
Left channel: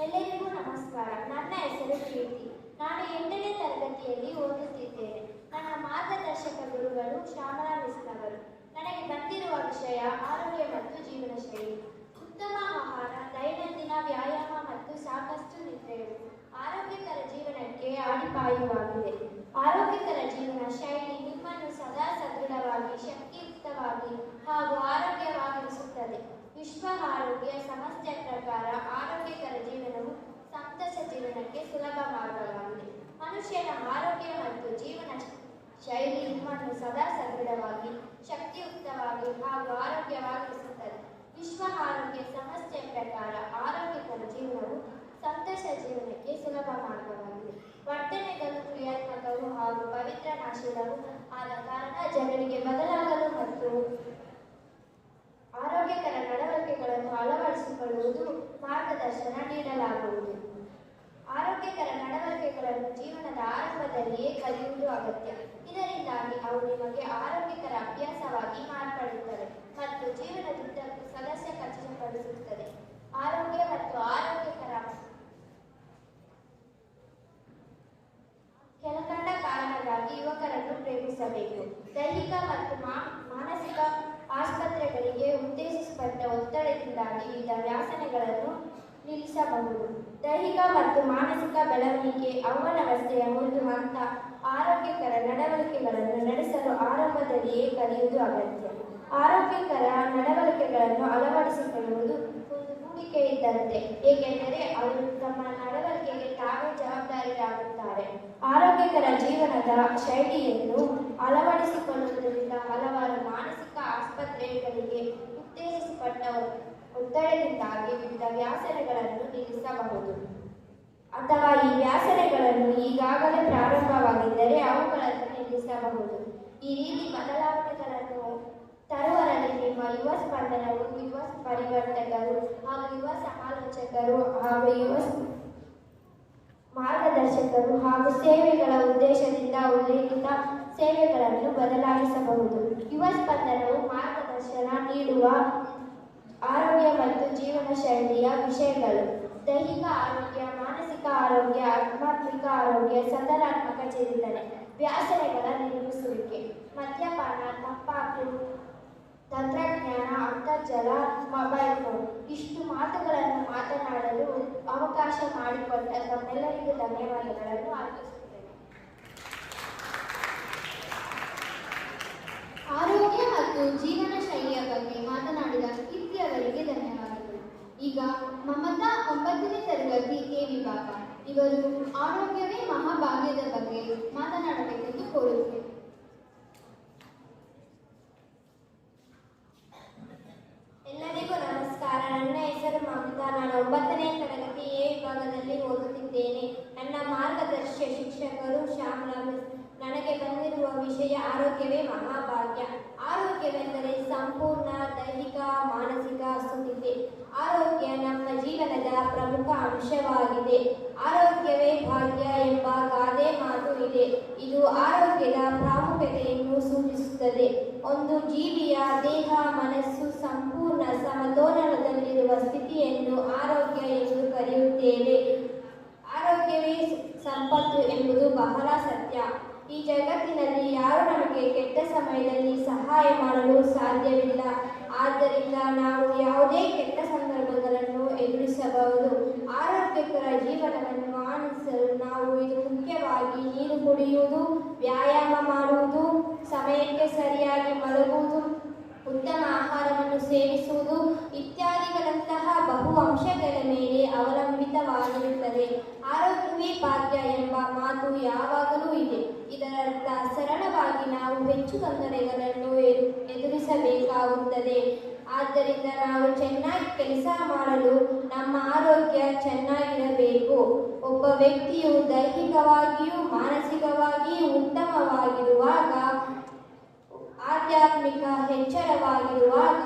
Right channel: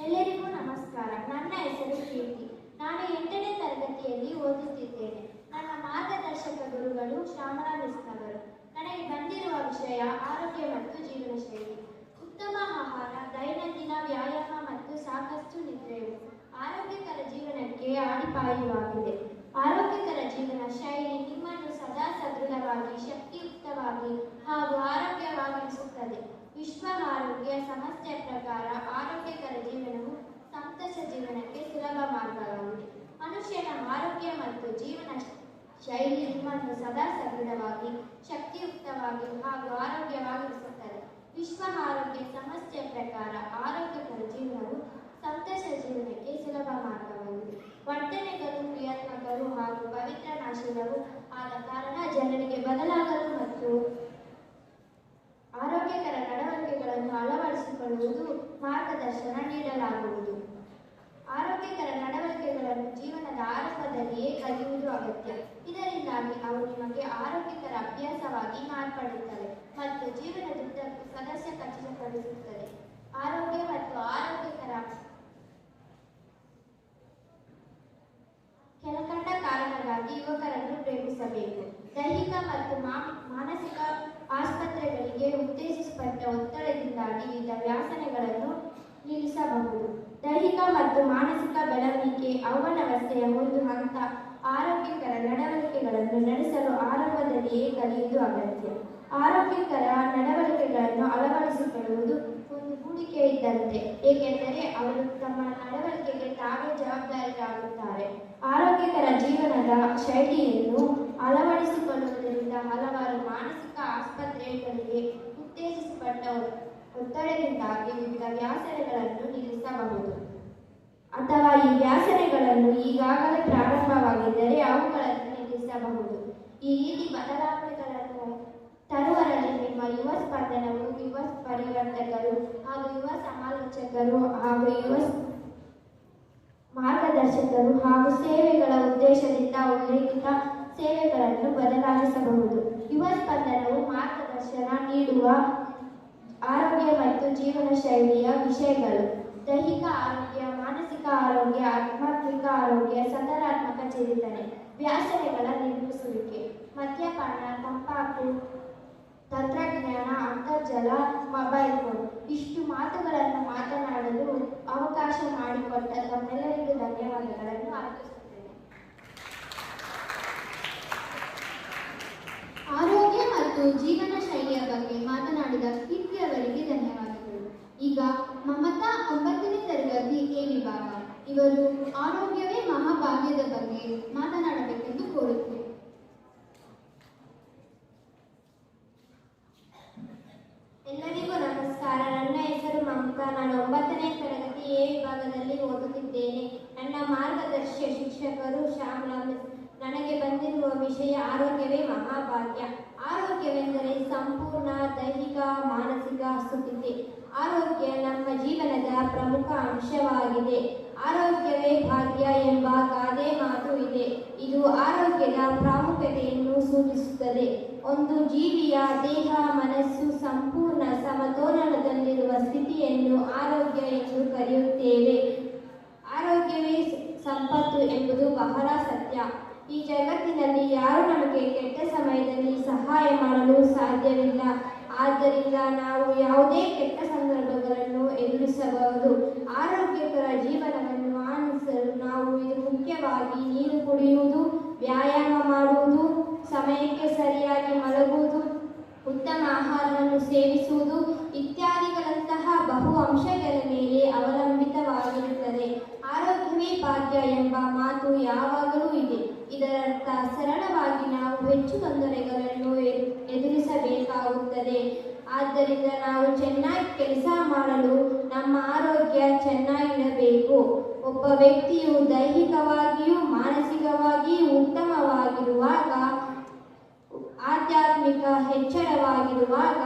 ಎಲ್ಲರಿಗೂ ನಮಸ್ಕಾರ. ನನ್ನ ಹೆಸರು ಕೀರ್ತಿ. ನಾನು 8ನೇ ತರಗತಿಯಲ್ಲಿ ಓದುತ್ತಿದ್ದೇನೆ. ನನ್ನ ಮಾರ್ಗದರ್ಶಕ ಗುರುಗಳು ಶ್ಯಾಮಲಾ ಮಿಸ್ನವರು. ನನಗೆ ಬಂದಿರುವ ವಿಷಯ ಆರೋಗ್ಯ ಮತ್ತು ಜೀವನ ಶೈಲಿ. ಉತ್ತಮ ಆಹಾರ, ದೈನಂದಿನ ವ್ಯಾಯಾಮ ಮತ್ತು ಸಾಕಷ್ಟು ನಿದ್ರೆಯು ಆರೋಗ್ಯಕರ ಜೀವನಕ್ಕೆ ಅಡಿಪಾಯವಾಗಿದೆ. ಆರೋಗ್ಯಕರ ಜೀವನ ಶೈಲಿ ನಿಮ್ಮನ್ನು ಸದಾ ಸದೃಢವಾಗಿ, ಶಕ್ತಿಯುಕ್ತವಾಗಿ ಹಾಗೂ ಆರೋಗ್ಯವಾಗಿರಿಸುತ್ತದೆ. ವಿಶ್ವ ಆರೋಗ್ಯ ಸಂಸ್ಥೆಯ ಪ್ರಕಾರ ಆರೋಗ್ಯಕರ ಜೀವನವು ಸಂತಸ ಜೀವನಕ್ಕೆ ಸುಲಭ ಮಾರ್ಗವಾಗಿದೆ. ಮನುಷ್ಯನ ಆರೋಗ್ಯ ಮತ್ತು ಜೀವನ ಶೈಲಿ ನಿಮ್ಮನ್ನು ಸದಾ ಸದೃಢವಾಗಿ, ಶಕ್ತಿಯುಕ್ತವಾಗಿ ಹಾಗೂ ಆರೋಗ್ಯವಾಗಿರಿಸುತ್ತದೆ. ವಿಶ್ವ ಆರೋಗ್ಯ ಸಂಸ್ಥೆಯ ಪ್ರಕಾರ ಆರೋಗ್ಯಕರ ಜೀವನವು ಸಂತಸ ಜೀವನಕ್ಕೆ ಸುಲಭ ಮಾರ್ಗವಾಗಿದೆ. ವರ್ತನೆಗಳು ಕ್ರಿಯಾತ್ಮಕವು ಹಾಗೂ ಪವಿತ್ರ ನಾಶೀಲವೂ ಆದ ಕಾರಣ ಜನರಿಗೆ ಬದಲಾಗಲು ಮತ್ತು ಆರೋಗ್ಯಕರ ನಡವಳಿಕೆಗಳನ್ನು ಅಳವಡಿಸಿಕೊಳ್ಳುವುದು ಮಾರ್ಗದರ್ಶನ ನೀಡಲಾಗುವುದು. ಆರೋಗ್ಯಕರ ನಡವಳಿಕೆಗಳನ್ನು ಜೀವನದ ಆರಂಭದಲ್ಲಿಯೇ ಕಲಿಯುವುದು ಅಗತ್ಯ. ಇದರಿಂದಾಗಿ ಅವು ನಿಮಗೆ ಆರೋಗ್ಯಕರ ಅಭ್ಯಾಸವಾಗಿ ಮಾರ್ಪಡುತ್ತವೆ ಮತ್ತು ಜೀವನದುದ್ದಕ್ಕೂ ಸದಸ್ಯ ಖಚಿತಪಡಿಸುತ್ತದೆ. ಆರೋಗ್ಯ ಮತ್ತು ಆರೋಗ್ಯಕರ ಕೆಳಕಂಡ ಕಾರಣಕ್ಕಾಗಿ ಯುವಕರನ್ನು ಪ್ರೇಮಿಸಬೇಕು. ದೈಹಿಕ ಮತ್ತು ಮಾನಸಿಕ ಆಸ್ಪತ್ರೆಗಳಿಗೆ ಉದ್ದೇಶಿಸಲ್ಪಟ್ಟ ಒತ್ತಡದಿಂದಾಗಿ ವಿವಿಧ ವ್ಯಸನಗಳನ್ನು ನಿಲ್ಲಿಸಬಹುದು. ದೈಹಿಕ ಮತ್ತು ಮಾನಸಿಕ ಬೆಳವಣಿಗೆ ಅವ್ಯವಸ್ಥೆಯ ಒಂದು ಹಂತ. ಆರೋಗ್ಯಕರ ನಡವಳಿಕೆಗಳನ್ನು ನಡೆಸಲು ಆರಂಭದಲ್ಲಿಯೇ ಕಲಿಯುವುದು ಅಗತ್ಯ. ಆರೋಗ್ಯಕರ ನಡವಳಿಕೆಗಳನ್ನು ಅಳವಡಿಸಿಕೊಳ್ಳುವುದು ಹೂಡಿಕೆ ಇದ್ದಂತೆ, ಏಕೆಂದರೆ ಅವರು ತಮ್ಮ ನಡವಳಿಕೆಗೆ ತಾವೇ ಜವಾಬ್ದಾರಿಯಾಗುತ್ತಾರೆ. ಆರೋಗ್ಯಕರ ಜೀವನದ ಶೈಲಿಯನ್ನು ಅಳವಡಿಸಿಕೊಳ್ಳುವುದರಿಂದ ಹಲವಾರು ಮಾನಸಿಕ ಆಸ್ಪತ್ರೆಗಳಿಗೆ ಉತ್ತೇಜಿಸಲ್ಪಟ್ಟ ಒತ್ತಡದಿಂದಾಗಿ ವಿವಿಧ ವ್ಯಾಸನೆಗಳನ್ನು ನಿಲ್ಲಿಸಬಹುದು. ಅಥವಾ ಈ ವ್ಯಾಸನೆಗಳನ್ನು ಈಗಾಗಲೇ ಪ್ರಾರಂಭವಾಗಿದ್ದರೆ ಅವುಗಳನ್ನು ನಿಲ್ಲಿಸಬಹುದು. ಈ ರೀತಿ ಬದಲಾವಣೆಗಳನ್ನು ತರುವರಲ್ಲಿ ನಿಮ್ಮ ಯುವ ಸ್ಪಂದನವು, ಯುವ ಪರಿವರ್ತಕರು ಹಾಗೂ ಯುವ ಸಮಾಲೋಚಕರು ಹಾಗೂ ಯುವ ಮಾರ್ಗದರ್ಶಕರು ಹಾಗೂ ಸೇವೆಗಳ ಉದ್ದೇಶದಿಂದ ಉಲ್ಲೇಖಿತ ಸೇವೆಗಳನ್ನು ಬದಲಾಯಿಸಬಹುದು. ಯುವ ಸ್ಪಂದನವು ಮಾರ್ಗದರ್ಶನ ನೀಡುವ ಆರೋಗ್ಯ ಮತ್ತು ಜೀವನ ಶೈಲಿಯ ವಿಷಯಗಳು: ದೈಹಿಕ ಆರೋಗ್ಯ, ಮಾನಸಿಕ ಆರೋಗ್ಯ, ಆಧ್ಯಾತ್ಮಿಕ ಆರೋಗ್ಯ, ಸಕಾರಾತ್ಮಕ ಚಿಂತನೆ, ವ್ಯಾಸನೆಗಳ ನಿರ್ಮಿಸುವಿಕೆ, ಮದ್ಯಪಾನ, ತಂಬಾಕು, ತಂತ್ರಜ್ಞಾನ, ಅಂತರ್ಜಾಲ, ಮೊಬೈಲ್ ಫೋನ್. ಇಷ್ಟು ಮಾತುಗಳನ್ನು ಮಾತನಾಡಲು ಅವಕಾಶ ಮಾಡಿಕೊಟ್ಟ ತಮ್ಮೆಲ್ಲರಿಗೂ ಧನ್ಯವಾದಗಳನ್ನು ಅರ್ಪಿಸುತ್ತೇನೆ. ಆರೋಗ್ಯ ಮತ್ತು ಜೀವನ ಶೈಲಿಯ ಬಗ್ಗೆ ಮಾತನಾಡಿದ ಕೀರ್ತಿ ಅವರಿಗೆ ಧನ್ಯವಾದಗಳು. ಈಗ ಮಮತಾ 9ನೇ ತರಗತಿ ಎ ವಿಭಾಗ, ಇವರು ಆರೋಗ್ಯವೇ ಮಹಾಭಾಗ್ಯದ ಬಗ್ಗೆ ಮಾತನಾಡಬೇಕೆಂದು ಕೋರುತ್ತೇನೆ. ಎಲ್ಲರಿಗೂ ನಮಸ್ಕಾರ. ನನ್ನ ಹೆಸರು ಮಮತಾ. ನಾನು 9ನೇ ತರಗತಿ ಎ ವಿಭಾಗದಲ್ಲಿ ಓದುತ್ತಿದ್ದೇನೆ. ನನ್ನ ಮಾರ್ಗದರ್ಶಿ ಶಿಕ್ಷಕರು ಶ್ಯಾಮಲಾ ಮಿಸ್. ನನಗೆ ಬಂದಿರುವ ವಿಷಯ ಆರೋಗ್ಯವೇ ಮಹಾಭಾಗ್ಯ. ಆರೋಗ್ಯವೆಂದರೆ ಸಂಪೂರ್ಣ ದೈಹಿಕ ಮಾನಸಿಕ ಸ್ಥಿತಿ. ಆರೋಗ್ಯ ನಮ್ಮ ಜೀವನದ ಪ್ರಮುಖ ಅಂಶವಾಗಿದೆ. ಆರೋಗ್ಯವೇ ಭಾಗ್ಯ ಎಂಬ ಗಾದೆ ಮಾತು ಇದೆ. ಇದು ಆರೋಗ್ಯದ ಪ್ರಾಮುಖ್ಯತೆಯನ್ನು ಸೂಚಿಸುತ್ತದೆ. ಒಂದು ಜೀವಿಯ ದೇಹ ಮನಸ್ಸು ಸಂಪೂರ್ಣ ಸಮತೋಲನದಲ್ಲಿರುವ ಸ್ಥಿತಿಯನ್ನು ಆರೋಗ್ಯ ಎಂದು ಕರೆಯುತ್ತೇವೆ. ಆರೋಗ್ಯವೇ ಸಂಪತ್ತು ಎಂಬುದು ಬಹಳ ಸತ್ಯ. ಈ ಜಗತ್ತಿನಲ್ಲಿ ಯಾರು ನಮಗೆ ಕೆಟ್ಟ ಸಮಯದಲ್ಲಿ ಸಹಾಯ ಮಾಡಲು ಸಾಧ್ಯವಿಲ್ಲ. ಆದ್ದರಿಂದ ನಾವು ಯಾವುದೇ ಕೆಟ್ಟ ಸಂದರ್ಭಗಳನ್ನು ಎದುರಿಸಬಹುದು. ಆರೋಗ್ಯಕರ ಜೀವನವನ್ನು ಆನಂದಿಸಲು ನಾವು ಇದು ಮುಖ್ಯವಾಗಿ ನೀರು ಕುಡಿಯುವುದು, ವ್ಯಾಯಾಮ ಮಾಡುವುದು, ಸಮಯಕ್ಕೆ ಸರಿಯಾಗಿ ಮಲಗುವುದು, ಉತ್ತಮ ಆಹಾರವನ್ನು ಸೇವಿಸುವುದು ಇತ್ಯಾದಿಗಳಂತಹ ಬಹು ಅಂಶಗಳ ಮೇಲೆ ಅವಲಂಬಿತವಾಗಿರುತ್ತದೆ. ಆರೋಗ್ಯವೇ ಭಾಗ್ಯ ಎಂಬ ಮಾತು ಯಾವಾಗಲೂ ಇದೆ. ಇದರರ್ಥ ಸರಳವಾಗಿ ನಾವು ಹೆಚ್ಚು ತೊಂದರೆಗಳನ್ನು ಎದುರಿಸಬೇಕಾಗುತ್ತದೆ. ಆದ್ದರಿಂದ ನಾವು ಚೆನ್ನಾಗಿ ಕೆಲಸ ಮಾಡಲು ನಮ್ಮ ಆರೋಗ್ಯ ಚೆನ್ನಾಗಿರಬೇಕು. ಒಬ್ಬ ವ್ಯಕ್ತಿಯು ದೈಹಿಕವಾಗಿಯೂ ಮಾನಸಿಕವಾಗಿಯೂ ಉತ್ತಮವಾಗಿರುವಾಗ, ಆಧ್ಯಾತ್ಮಿಕ ಎಚ್ಚರವಾಗಿರುವಾಗ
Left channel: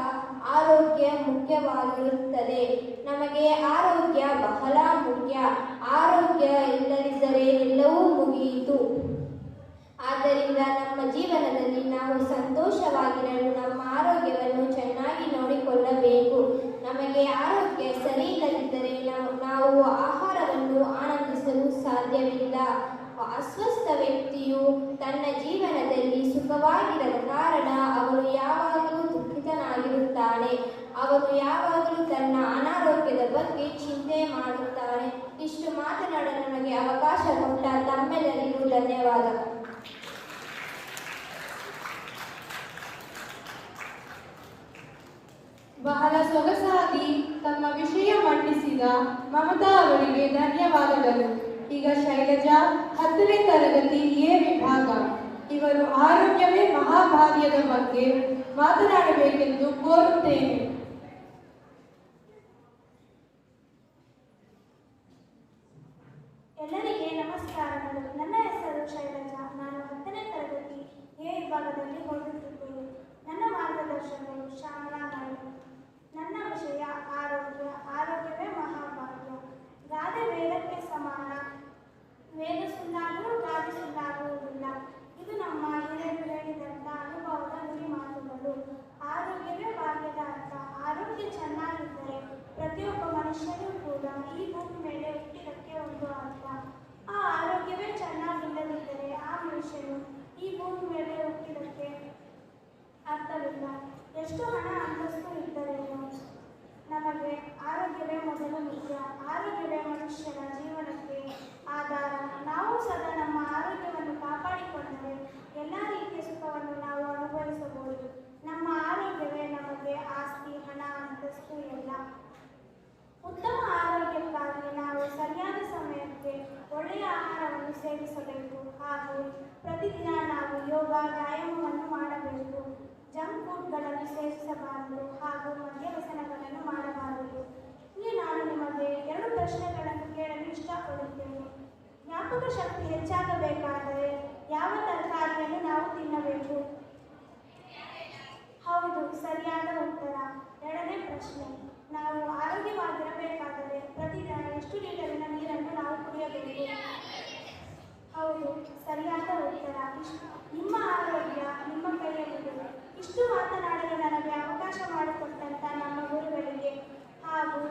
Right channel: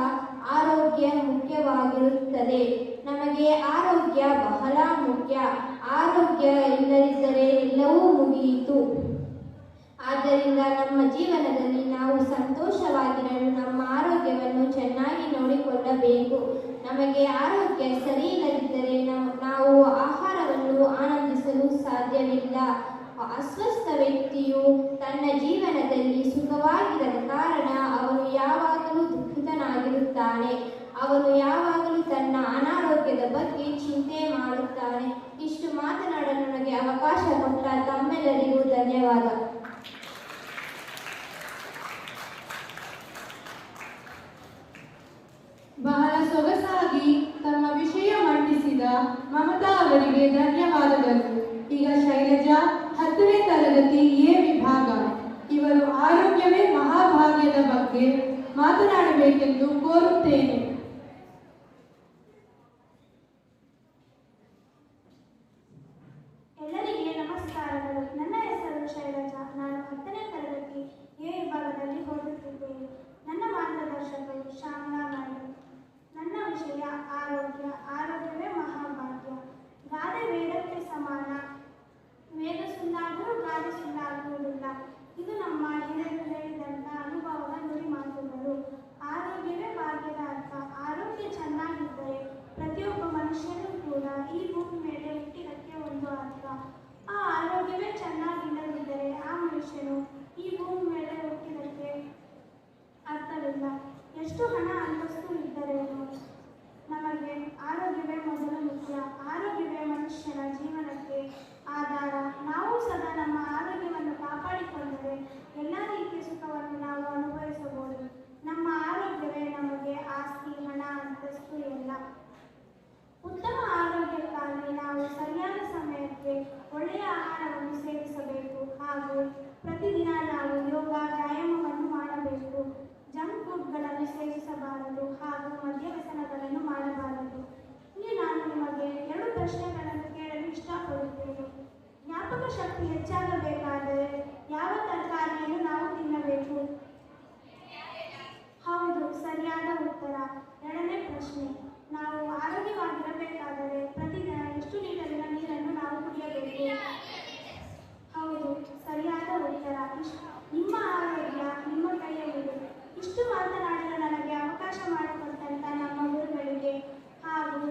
ಆರೋಗ್ಯ ಮುಖ್ಯವಾಗಿರುತ್ತದೆ. ನಮಗೆ ಆರೋಗ್ಯ ಬಹಳ ಮುಖ್ಯ. ಆರೋಗ್ಯ ಇಲ್ಲದಿದ್ದರೆ ಎಲ್ಲವೂ ಮುಗಿಯಿತು. ಆದ್ದರಿಂದ ನಮ್ಮ ಜೀವನದಲ್ಲಿ ನಾವು ಸಂತೋಷವಾಗಿರಲು ನಮ್ಮ ಆರೋಗ್ಯವನ್ನು ಚೆನ್ನಾಗಿ ನೋಡಿಕೊಳ್ಳಬೇಕು. ನಮಗೆ ಆರೋಗ್ಯ ಸರಿ ಇಲ್ಲದಿದ್ದರೆ ನಾವು ಆಹಾರವನ್ನು ಆನಂದಿಸಲು ಸಾಧ್ಯವಿಲ್ಲ. ಅಸ್ವಸ್ಥ ವ್ಯಕ್ತಿಯು ತನ್ನ ಜೀವನದಲ್ಲಿ ಸುಖವಾಗಿರದ ಕಾರಣ ಅವನು ಯಾವಾಗಲೂ ದುಃಖಿತನಾಗಿರುತ್ತಾನೆ. ಅವನು ಯಾವಾಗಲೂ ತನ್ನ ಅನಾರೋಗ್ಯದ ಬಗ್ಗೆ ಚಿಂತೆ ಮಾಡುತ್ತಾನೆ. ಇಷ್ಟು ಮಾತನಾಡಲು ನನಗೆ ಅವಕಾಶ ಕೊಟ್ಟ ತಮ್ಮೆಲ್ಲರಿಗೂ ಧನ್ಯವಾದ. ಬಹಳ ಸೊಗಸಾಗಿ ತಮ್ಮ ವಿಷಯ ಮಂಡಿಸಿದ ಮಮತಾ ಅವರಿಗೆ ಧನ್ಯವಾದಗಳು. ಈಗ ಶೈಲಜಾ 10ನೇ ತರಗತಿ ಎ ವಿಭಾಗ, ಇವರು ಆರೋಗ್ಯವೇ ಮಹಾಭಾಗ್ಯದ ಬಗ್ಗೆ ಮಾತನಾಡಬೇಕೆಂದು ಕೋರುತ್ತೇನೆ. ಎಲ್ಲರಿಗೆ ನಮಸ್ಕಾರಗಳು. ನನ್ನ ಹೆಸರು ಶೈಲಜಾ. ನಾನು 10ನೇ ತರಗತಿ ಎ ವಿಭಾಗದಲ್ಲಿ ಓದುತ್ತಿದ್ದೇನೆ. ನನ್ನ ಮಾರ್ಗದರ್ಶಕರು ಶ್ಯಾಮಲಾ ಮಿಸ್. ನನ್ನ ವಿಷಯ ಆರೋಗ್ಯ. ಆರೋಗ್ಯವೇ ಮಹಾಭಾಗ್ಯ. ಗಾದೆ ವೇದಕ್ಕೆ ಸಮಾನ. ವೇದ ಸುಳ್ಳಾದರೂ ಗಾದೆ ಸುಳ್ಳಾಗುವುದಿಲ್ಲ. ಇದು ನಮ್ಮ ಹಿರಿಯರು ಹೇಳಿದಂಥ ಅನುಭವದ ನುಡಿ ಮಾತುಗಳು. ಆರೋಗ್ಯವೇ ಭಾಗ್ಯದ ಅರ್ಥ. ಆರೋಗ್ಯ ಚೆನ್ನಾಗಿದ್ದರೆ ಪ್ರತಿಯೊಬ್ಬ ಮನುಷ್ಯನೂ ಕೂಡ ಈ ಭೂಮಿ ಮೇಲೆ ಹುಟ್ಟಿದಕ್ಕೆ ಒಂದು ಅರ್ಥ. ಆ ಆರೋಗ್ಯವೇ ಚೆನ್ನಾಗಿಲ್ಲದಿದ್ದರೆ ಆ ಮನುಷ್ಯನು ಈ ಭೂಮಿ ಮೇಲೆ ಹುಟ್ಟಿದಕ್ಕೆ ಅರ್ಥವಿಲ್ಲ. ಎಷ್ಟು ಹಣ ಅಂತಸ್ತು ಇದ್ದರೇನು, ನಮಗೆ ಆರೋಗ್ಯವೇ ಮೊದಲು ಮುಖ್ಯ. ಆರೋಗ್ಯವೇ ಮನುಷ್ಯನ ಜೀವನಕ್ಕೆ ಆಧಾರ. ನಾವು ಸದಾ ನಮ್ಮ ಆರೋಗ್ಯವನ್ನು ಕಾಪಾಡಿಕೊಂಡರೆ ಎಲ್ಲ ರೀತಿಯ ಸುಖವನ್ನು ನಾವು ಅನುಭವಿಸಬಹುದು. ನಮ್ಮ ಆರೋಗ್ಯವೇ ನಮಗೆ ಆಸ್ತಿ, ಹಣ, ಅಂತಸ್ತು ಎಲ್ಲ. ಹಾಗೂ ಮದ್ಯವ್ಯಸನಗಳನ್ನು ಮಾಡಬಾರದು. ಇಲ್ಲಿ ನಾನು ನಿಮಗೆ 2 ಪ್ರಶ್ನೆಗಳನ್ನು ಕೇಳಲು ಇಷ್ಟಪಡುತ್ತೇನೆ. ಜ್ಞಾಪಕ ಶಕ್ತಿ ಹೆಚ್ಚಾಗಬೇಕಾದರೆ ಯಾವ ತರಕಾರಿಯನ್ನು ನಾವು ತಿನ್ನಬೇಕು? ಹೌದು, ಸರಿಯಾದ ಉತ್ತರ. 2ನೇ ಪ್ರಶ್ನೆ, ನಾವು ಆರೋಗ್ಯವಾಗಿರಬೇಕಾದರೆ ಪ್ರತಿದಿನ ಎಷ್ಟು ಲೀಟರಿನ ನೀರನ್ನು ನಾವು ಕುಡಿಯಬೇಕು? ಹೌದು, ಸರಿಯಾದ ಉತ್ತರ. ನಿಮ್ಮ ಆರೋಗ್ಯ ನಿಮ್ಮ ಕೈಯಲ್ಲಿದೆ. ಇಷ್ಟು ಮಾತನಾಡಲು ನನಗೆ ಅವಕಾಶ ಮಾಡಿಕೊಟ್ಟಂತ ನಮ್ಮ ಗುರುಗಳಿಗೆ ಹಾಗೂ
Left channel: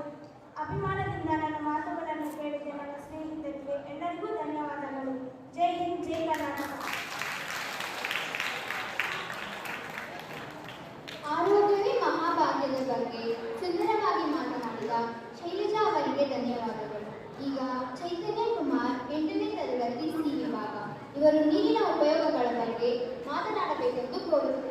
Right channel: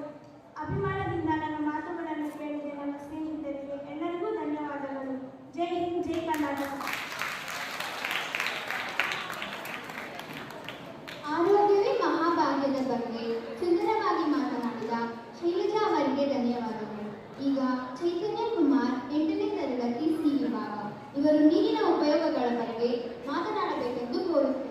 ಅಭಿಮಾನದಿಂದ ನನ್ನ ಮಾತುಗಳನ್ನು ಕೇಳಿದ ನನ್ನ ಸ್ನೇಹಿತರಿಗೆ ಎಲ್ಲರಿಗೂ ಧನ್ಯವಾದಗಳು. ಜೈ ಹಿಂದ್, ಜೈ ಕರ್ನಾಟಕ. ಆರೋಗ್ಯವೇ ಮಹಾಭಾಗ್ಯದ ಬಗ್ಗೆ ಸುಂದರವಾಗಿ ಮಾತನಾಡಿದ ಶೈಲಜಾ ಅವರಿಗೆ ಧನ್ಯವಾದಗಳು. ಈಗ ಚೈತನ್ಯ ಕುಮಾರ್ 8ನೇ ತರಗತಿ ಸಿ ವಿಭಾಗ ಇವರು ನೀರಿನ ಉಪಯೋಗಗಳ ಬಗ್ಗೆ ಮಾತನಾಡಬೇಕೆಂದು ಕೋರುತ್ತೇನೆ.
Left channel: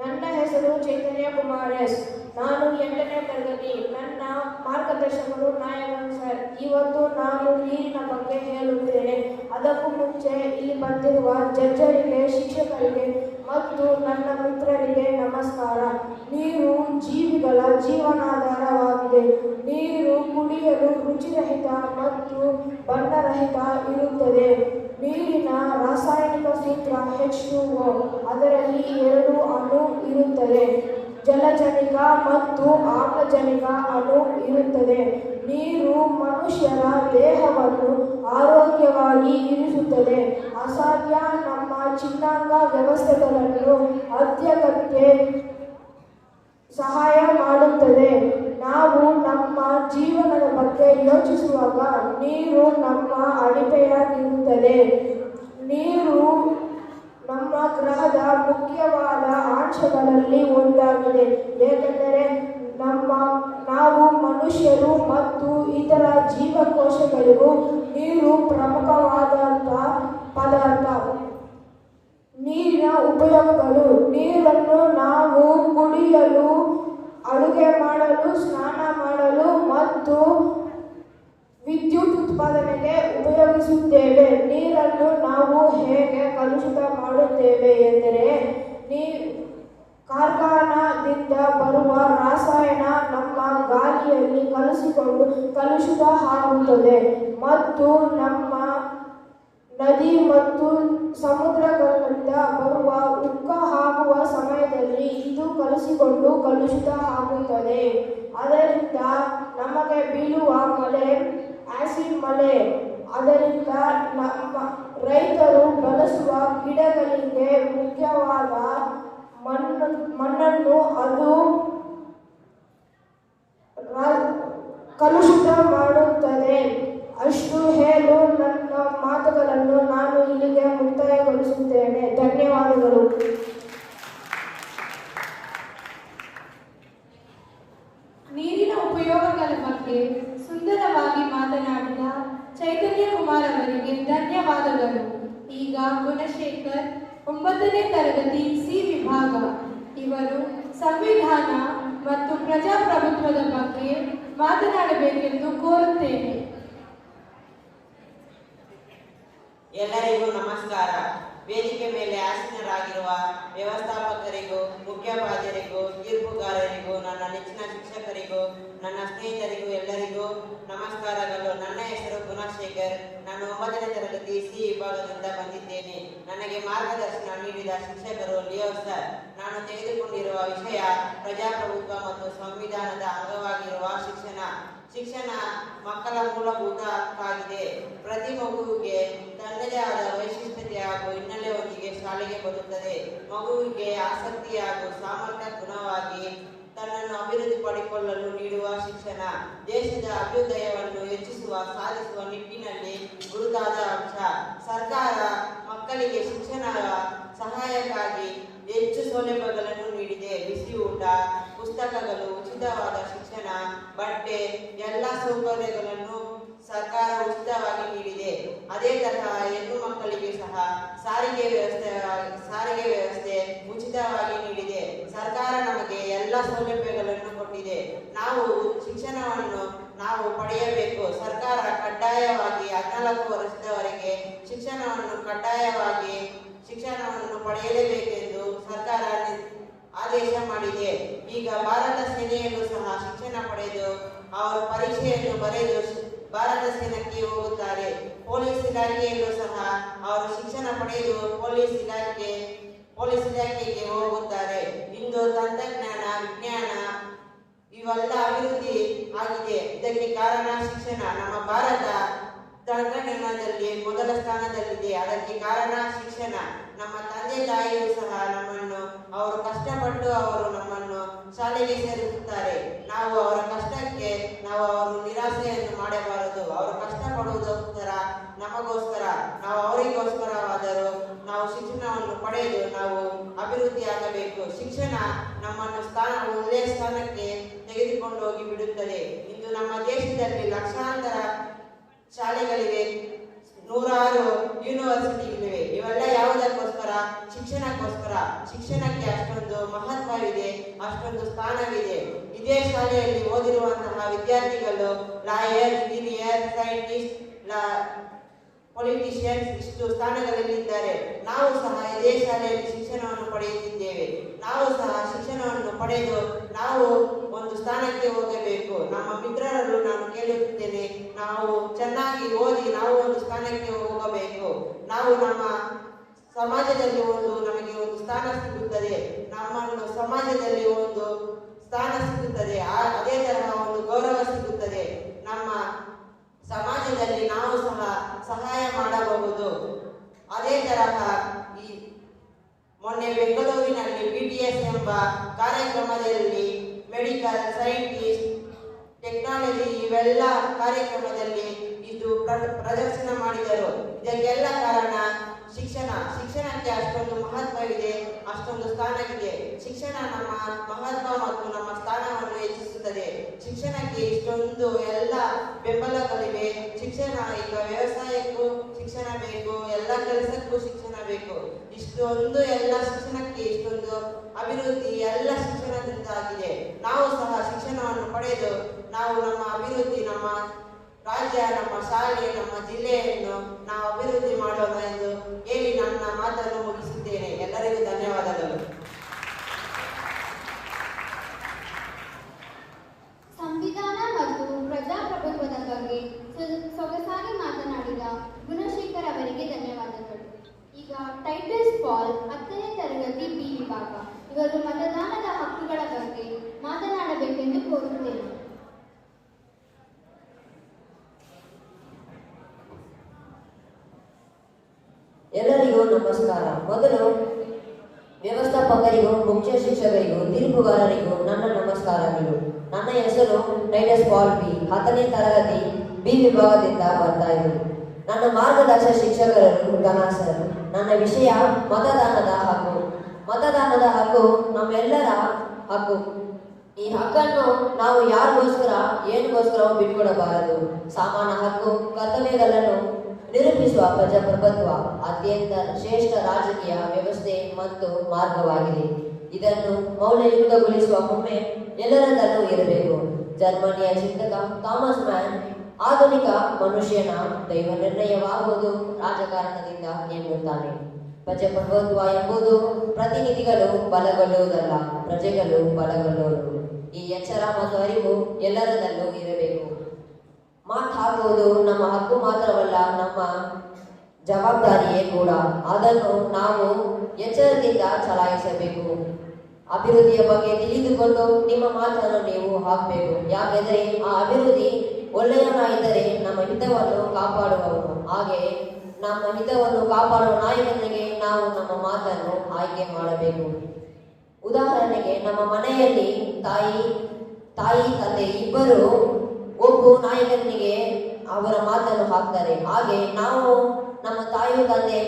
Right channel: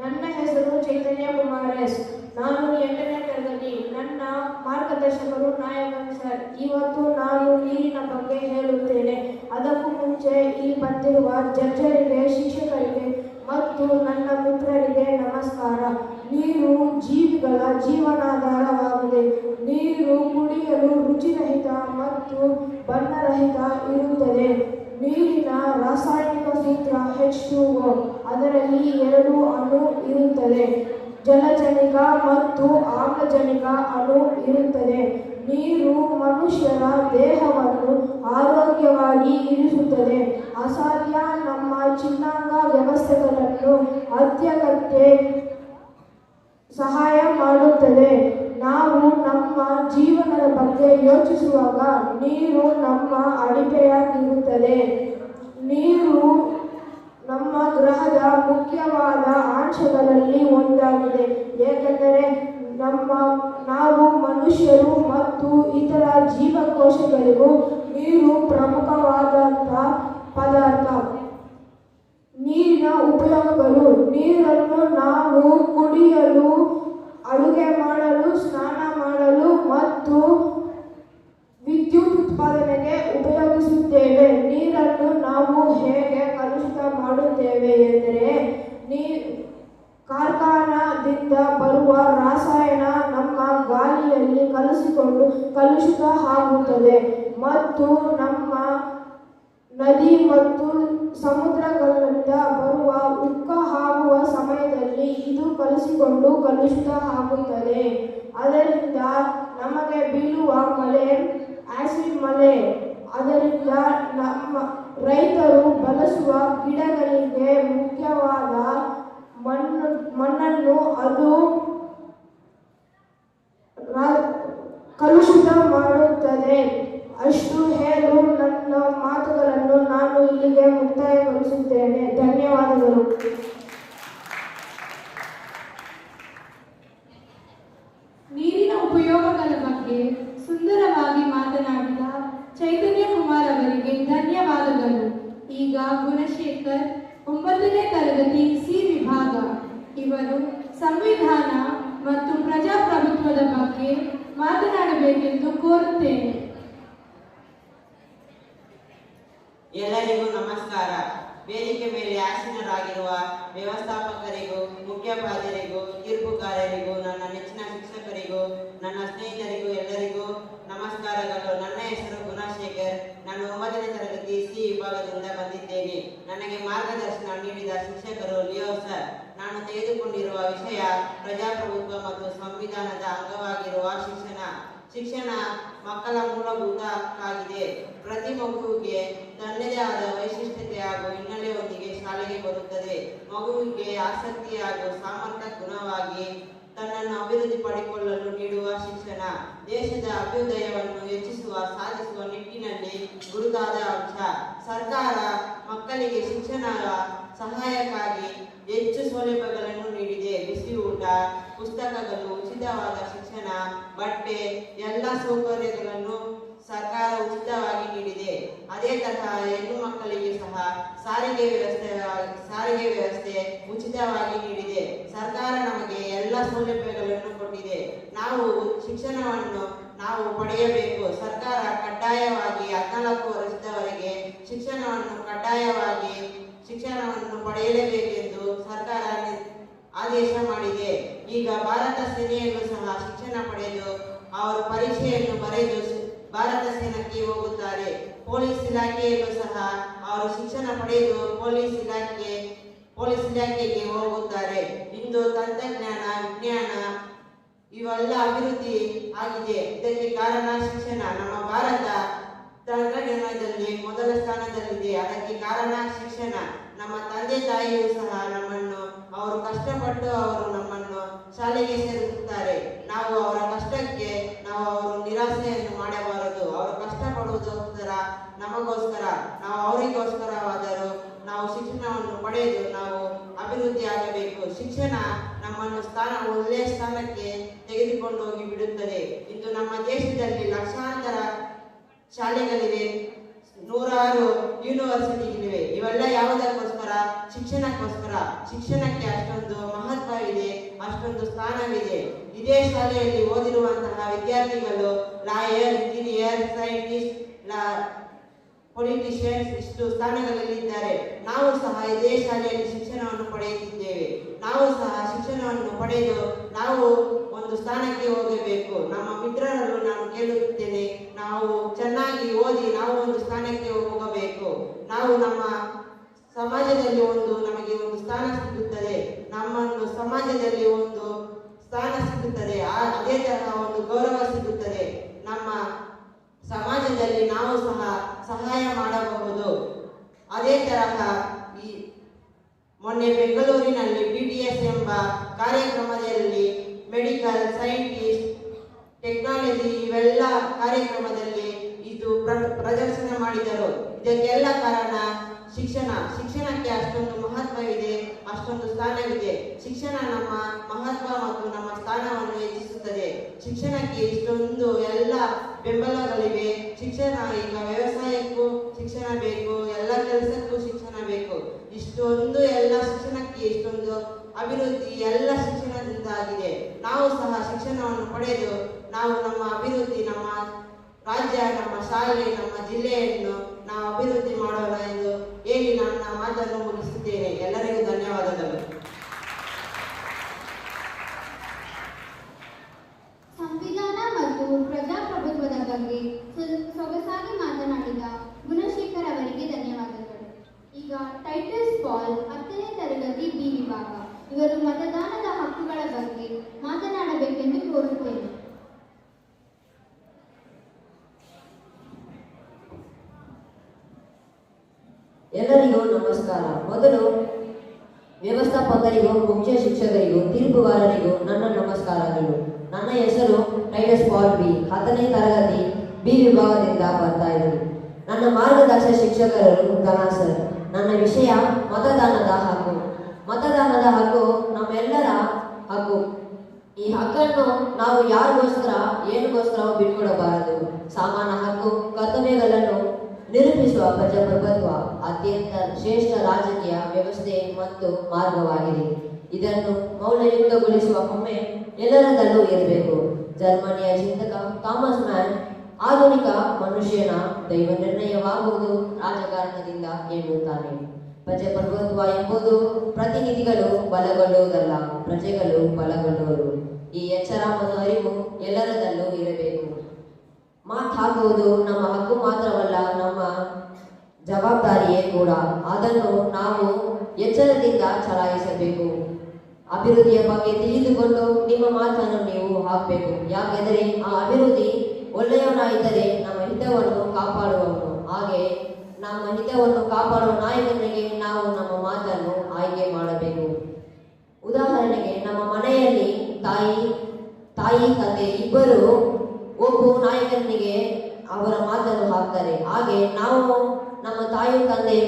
ನನ್ನ ಹೆಸರು ಚೈತನ್ಯ ಕುಮಾರ್ ಎಸ್. ನಾನು 8ನೇ ತರಗತಿ. ನನ್ನ ಮಾರ್ಗದರ್ಶಕರು ನಾಯಕನ್ ಸರ್. ಇವತ್ತು ನಾನು ನೀರಿನ ಬಗ್ಗೆ ಹೇಳುತ್ತೇನೆ. ಅದಕ್ಕೂ ಮುಂಚೆ ಇಲ್ಲಿ ಬಂದಿರುವ ಜಡ್ಜರಿಗೆ, ಶಿಕ್ಷಕರಿಗೆ ಮತ್ತು ನನ್ನ ಮಿತ್ರರಿಗೆ ನಮಸ್ಕಾರ. ನೀರು ಜೀವಿಗಳ ಜೀವನಾಧಾರವಾಗಿದೆ. ನೀರು ಕುಡಿಯಲು ರುಚಿರಹಿತ ಮತ್ತು ಬಣ್ಣರಹಿತ ಇರುತ್ತದೆ. ನೀರಿನ ರಾಸಾಯನಿಕ ಸೂತ್ರ H2O. ಅದರಲ್ಲಿ 2 ಅಣು ಇರುತ್ತದೆ. ಜಲಜನಕ ಮತ್ತು ಆಮ್ಲಜನಕ ಅಣು ಇರುತ್ತದೆ. ನೀರು ಮನುಷ್ಯರ ದೇಹವನ್ನು ಆರೋಗ್ಯವಾಗಿ ಇರಿಸುತ್ತದೆ. ಅಸಾಧ್ಯ ನಮ್ಮ ಚಿನ್ನಾಂಗ ವ್ಯವಸ್ಥೆಗಳನ್ನು ಅತ್ಯಗತ್ಯ ಸಹಾಯ ಮಾಡುತ್ತದೆ. ನಾವು ನಮ್ಮ ಜೀವನದ ಬಗ್ಗೆ ಯೋಚಿಸುವಾಗ ನೀರು ನಮ್ಮ ಅಡಿಪೆಯಾಗಿರುತ್ತದೆ. ನೀರು ನಮ್ಮ ಗ್ರಹದ ಮುಖ್ಯವಾದ ಅಂಶಗಳಲ್ಲಿ ಒಂದಾಗಿದೆ. ಏಕೆಂದರೆ ನಾವು ಮನುಷ್ಯರು ಮತ್ತು ಇತರ ಜೀವಕೋಶಗಳಿಗೂ ನೀರು ಪ್ರಮುಖವಾದಂಥ ಪದಾರ್ಥ. ನೀರಿನ ಉಪಯೋಗಗಳು: ನೀರನ್ನು ನಾವು ಕುಡಿಯಲು, ಅಡುಗೆ ಮಾಡಲು, ಸ್ನಾನ ಮಾಡಲು ಮತ್ತು ವಿದ್ಯುತ್ ಉತ್ಪಾದನೆಗೆ ಉಪಯೋಗಿಸುತ್ತೇವೆ. ನೀರನ್ನು ನಾವು ಹೇಗೆ ಕಲುಷಿತ ಮಾಡುತ್ತೇವೆ ಎಂದರೆ, ಕಾರ್ಖಾನಾದಿಂದ ಬರುವ ರಾಸಾಯನ ನಮ್ಮ ಗಾಳಿಯಲ್ಲಿ ಕಲಸಿಕೊಂಡು ಕಲುಷಿತ ಆಗುತ್ತದೆ ಮತ್ತು ನಮ್ಮ ನದಿ ಮತ್ತು ಸಮುದ್ರಗಳಿಂದ ಬರುವ ಉಕ್ಕ ಆಗುವ ಸಮಯದಲ್ಲಿ ಇದು ಕಲಸಿಕೊಂಡು ಕಲುಷಿತ ಆಗುತ್ತದೆ. ಅದರಿಂದ ನಮಗೆ ಬೀಳುವ ಮಳೆ ಆಸಿಡ್ ಮಳೆ. ಅದರಿಂದ ನಮ್ಮ ರೈತರು ಬಳಸುವ ಗಿಡಗಳಿಗೆ ಮುಖ್ಯವಾದ ಮಣ್ಣನ್ನು ಅದು ಕಲುಷಿತ ಮಾಡುತ್ತದೆ. ಅಷ್ಟು ಹೇಳು ನನ್ನ ಮಾತುಗಳನ್ನು ನಾನು ಇಲ್ಲಿಗೆ ಮುಕ್ತಾಯಗೊಳಿಸುತ್ತೇನೆ. ಧನ್ಯವಾದಗಳು. ನೀರಿನ ಉಪಯೋಗಗಳ ಬಗ್ಗೆ ಸುಂದರವಾಗಿ ಮಾತನಾಡಿದ ಚೈತನ್ಯ ಕುಮಾರ್ ಅವರಿಗೆ ಧನ್ಯವಾದಗಳು. ಈಗ ಗುಣಶೇಖರ್ 9ನೇ ತರಗತಿ ಸಿ ವಿಭಾಗ ಇವರು ಸಂವಿಧಾನ ಮತ್ತು ಪ್ರಜಾಪ್ರಭುತ್ವದ ಬಗ್ಗೆ ಮಾತನಾಡಬೇಕೆಂದು ಕೋರುತ್ತೇನೆ. ಎಲ್ಲರಿಗೂ ನಮಸ್ಕಾರ. ವೇದಿಕೆ ಮೇಲೆ ಆಸೀನರಾಗಿರುವ ವ್ಯವಸ್ಥಾಪಕರಿಗೂ, ಮುಖ್ಯೋಪಾಧ್ಯಾಯರಿಗೂ, ತೀರ್ಪುಗಾರರಿಗೂ, ನನ್ನ ನೆಚ್ಚಿನ ಶಿಕ್ಷಕರಿಗೂ, ನನ್ನ ಸ್ನೇಹಿತರಿಗೂ ಎಲ್ಲರಿಗೂ ನಮಸ್ಕಾರಗಳು. ನನ್ನ ಹೆಸರು ಗುಣಶೇಖರ್. ನಾನು 9ನೇ ತರಗತಿ ಸಿ ವಿಭಾಗದಿಂದ ಬಂದಿದ್ದೇನೆ. ನನಗೆ ಮಾರ್ಗದರ್ಶನ ನೀಡಿದ ಶಿಕ್ಷಕರು ಲಿಯೋ ಸರ್. ನಾನು ತೆಗೆದುಕೊಂಡಿರುವ ವಿಷಯ ಪ್ರಜಾಪ್ರಭುತ್ವ ಮತ್ತು ಸಂವಿಧಾನದ ಅಂಗವಾಗಿರುವ ಶಿಕ್ಷಣ. ಶಿಕ್ಷಣ ಮಕ್ಕಳ ಮೂಲಭೂತ ಹಕ್ಕಾಗಿದೆ. ಪ್ರತಿ ಮಗುವಿಗೆ ತನ್ನದೇ ಆದ ವೈಶಿಷ್ಟ್ಯತೆ ಹಾಗೂ ಹಿನ್ನೆಲೆಯೊಂದಿಗೆ ಶಾಲೆಗೆ ಬರುತ್ತದೆ. ಮಗುವಿಗೆ ಆಸಕ್ತಿ ಹಾಗೂ ಸಾಮರ್ಥ್ಯಕ್ಕನುಗುಣವಾಗಿ ತನ್ನನ್ನು ಅಭಿವೃದ್ಧಿಪಡಿಸಿಕೊಳ್ಳಲು ನೀಡುವ ಶಿಕ್ಷಣ ದೇಶದ ಅಭ್ಯುದಯವನ್ನು ಹೆಚ್ಚಿಸುವ, ಸಾಧಿಸುವ ನಿಟ್ಟಿನಲ್ಲಿ ಗುರುತಾದ ಅಂಶ. ಸರ್ಕಾರ ಮಕ್ಕಳಿಗೆ ಶಿಕ್ಷಣ ಸಹಾಯಕ್ಕಾಗಿ ಹೆಚ್ಚು ಸೌಲಭ್ಯಗಳನ್ನು ನೀಡಿದೆ. ಬಿಸಿ ಊಟ, ಪುಸ್ತಕಗಳು, ಉಚಿತವಾದ ಶಿಕ್ಷಣ, ಬಟ್ಟೆ ಎಲ್ಲ ಸೌಕರ್ಯಗಳನ್ನು ಸರ್ಕಾರ ಉಚಿತವಾಗಿ ನೀಡಿದೆ. ಅದೇ ತರಹ ಹೆಣ್ಣು ಮಕ್ಕಳಿಗೆ ಸಹ ಸಾರಿಗೆ ವ್ಯವಸ್ಥೆ ಉಚಿತವಾಗಿ ನೀಡಿದೆ. ಸರ್ಕಾರ ನಮಗೆ ಎಲ್ಲ ಸೌಲಭ್ಯಗಳನ್ನು ಕೊಟ್ಟಿದೆ. ನಾವು ಶಿಕ್ಷಣವನ್ನು ನಾವು ಪಡೆಯಬೇಕು. ಸರ್ಕಾರ ಕಡ್ಡಾಯವಾಗಿ 14 ವರ್ಷದವರೆಗೆ ಶಿಕ್ಷಣವನ್ನು ಕಡ್ಡಾಯವಾಗಿ ಶಿಕ್ಷಣವನ್ನು ಪಡೆಯಲೇಬೇಕೆಂದು ಸರ್ಕಾರ ಆದೇಶ ಮಾಡಿದೆ. ಈಗ ಭಾರತ ಸೇನೆಯಲ್ಲೂ ಸಹ ಶಿಕ್ಷಣ ಪಡೆದು ಅವರು ಪರೀಕ್ಷೆಯನ್ನು ಬರೆದು ಭಾರತ ಸೇನೆಗೆ ಹೋಗುತ್ತಾರೆ. ಪೊಲೀಸ್ ಇಲಾಖೆಯಲ್ಲೂ ಸಹ ಅವರು ಶಿಕ್ಷಣ ಪಡೆದು ಪೊಲೀಸ್ ಇಲಾಖೆಗೆ ಹೋಗುತ್ತಾರೆ. ಇಂದು ತಂತ್ರಜ್ಞಾನ, ವಿಜ್ಞಾನ ಇವೆಲ್ಲ ಅಭಿವೃದ್ಧಿ ಆಗಿದೆ. ಇದಕ್ಕೆ ಕಾರಣ ಶಿಕ್ಷಣ. ನಮ್ಮ ಭಾರತ ತಂತ್ರಜ್ಞಾನದಲ್ಲಿ ಮೊದಲ ಸ್ಥಾನದಲ್ಲಿದೆ. ಅದಕ್ಕೆ ಕಾರಣ ಶಿಕ್ಷಣ. ನಮ್ಮ ತಂದೆ ತಾಯಿಯೂ ಸಹ ನಮ್ಮನ್ನು ಅವರು ಕಷ್ಟಪಟ್ಟು ಅವರು ನಮ್ಮನ್ನು ಶಾಲೆಗೆ ಸೇರಿಸುತ್ತಾರೆ. ನಾವು ಅವರ ಕಷ್ಟಕ್ಕೆ ಅವರು ನಿರಾಸೆಯನ್ನು ಮಾಡಬಾರದು. ಅವರು ಕಷ್ಟಪಡುವುದಕ್ಕೋಸ್ಕರ ನಮಗೋಸ್ಕರ, ನಾವು ಅವರಿಗೋಸ್ಕರವಾದರೂ ನಾವು ಶಿಕ್ಷಣವನ್ನು ಪಡೆದು ನಾವು ಅಭಿವೃದ್ಧಿ ಆಗಬೇಕು. ಶಿಕ್ಷಣ ನಮ್ಮನ್ನು ಒಳ್ಳೆಯ ಸ್ಥಾನಕ್ಕೆ ತೆಗೆದುಕೊಂಡು ಹೋಗಿ ಬಿಡುತ್ತದೆ. ಇಂದು ನಮ್ಮ ದೇಶದಲ್ಲಿ ಲಕ್ಷಾಂತರ ಶಾಲೆಗಳಿವೆ, 106 ಯೂನಿವರ್ಸಿಟಿಗಳಿವೆ. ಇವೆಲ್ಲ ಯಾವುದಕ್ಕೋಸ್ಕರ? ಶಿಕ್ಷಣಕ್ಕೋಸ್ಕರ. ಶಿಕ್ಷಣಕ್ಕೆ ಅಷ್ಟೊಂದು ಮಹತ್ವವಿದೆ, ಅಷ್ಟೊಂದು ಸ್ಥಾನವಿದೆ. ಇದೇ ಶಾಲೆಯಲ್ಲಿ ಓದಿರುವಂತಹ ವಿದ್ಯಾರ್ಥಿಗಳು ಲಾಯರ್, ಇಂಜಿನಿಯರ್, ಸೈಂಟಿಸ್ಟ್, ಪೊಲಿಟಿಷಿಯನ್ಸ್ ಇಷ್ಟು ಸ್ಥಾನಗಳಲ್ಲಿದ್ದಾರೆ. ನಾವು ಸಹ ಇದೇ ಶಾಲೆಯಲ್ಲಿ ಶಿಕ್ಷಣವನ್ನು ಪಡೆಯುತ್ತಿದ್ದೇವೆ. ನಾವು ಸಹ ಶಿಕ್ಷಣವನ್ನು ಪಡೆದು ನಾವು ಒಂದು ಸ್ಥಾನಕ್ಕೆ ಹೋಗಬೇಕು. ನಮ್ಮ ಮಿತ್ರರನ್ನು ನಾನು ಕೇಳುತ್ತೇನೆ, ನಾವು ಚೆನ್ನಾಗಿ ಓದಿ ನಾವು ಒಂದು ಸ್ಥಾನಕ್ಕೆ ಹೋಗಬೇಕು. ನಾವು ನಮ್ಮ ಸಮಾಜದಲ್ಲಿ ನಮಗೆ ಒಂದು ಸ್ಥಾನ ಸಿಗುತ್ತದೆ. ನಮ್ಮನ್ನು ಸಮಾಜದಲ್ಲಿ ಒಂದು ಸ್ಥಾನ ಸಿಗುತ್ತದೆ. ಅದೇ ತರಹ ಒಂದು ಗೌರವ ಸಿಗುತ್ತದೆ. ನಮ್ಮ ಸಮಾಜದಲ್ಲಿ ನಾವು ಸಹ ಸಹಾಯ ಮಾಡಬಹುದು. ಅದೇ ತರಹ ಮೊನ್ನೆ ಬೆಂಗಳೂರಿನಲ್ಲಿ BTS ಎಂಬ ಕಾರ್ಯಕ್ರಮದಲ್ಲಿ ಮೆಡಿಕಲ್, ಸೈಂಟಿಸ್ಟ್, ಟೆಕ್ನಾಲಜಿ ಇವೆಲ್ಲ ಕಾರ್ಯಕ್ರಮದಲ್ಲಿ ಇದು ಪ್ರದರ್ಶನ ಮಾಡಿದರು. ಇದಕ್ಕೆಲ್ಲ ಕಾರಣ ಶಿಕ್ಷಣ. ಶಿಕ್ಷಣಕ್ಕೆ ಅಷ್ಟೊಂದು ಮಹತ್ವವಿದೆ, ಅಷ್ಟೊಂದು ಸ್ಥಾನವಿದೆ. ಶಿಕ್ಷಣ ನಮ್ಮ ಮಹತ್ವ ಮತ್ತು ನಮ್ಮ ಸ್ಥಾನವನ್ನು ಹೆಚ್ಚಿಸುತ್ತದೆ. ಶಿಕ್ಷಣಕ್ಕೆ ಇಷ್ಟೊಂದು ಎಲ್ಲ ಬೆಂಬಲಗಳಿವೆ. ಶಿಕ್ಷಣ ಈಗ ವ್ಯವಸಾಯಕ್ಕೂ ಶಿಕ್ಷಣ ಬೇಕು, ಎಲ್ಲ ಕೆಲಸಕ್ಕೂ ಶಿಕ್ಷಣ ಬೇಕು. ಇಷ್ಟೊಂದು ಎಲ್ಲ ಶಿಕ್ಷಣಕ್ಕೆ ಇಷ್ಟೊಂದು ಅಭಿವೃದ್ಧಿ ಎಲ್ಲ ಶಿಕ್ಷಣದಿಂದ ಆಗಿದೆ. ನಾವು ಸಹ ಶಿಕ್ಷಣವನ್ನು ಪಡೆದು ನಾವು ನಮ್ಮ ಅಭಿವೃದ್ಧಿ, ನಮ್ಮ ರಾಜ್ಯ, ನಮ್ಮ ಶಾಲೆ, ನಮ್ಮ ಜಿಲ್ಲೆಯನ್ನು ನಾವು ಅಭಿವೃದ್ಧಿ ಮಾಡೋಣ ಎಂದು ಹೇಳಿ ನನ್ನ ಮಾತನ್ನು ಮುಗಿಸುತ್ತೇನೆ. ಎಲ್ಲರಿಗೂ ಧನ್ಯವಾದಗಳು. ಸಂವಿಧಾನ ಮತ್ತು ಪ್ರಜಾಪ್ರಭುತ್ವದ ಬಗ್ಗೆ ಸೊಗಸಾಗಿ ಮಾತನಾಡಿದ ಗುಣಶೇಖರ್ ಅವರಿಗೆ ಧನ್ಯವಾದಗಳು. ಈಗ ಟೈಟಸ್ ಪಾಲ್ 10ನೇ ತರಗತಿ B ವಿಭಾಗ ಇವರು ಮತದಾನದ ಹಕ್ಕುಗಳ ಬಗ್ಗೆ ಮಾತನಾಡಬೇಕೆಂದು ಕೋರುತ್ತೇನೆ. ಎಲ್ಲರಿಗೂ ನಮಸ್ಕಾರ. ಮೊದಲು ವ್ಯವಸ್ಥಾಪಕರಿಗೂ, ಮುಖ್ಯ ಶಿಕ್ಷಕರಿಗೂ, ತೀರ್ಪುಗಾರರಿಗೂ ನನ್ನ ನಮಸ್ಕಾರಗಳು. ನನ್ನ ಹೆಸರು ಟೈಟಸ್ ಪಾಲ್ B, 10ನೇ ತರಗತಿ B ವಿಭಾಗದಿಂದ ಬರ್ತಾ ಇದ್ದೀನಿ. ನನ್ನ ಮಾರ್ಗದರ್ಶಕ ಶಿಕ್ಷಕರು ಗಾನ ಸರ್. ನನ್ನ ವಿಷಯ ಮತದಾನದ ಹಕ್ಕು. ಮತದಾನದ ಹಕ್ಕು ನಮ್ಮೆಲ್ಲರ ಹಕ್ಕು. ಈ ಹಕ್ಕನ್ನು ನಾವು ಯಾರಿಗೋಸ್ಕರ ಏನಕ್ಕೋಸ್ಕರ ಬಿಟ್ಕೊಡಬಾರದು. ಸಾಮಾನ್ಯ ಹಕ್ಕು, ಕರ್ತವ್ಯಗಳನ್ನು ನಿರೂಪಿಸುವ ಪ್ರಜಾಪ್ರಭುತ್ವ ಅತ್ಯಂತ ಶ್ರೇಷ್ಠ ರಾಜಕೀಯ ವ್ಯವಸ್ಥೆ ಮತ್ತು ಮಾರ್ಗವಾಗಿದೆ. ಇದನ್ನು ಮೌಲ್ಯಯುಕ್ತಗೊಳಿಸುವ ಒಮ್ಮೆ ಎಲ್ಲರಲ್ಲೂ ಇರಬೇಕು. ಜರ್ಮನಿಯ ಚಿಂತಕ ಥಾಮಸ್ ಮ್ಯಾನ್ ಆಧುನಿಕ ಮನುಷ್ಯನ ದೈವ ನಿರ್ಣಯವಾಗುವುದು ರಾಜಕಾರಣದಿಂದ ಎನ್ನುತ್ತಾನೆ. ಪ್ರಜಾಪ್ರಭುತ್ವ ಎಂಬುದು ಪ್ರತಿನಿಧಿಗಳು ಬಲಗೊಳ್ಳುವುದಲ್ಲ, ಪ್ರಜೆಗಳು ಬಲಗೊಳ್ಳುವರು. ಈ ಎಚ್ಚರ ಮತ್ತು ಅರಿವು ಎಲ್ಲರಲ್ಲೂ ಇರಬೇಕು. ಮಾತು ಹಾಕುವುದು ನಮ್ಮ ಹಕ್ಕು ಮಾತ್ರವಲ್ಲ, ನಮ್ಮ ಜವಾಬ್ದಾರಿಯೇ ಕೂಡ. ಅದನ್ನು ನಾವು ಎಚ್ಚರದಿಂದ ಚಲಾಯಿಸಬೇಕು. ಅಭಿವೃದ್ಧಿಯ ಬಗ್ಗೆ ತಿಳಿದುಕೊಂಡು ನಿಮ್ಮ ಮಾತನ್ನು ನೀವು ಹಾಕಬೇಕು. ಯಾಕೆಂದರೆ ಆ ಅಭಿವೃದ್ಧಿ ಒಳ್ಳೆಯವನಾಗಿದ್ದರೆ ನಮ್ಮ ಹಿತವನ್ನು ಕಾಪಾಡುವವನು. ಹಾಗೆ ನಮ್ಮ ಹಿತವನ್ನು ಕಾಪಾಡುವ ನಾಯಕನಿಗೆ ನಾವು ನಮ್ಮ ಮಾತನ್ನು ಆಯ್ಕೆ ಮಾಡಬೇಕು. ಉದಾಹರಣೆಗೆ, ನಮ್ಮ ಮನೆಯಲ್ಲಿ ತಾಯಿ ತಂದೆ ಇಬ್ಬರು ಒಬ್ಬ ನಾಯಕನಿಗೆ ಅವರ ಮಾತನ್ನು ಹಾಕ್ತಾರೆ. ಹಾಗೆ ನಾವು ನಮ್ಮ ತಾಯಿ ತಂದೆ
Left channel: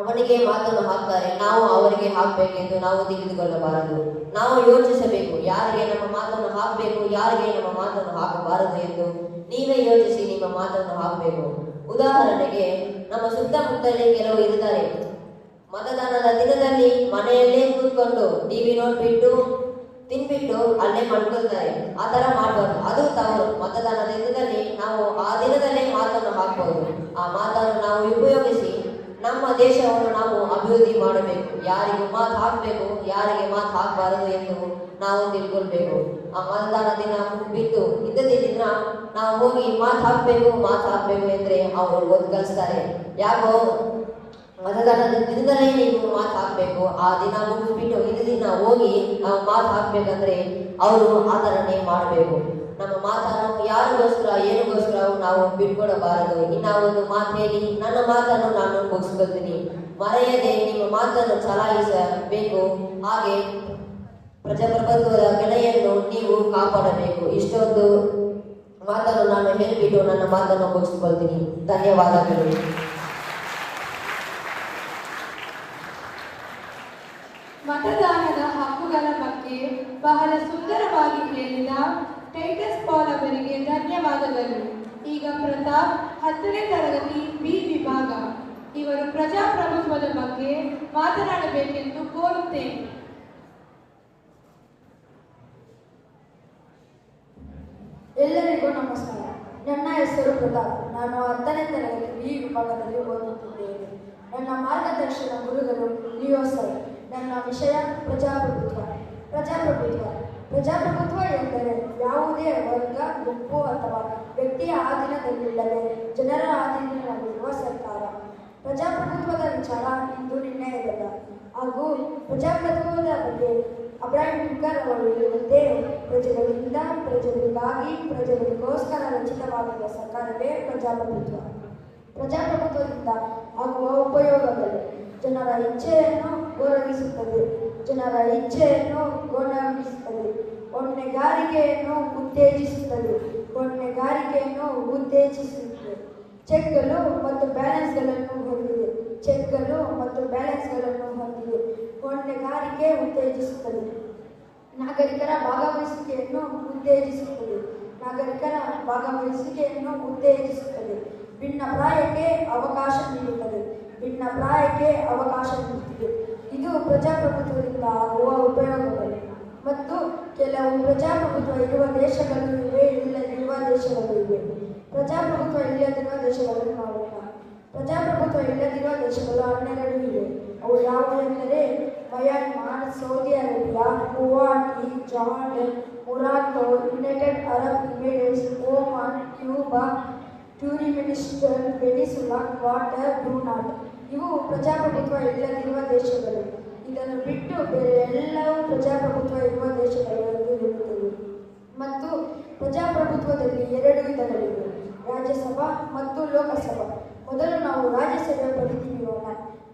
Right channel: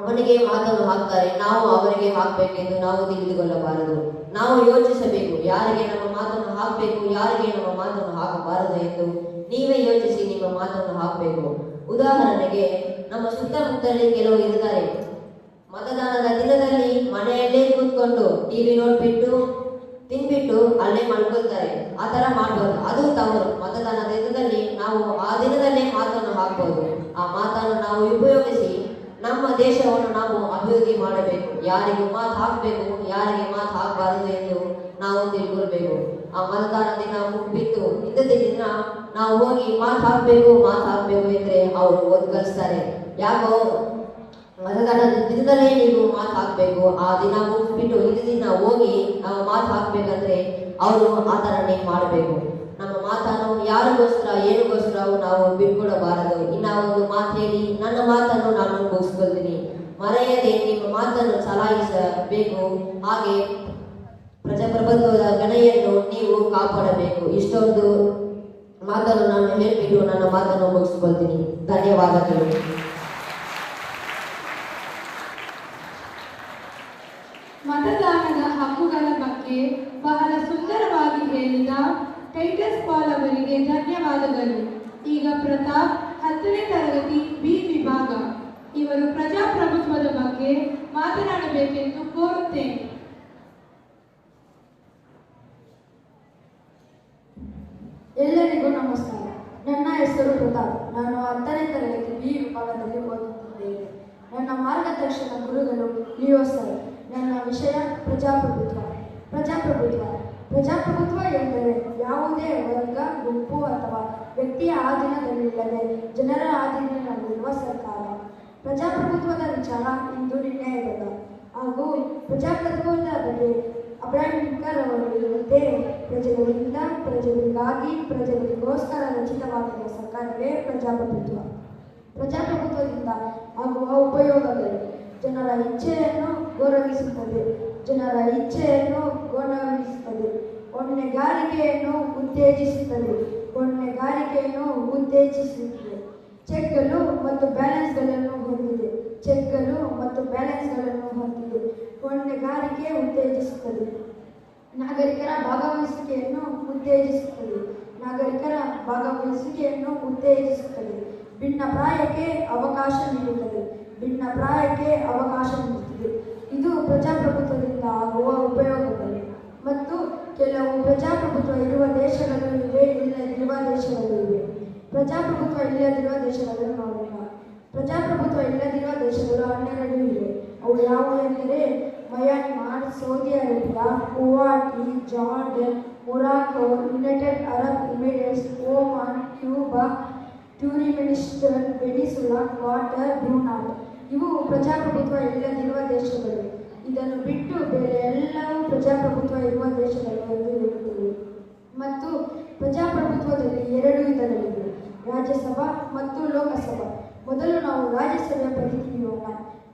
ಅವನಿಗೆ ಮಾತನ್ನು ಹಾಕ್ತಾರೆ, ನಾವು ಅವರಿಗೆ ಹಾಕಬೇಕೆಂದು ನಾವು ತಿಳಿದುಕೊಳ್ಳಬಾರದು. ನಾವು ಯೋಚಿಸಬೇಕು, ಯಾರಿಗೆ ನಮ್ಮ ಮಾತನ್ನು ಹಾಕಬೇಕು, ಯಾರಿಗೆ ನಮ್ಮ ಮಾತನ್ನು ಹಾಕಬಾರದು ಎಂದು ನೀವೇ ಯೋಚಿಸಿ ನಿಮ್ಮ ಮಾತನ್ನು ಹಾಕಬೇಕು. ಉದಾಹರಣೆಗೆ, ನಮ್ಮ ಸುತ್ತಮುತ್ತಲೇ ಕೆಲವರು ಇದ್ದಾರೆ, ಮತದಾನದ ದಿನದಲ್ಲಿ ಮನೆಯಲ್ಲೇ ಕೂತ್ಕೊಂಡು ಟಿವಿ ನೋಡ್ಬಿಟ್ಟು ತಿನ್ಬಿಟ್ಟು ಅಲ್ಲೇ ಮಲ್ಕೊಳ್ತಾರೆ. ಆ ಥರ ಮಾಡಬಾರ್ದು, ಅದು ತವರು. ಮತದಾನದ ದಿನದಲ್ಲಿ ನಾವು ಆ ದಿನದಲ್ಲೇ ಮಾತನ್ನು ಹಾಕಬಹುದು. ಆ ಮಾತನ್ನು ನಾವು ಉಪಯೋಗಿಸಿ ನಮ್ಮ ದೇಶವನ್ನು ನಾವು ಅಭಿವೃದ್ಧಿ ಮಾಡಬೇಕು. ಯಾರಿಗೂ ಮಾತು ಹಾಕಬೇಕು, ಯಾರಿಗೆ ಮಾತು ಹಾಕಬಾರದು ಎಂದು ನಾವು ತಿಳ್ಕೊಳ್ಬೇಕು. ಆ ಮತದಾನ ದಿನ ಮುಗಿಬಿಟ್ಟು ಇದ್ದ ದಿನ ನಾವು ಹೋಗಿ ಮಾತು ಹಾಕಬೇಕು ಎಂದ್ರೆ ಅವರು ಓದ್ ಕಲಿಸ್ತಾರೆ. ಯಾಕೋ ಮತದಾನದ ದಿನದಲ್ಲೇ ನೀವು ಮಾತು ಹಾಕಬೇಕು, ಆ ದಿನ ಮುಗಿಸ್ಬಿಟ್ಟು ಇದ್ದ ದಿನ ಹೋಗಿ ನಾವು ಮಾತು ಹಾಕ್ಬೇಕಂದ್ರೆ ಅವರು ಆ ಥರನೇ ಮಾಡಬೇಕು. ನಮ್ಮ ಮಾತನ್ನು ಯಾರಿಗೋಸ್ಕರ ಏನಕ್ಕೋಸ್ಕರ ನಾವು ಬಿಟ್ಕೊಡಬಾರದು. ಇನ್ನ ಒಂದು ಮಾತು ಹೇಳಿ ನನ್ನ ಮಾತನ್ನು ನಾನು ಮುಗಿಸ್ಕೊಳ್ತೀನಿ. ಮರೆಯದೆ ನಿಮ್ಮ ಮಾತನ್ನು ಚಲಾಯಿಸಬೇಕು. ಹಾಗೆ ಪ್ರಜಾಪ್ರಭುತ್ವದ ಬೆಲೆಯನ್ನು ನೀವು ಕಾಪಾಡಬೇಕು. ಇಷ್ಟೊಂದು ಮಾತನ್ನು ನಾನು ಹೇಳಿಬಿಟ್ಟು ನನ್ನ ಮಾತನ್ನು ಮುಗಿಸ್ಕೊಳ್ತೀನಿ. ಧನ್ಯವಾದಗಳು. ಮತದಾನದ ಹಕ್ಕುಗಳ ಬಗ್ಗೆ ಬಹಳ ಸುಂದರವಾಗಿ ಹೇಳಿದ ಟೈಟಸ್ ಪಾಲ್ ಅವರಿಗೆ ಧನ್ಯವಾದಗಳು. ಈಗ ಪ್ರತಾಪ್ 10ನೇ ತರಗತಿ ಬಿ ವಿಭಾಗ ಇವರು ಪ್ರಜಾಪ್ರಭುತ್ವದ ಬಗ್ಗೆ ಮಾತನಾಡಬೇಕೆಂದು ಕೋರುತ್ತೇನೆ. ಎಲ್ಲರಿಗೂ ನಮಸ್ಕಾರ. ನನ್ನ ಹೆಸರು ಪ್ರತಾಪ್. ನಾನು 10ನೇ ತರಗತಿ ಬಿ ವಿಭಾಗದಲ್ಲಿ ಓದುತ್ತಿದ್ದೇನೆ. ನನ್ನ ಮಾರ್ಗದರ್ಶನ ಗುರುಗಳು ಲಿಯೋ ಸರ್. ನನ್ನ ವಿಷಯ ಪ್ರಜಾಪ್ರಭುತ್ವ. ಪ್ರಜಾಪ್ರಭುತ್ವ ಎಂದರೆ ಯಾವುದೇ ವರ್ಗ, ಗುಂಪು ಅಥವಾ ವ್ಯಕ್ತಿಯ ಆಧೀನದಲ್ಲಿಲ್ಲದೆ ಜನರ ಆಧೀನದಲ್ಲಿರುವ ಸರ್ಕಾರ. ಪ್ರಜಾಪ್ರಭುತ್ವದ ವಿಚಾರ ಇಂದು ನಿರ್ಣಯದಲ್ಲ. ಹಾಗೂ ಪ್ರಜಾಪ್ರಭುತ್ವದ ಬಗ್ಗೆ ಅಬ್ರಾಹಿಂ ಲಿಂಕನ್ ಅವರು ಹೇಳುವಂತೆ ಪ್ರಜೆಗಳಿಂದ, ಪ್ರಜೆಗಳಿಗಾಗಿ, ಪ್ರಜೆಗಳಿಗೋಸ್ಕರ ರಚಿತವಾಗಿರುವ ಸರ್ಕಾರವೇ ಪ್ರಜಾಪ್ರಭುತ್ವ. ಪ್ರಜಾಪ್ರಭುತ್ವದಿಂದ ಆಗುವ ಉಪಯೋಗಗಳು: ಜನರ ಇಚ್ಛೆಯನ್ನು ಗೌರವಿಸುತ್ತದೆ, ಹೊಣೆಗಾರಿಕೆಯನ್ನು ಉತ್ತೇಜಿಸುತ್ತದೆ, ಚೆಕ್ಗಳು ಮತ್ತು ಬ್ಯಾಲೆನ್ಸ್ಗಳನ್ನು ಹೊಂದಿದೆ, ಹೊಣೆಗಾರಿಕೆ ಉತ್ತೇಜಿಸುತ್ತದೆ, ನಾಗರಿಕರ ಭಾಗವಹಿಸುವಿಕೆಯನ್ನು ಉತ್ತೇಜಿಸುತ್ತದೆ, ಭಿನ್ನಾಭಿಪ್ರಾಯಕ್ಕೆ ಅವಕಾಶ ನೀಡುತ್ತದೆ. ಇದು ಪ್ರಜಾಪ್ರಭುತ್ವದಿಂದ ಆಗುವ ಉಪಯೋಗಗಳು. ಮತ್ತು ಕೆಲವು ಪ್ರಜಾಪ್ರಭುತ್ವ ಇರುವ ದೇಶಗಳು ಇವೆ, ಇಲ್ಲದಿರುವ ದೇಶಗಳು ಇವೆ. ಪ್ರಜಾಪ್ರಭುತ್ವ ಇಲ್ಲದಿರುವ ದೇಶಗಳನ್ನು ನೋಡೋಣ. ಪ್ರಜಾಪ್ರಭುತ್ವ ಇಲ್ಲದಿರುವ ದೇಶಗಳು 12 ಇವೆ. ಅವು ಯಾವುವೆಂದರೆ Myanmar, Saudi Arabia, Kuwait, Jordan, Morocco, United Arab Emirates, Oman, Cuba, Turkmenistan, Venezuela, Qatar, Brunei. ಇವು ಪ್ರಜಾಪ್ರಭುತ್ವ ಇಲ್ಲದಿರುವ ದೇಶಗಳು. ಇದನ್ನು ಬಿಟ್ಟು ಬೇರೆ ಎಲ್ಲವೂ ಪ್ರಜಾಪ್ರಭುತ್ವ ಇರುವ ದೇಶಗಳು ಎಂದು ಇರುತ್ತದೆ. ಮತ್ತು ಪ್ರಜಾಪ್ರಭುತ್ವದಲ್ಲಿ 2 ವಿಧಗಳಿವೆ: ರಾಜ್ಯಸಭಾ ಮತ್ತು ಲೋಕಸಭಾ. ಮೊದಲು ನಾವು ರಾಜ್ಯಸಭೆಯ ಬಗ್ಗೆ ತಿಳಿಯೋಣ.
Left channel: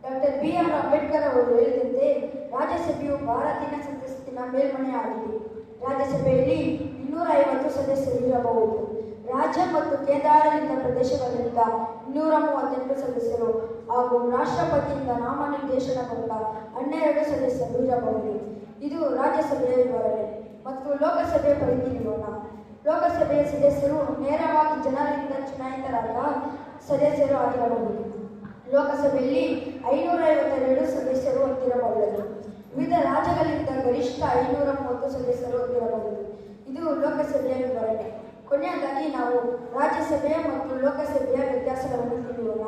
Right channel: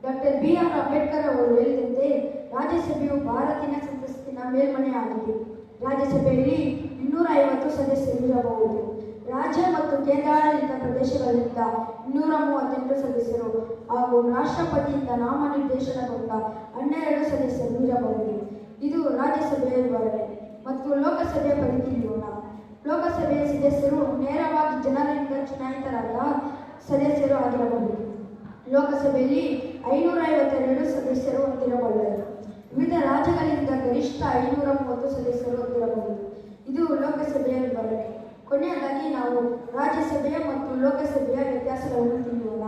ಡಾಕ್ಟರ್ BR ಅಂಬೇಡ್ಕರ್ ಅವರು ಹೇಳಿದಂತೆ ರಾಜ್ಯಸಭೆಯು ಭಾರತೀಯ ಸಂಸತ್ತಿನ ಮೇಲ್ಮನೆಯಾಗಿದೆ. ರಾಜ್ಯಸಭೆಯಲ್ಲಿ 250 ಸದಸ್ಯರು ಇರಬಹುದು. ರಾಜ್ಯ ಮತ್ತು ಕೇಂದ್ರಾಡಳಿತ ಪ್ರದೇಶಗಳಿಂದ 238 ಸದಸ್ಯರು ಹಾಗೂ ರಾಷ್ಟ್ರಪತಿಯಿಂದ ನಾಮನಿರ್ದೇಶನಗೊಂಡ 12 ಸದಸ್ಯರು ಇರಬಹುದು. ಇದು ರಾಜ್ಯಸಭೆಯ ವಿವರಣೆ. ಮತ್ತು ಲೋಕಸಭೆಯ ಪರಿಧಿಯೋಣ. ಲೋಕಸಭೆಯ ಸದಸ್ಯರು ನೇರವಾಗಿ ಜನರಿಂದ ಚುನಾಯಿತರಾದ ಸದಸ್ಯರು ಆಗಿರಬಹುದು. ಲೋಕಸಭೆಯಲ್ಲಿ 552 ಸದಸ್ಯರು ಹೊಂದಿರಬಹುದು. ವಿವಿಧ ರಾಜ್ಯಗಳಿಂದ ಗರಿಷ್ಠ 530 ಸದಸ್ಯರು ಹೊಂದಿರಬಹುದು. ಇದು ಲೋಕಸಭೆಯ ವಿವರಣೆ. ಕೊನೆಯದಾಗಿ ನಾವು ರಾಜ್ಯಸಭೆಯ ಮತ್ತು ಲೋಕಸಭೆಯ ವ್ಯತ್ಯಾಸಗಳನ್ನು ತಿಳಿಯೋಣ.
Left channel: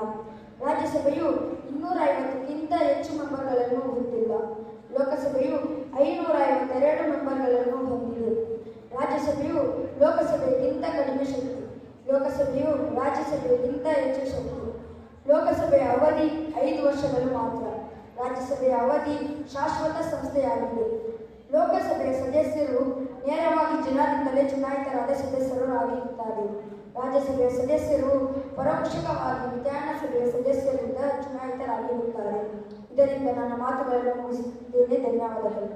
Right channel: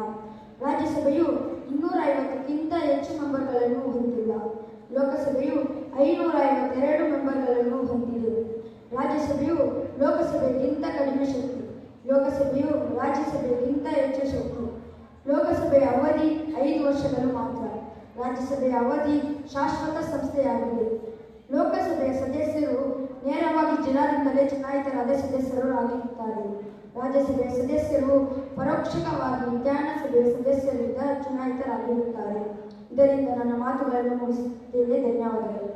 ರಾಜ್ಯಸಭೆಯು 250ಕ್ಕಿಂತ ಹೆಚ್ಚು ಮೆಂಬರ್ಗಳನ್ನು ಹೊಂದಿಲ್ಲ. ಲೋಕಸಭೆಯು 552 ಮೆಂಬರ್ಗಳನ್ನು ಹೊಂದಿದೆ. ರಾಜ್ಯಸಭೆಯು ಲೋಕಸಭೆಗಿಂತ ಕಡಿಮೆ ಶಕ್ತಿ, ಲೋಕಸಭೆಯು ರಾಜ್ಯಸಭೆಗಿಂತ ಹೆಚ್ಚು ಶಕ್ತಿ. ಲೋಕಸಭೆಯ ಅವಧಿ 5 ವರ್ಷಗಳು ಮಾತ್ರ. ರಾಜ್ಯಸಭೆಯ ಅವಧಿ ಶಾಶ್ವತ ಸಂಸ್ಥೆಯಾಗಿದೆ. ಲೋಕಸಭೆಯ ಸದಸ್ಯರು ನೇರವಾಗಿ ಜನರಿಂದಲೇ ಚುನಾಯಿತರಾದ ಸದಸ್ಯರು ಆಗಿರುತ್ತಾರೆ. ರಾಜ್ಯಸಭೆಯ ಸದಸ್ಯರು ಪರೋಕ್ಷವಾಗಿ ವಿಧಾನಸಭೆಯ ಸದಸ್ಯರಿಂದ ಚುನಾಯಿತರಾಗಿರುತ್ತಾರೆ. ಇದರಿಂದ ನನ್ನ ಮಾತುಗಳನ್ನು ಮುಗಿಸುತ್ತೇನೆ. ಧನ್ಯವಾದಗಳು.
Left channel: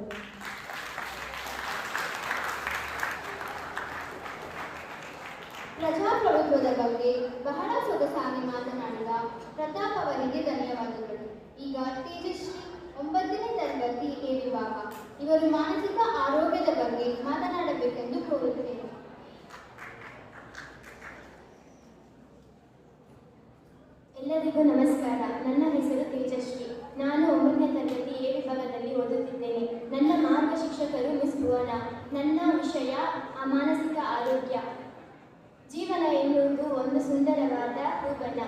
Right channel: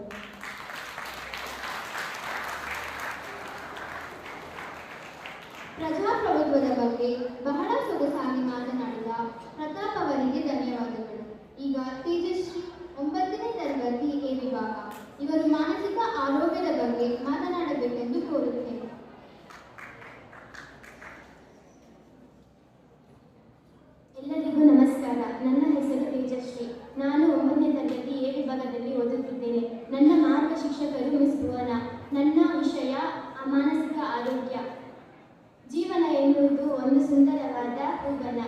ಪ್ರಜಾಪ್ರಭುತ್ವದ ಬಗ್ಗೆ ಬಹಳ ಸೊಗಸಾಗಿ ಮಾತನಾಡಿದ ಪ್ರತಾಪ್ ಅವರಿಗೆ ಧನ್ಯವಾದಗಳು. ಈಗ ತೇಜಸ್ವಿ 9ನೇ ತರಗತಿ ಎ ವಿಭಾಗ ಇವರು ಮಾನಸಿಕ ಆರೋಗ್ಯದ ಬಗ್ಗೆ ಮಾತನಾಡಬೇಕೆಂದು ಕೋರುತ್ತೇನೆ. ಎಲ್ಲರಿಗೂ ನಮಸ್ಕಾರ. ನನ್ನ ಹೆಸರು ತೇಜಸ್ವಿ. ನಾನು 9ನೇ ತರಗತಿ ಎ ವಿಭಾಗದಲ್ಲಿ ಓದುತ್ತಿದ್ದೇನೆ. ನನ್ನ ಮಾರ್ಗ ಶಿಕ್ಷಕರು ಮಿಸ್ ಭುವನ. ನನ್ನ ವಿಷಯ ಮಾನಸಿಕ ಆರೋಗ್ಯ. ಜೀವನ ಎನ್ನುವುದು ಒಂದು ಸುಂದರವಾದ ಹೂವನ.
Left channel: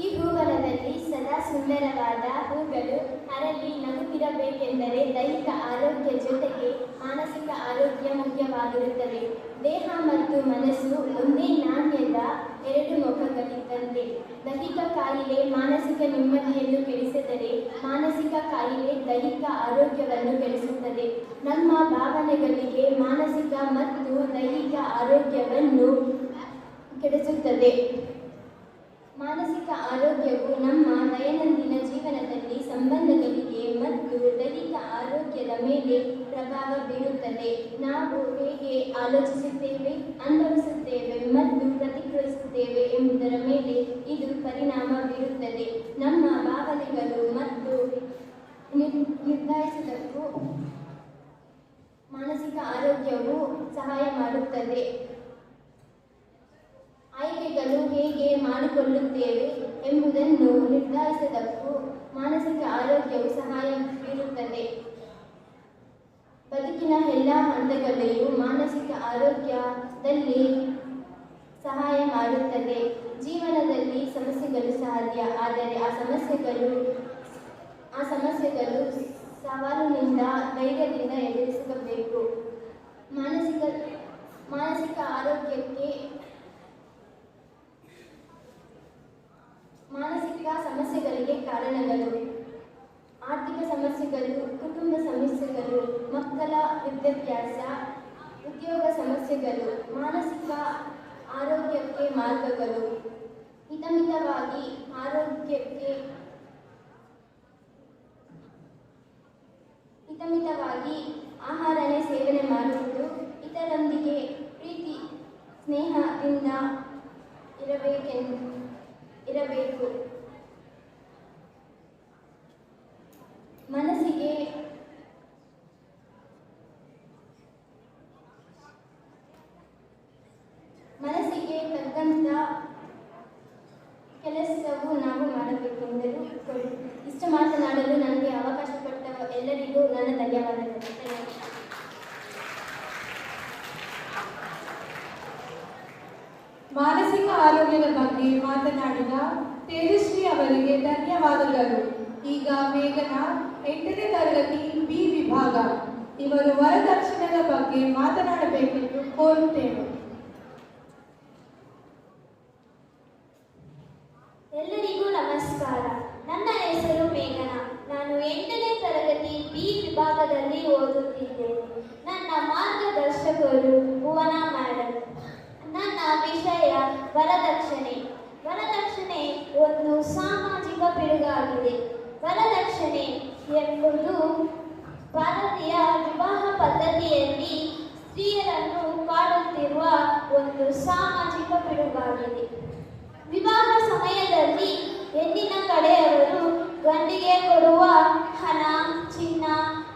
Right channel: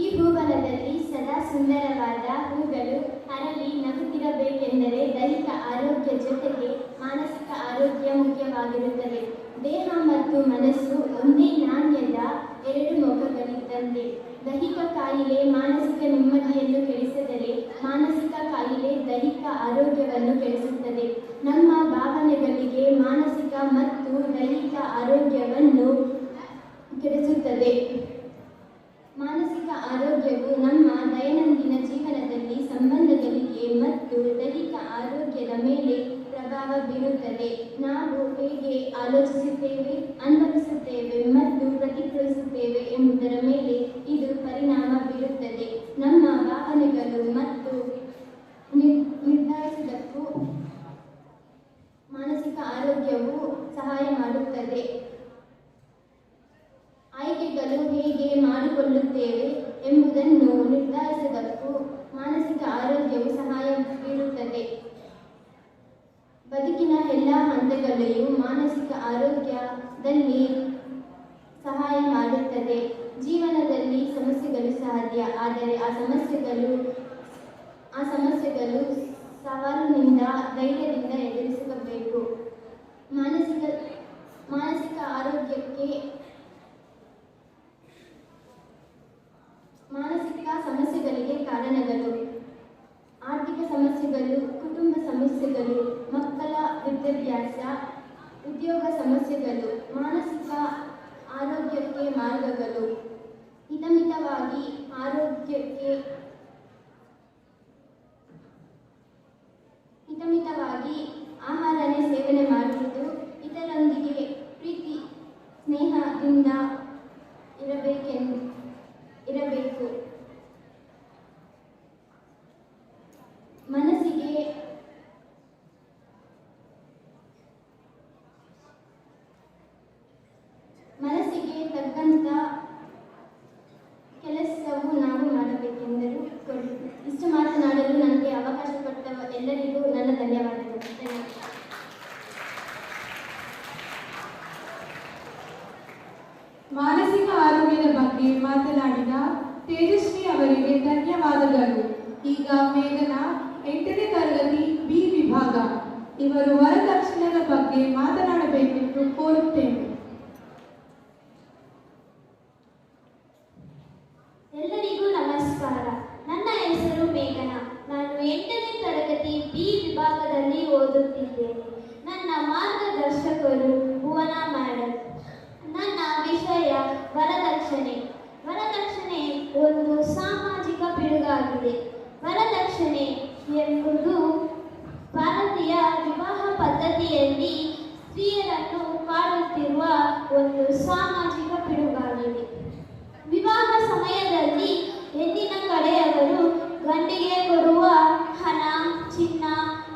ಈ ಹೂವನದಲ್ಲಿ ಸದಾ ಸುಂದರವಾದ ಹೂಗಳು ಅರಳಿ ನಗುತ್ತಿರಬೇಕೆಂದರೆ ದೈಹಿಕ ಆರೋಗ್ಯ ಜೊತೆಗೆ ಮಾನಸಿಕ ಆರೋಗ್ಯ ಮುಖ್ಯವಾಗಿರುತ್ತದೆ. ದೇಹ ಮತ್ತು ಮನಸ್ಸು ಒಂದೇ ನಾಣ್ಯದ ಎರಡು ಮುಖಗಳಿದ್ದಂತೆ. ದೈಹಿಕ ಕಾಯಿಲೆ ಮಾನಸಿಕ ನೆಮ್ಮದಿಯನ್ನು ಕೆಡಿಸಿದರೆ ಮಾನಸಿಕ ಕಾಯಿಲೆ ದೈಹಿಕ ಆರೋಗ್ಯವನ್ನು ಕೆಡಿಸುತ್ತದೆ. ನಮ್ಮ ಭಾವನೆಗಳಿಗೆ ಮಾನಸಿಕ ಮತ್ತು ದೈಹಿಕ ಆರೋಗ್ಯವನ್ನು ಕೆಡಿಸುತ್ತದೆ. ಮಾನಸಿಕ ಆರೋಗ್ಯವು ನಮ್ಮ ದೈನಂದಿನ ಜೀವನದಲ್ಲಿ ಸಂಬಂಧಗಳಿಗೆ ಮತ್ತು ದೈಹಿಕ ಆರೋಗ್ಯದ ಮೇಲೆ ಪ್ರಭಾವ ಬೀರುತ್ತದೆ. ನಾವು ಹೇಗೆ ಆಲೋಚಿಸುತ್ತೇವೆ, ಅನುಭವಿಸುತ್ತೇವೆ ಮತ್ತು ಪ್ರತಿಕ್ರಿಯಿಸುತ್ತೇವೆ ಎಂಬುದರ ಮೇಲೆ ಇದು ಪರಿಣಾಮ ಬೀರುತ್ತದೆ. ನಮ್ಮ ಭಾವನೆಗಳು ಮತ್ತು ನಿರ್ಧರಿಸುವುದಕ್ಕೂ ಮಾನಸಿಕ ಆರೋಗ್ಯವು ಸಹಾಯ ಮಾಡುತ್ತದೆ. ಆಯ್ಕೆಗಳು ಹೇಗೆ ಮಾಡಿಕೊಳ್ಳುತ್ತೇವೆ ಎಂಬುದನ್ನು ನಿರ್ಧರಿಸುವುದಕ್ಕೂ ಮಾನಸಿಕ ಆರೋಗ್ಯವು ಸಹಾಯ ಬೀರುತ್ತದೆ. ಬದುಕಿನ ಎಲ್ಲ ಹಂತಗಳಲ್ಲಿಯೂ ಮಾನಸಿಕ ಆರೋಗ್ಯದಲ್ಲಿ ಸಹಾಯ ಮಾಡುತ್ತದೆ. ಜೀವನದಲ್ಲಿ ಸಮಸ್ಯೆಗಳು ಸಹಜ, ಆದರೆ ಆ ಸಮಸ್ಯೆಗಳು ಸವಾಲಿನಿಂದ ಧೈರ್ಯದಿಂದ ಎದುರಿಸಬೇಕು. ಮಾನಸಿಕ ಸಮಸ್ಯೆಗಳಿಗೆ ಕಾರಣಗಳು: ಆರ್ಥಿಕ ಸಮಸ್ಯೆಗಳು, ಕುಟುಂಬ ಸಮಸ್ಯೆಗಳು, ಮಕ್ಕಳ ವಿದ್ಯಾಭ್ಯಾಸ, ಉದ್ಯೋಗ ಸಮಸ್ಯೆಗಳು. ಮಾನಸಿಕ ಆರೋಗ್ಯಕ್ಕೆ ಮಾರ್ಗಗಳು: ಹಿತಮಿತವಾಗಿ ಆಹಾರನೇ ಸೇವನೆ ಮಾಡುವುದು, ಇತರರೊಂದಿಗೆ ಪ್ರೀತಿ ಸ್ನೇಹದಿಂದ ಇರಬೇಕು. ಮನಸ್ಸಿಗೆ ತಕ್ಕಂತ ಕೆಲಸವು ನಾವು ಮಾಡಬೇಕೆಂದರು. ಇಷ್ಟು ಮಾತನಾಡಲು ನನಗೆ ಅವಕಾಶ ಕೊಟ್ಟ ಎಲ್ಲರಿಗೂ ನನ್ನ ಧನ್ಯವಾದಗಳು. ಮಾನಸಿಕ ಆರೋಗ್ಯದ ಬಗ್ಗೆ ಮಾತನಾಡಿದ ತೇಜಸ್ವಿ ಅವರಿಗೆ ಧನ್ಯವಾದಗಳು. ಈಗ ಮೇಘನ 8ನೇ ತರಗತಿ ಬಿ ವಿಭಾಗ ಇವರು ವರದಕ್ಷಿಣೆಯ ಬಗ್ಗೆ ಮಾತನಾಡಬೇಕೆಂದು ಕೋರುತ್ತೇವೆ. ಎಲ್ಲರಿಗೂ ನಮಸ್ಕಾರ. ನನ್ನ ಹೆಸರು ಮೇಘನಾ. ನಾನು 8ನೇ ತರಗತಿ ಬಿ ವಿಭಾಗದಲ್ಲಿ ಓದುತ್ತಿದ್ದೇನೆ. ನನ್ನ ಮಾರ್ಗದರ್ಶಕರು ಭುವನ ಮೇಡಮ್. ನನ್ನ ವಿಷಯ ವರದಕ್ಷಿಣೆ. ವರದಕ್ಷಿಣೆ ಒಂದು ಸಾಮಾಜಿಕ ಪಿಡುಗಾಗಿದೆ. ವರದಕ್ಷಿಣೆ ಎಂಬುದು ಭಾರತೀಯ ವಿವಾಹ ಪದ್ಧತಿಯಲ್ಲಿ ಸ್ತ್ರೀಯರನ್ನು ಕಾಡುತ್ತಿರುವ ಒಂದು ಸಾಮಾಜಿಕ ಪಿಡುಗಾಗಿದೆ. ವಿವಾಹ ಸಮಯದಲ್ಲಿ ಹೆಣ್ಣಿನ ಕಡೆಯವರು ಗಂಡಿಗೆ ಕೊಡುವ ಹಣ, ಚಿನ್ನ,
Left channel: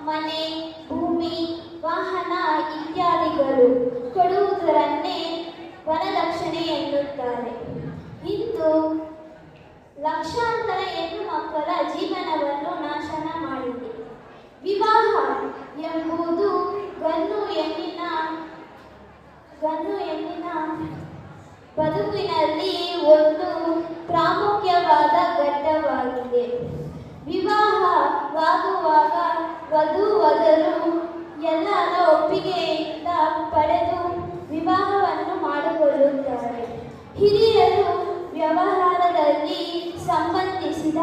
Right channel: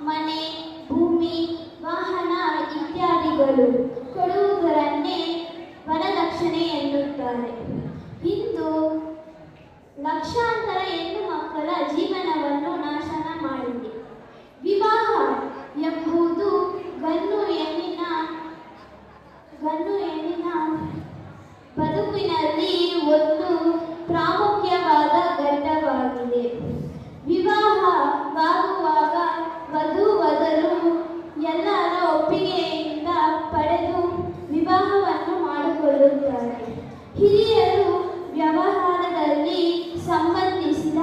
ಮನೆ, ಭೂಮಿ, ವಾಹನ ಇತ್ಯಾದಿಗಳು ಕೊಡುವುದರನ್ನೇ ವರದಕ್ಷಿಣೆ ಎನ್ನುತ್ತಾರೆ. ಇಂದು ಲಕ್ಷಾಂತರ ಹೆಣ್ಣು ಮಕ್ಕಳ ಜೀವನವನ್ನು ನಾಶನ ಮಾಡಿದೆ. ವಿವಾಹ ಎಂಬುದು ಗಂಡು ಹೆಣ್ಣಿನ ಬದುಕಿನಲ್ಲಿ ಒಂದು ಪ್ರಾಮುಖ್ಯವಾದ ಘಟ್ಟವಾಗಿದೆ. ವಿವಾಹವಾಗುವಾಗ ವಧು-ವರರು ಎಲ್ಲರ ಒಪ್ಪಿಗೆಯಿಂದ ಪಡೆದು ವಿವಾಹವನ್ನು ಮಾಡಿಕೊಳ್ಳುತ್ತಾರೆ. ಹಿರಿಯರು ವ್ಯವಹಾರದಲ್ಲಿ ಸಂಬಂಧಿಸಿದ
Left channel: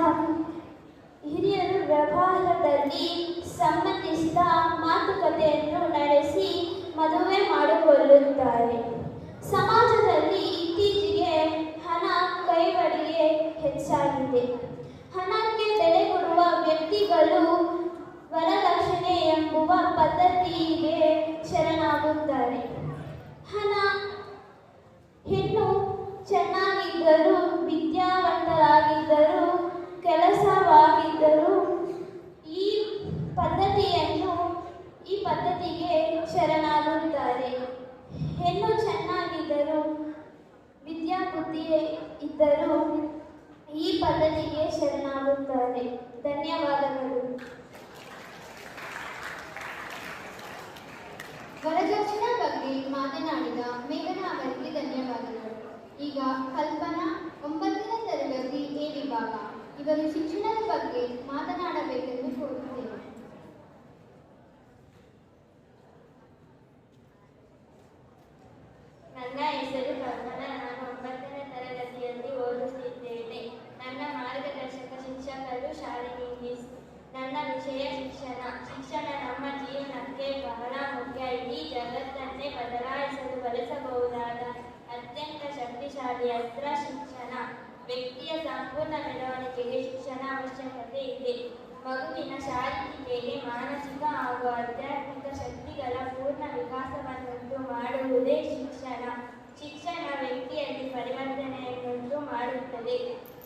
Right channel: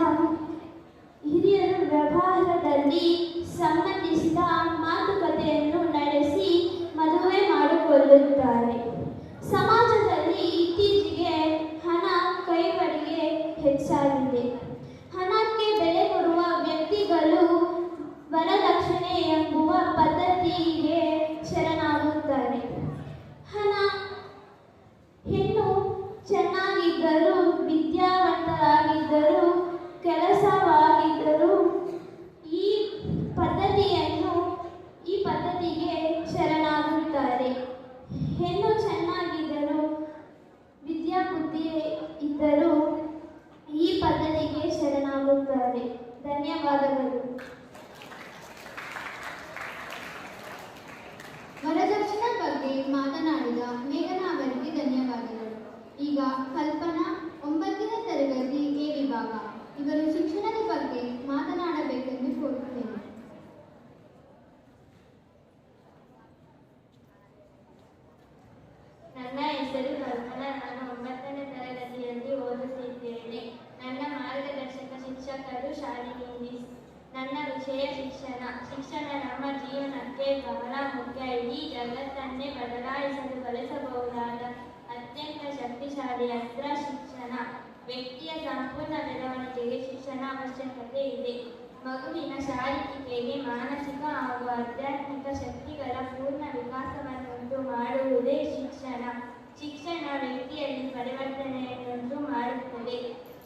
ಶಿಕ್ಷಕರು ಶಾಲೆಯಲ್ಲಿ ನನ್ನ ವಿಷಯ ಶಿಕ್ಷಣ. ಶಿಕ್ಷಣ ನಮ್ಮ ಜೀವನಕ್ಕೆ ಬಹಳ ಮುಖ್ಯ. ಇಡೀ ಜಗತ್ತನ್ನೇ ಬದಲಾಯಿಸಲು ಬಳಸಬಹುದಾದ ಅತ್ಯಂತ ಶಕ್ತಿಶಾಲಿ ಅಸ್ತ್ರ ಶಿಕ್ಷಣ. ವ್ಯಕ್ತಿಯ ಸಂಪೂರ್ಣ ಬೆಳವಣಿಗೆಗೆ ಶಿಕ್ಷಣ ಅವಶ್ಯಕತೆ ಇದೆ. ಮಗುವಿನ ಶಾರೀರಿಕ, ಮಾನಸಿಕ ಹಾಗೂ ಆಧ್ಯಾತ್ಮಿಕ ಶಕ್ತಿಗಳ ಪೂರ್ಣ ವಿಕಾಸವನ್ನುಂಟು ಮಾಡುವುದೇ ಶಿಕ್ಷಣ. ಶಿಕ್ಷಣ ವ್ಯಕ್ತಿಯಲ್ಲಿ ಪರಿವರ್ತನೆಯನ್ನುಂಟು ಮಾಡುತ್ತದೆ.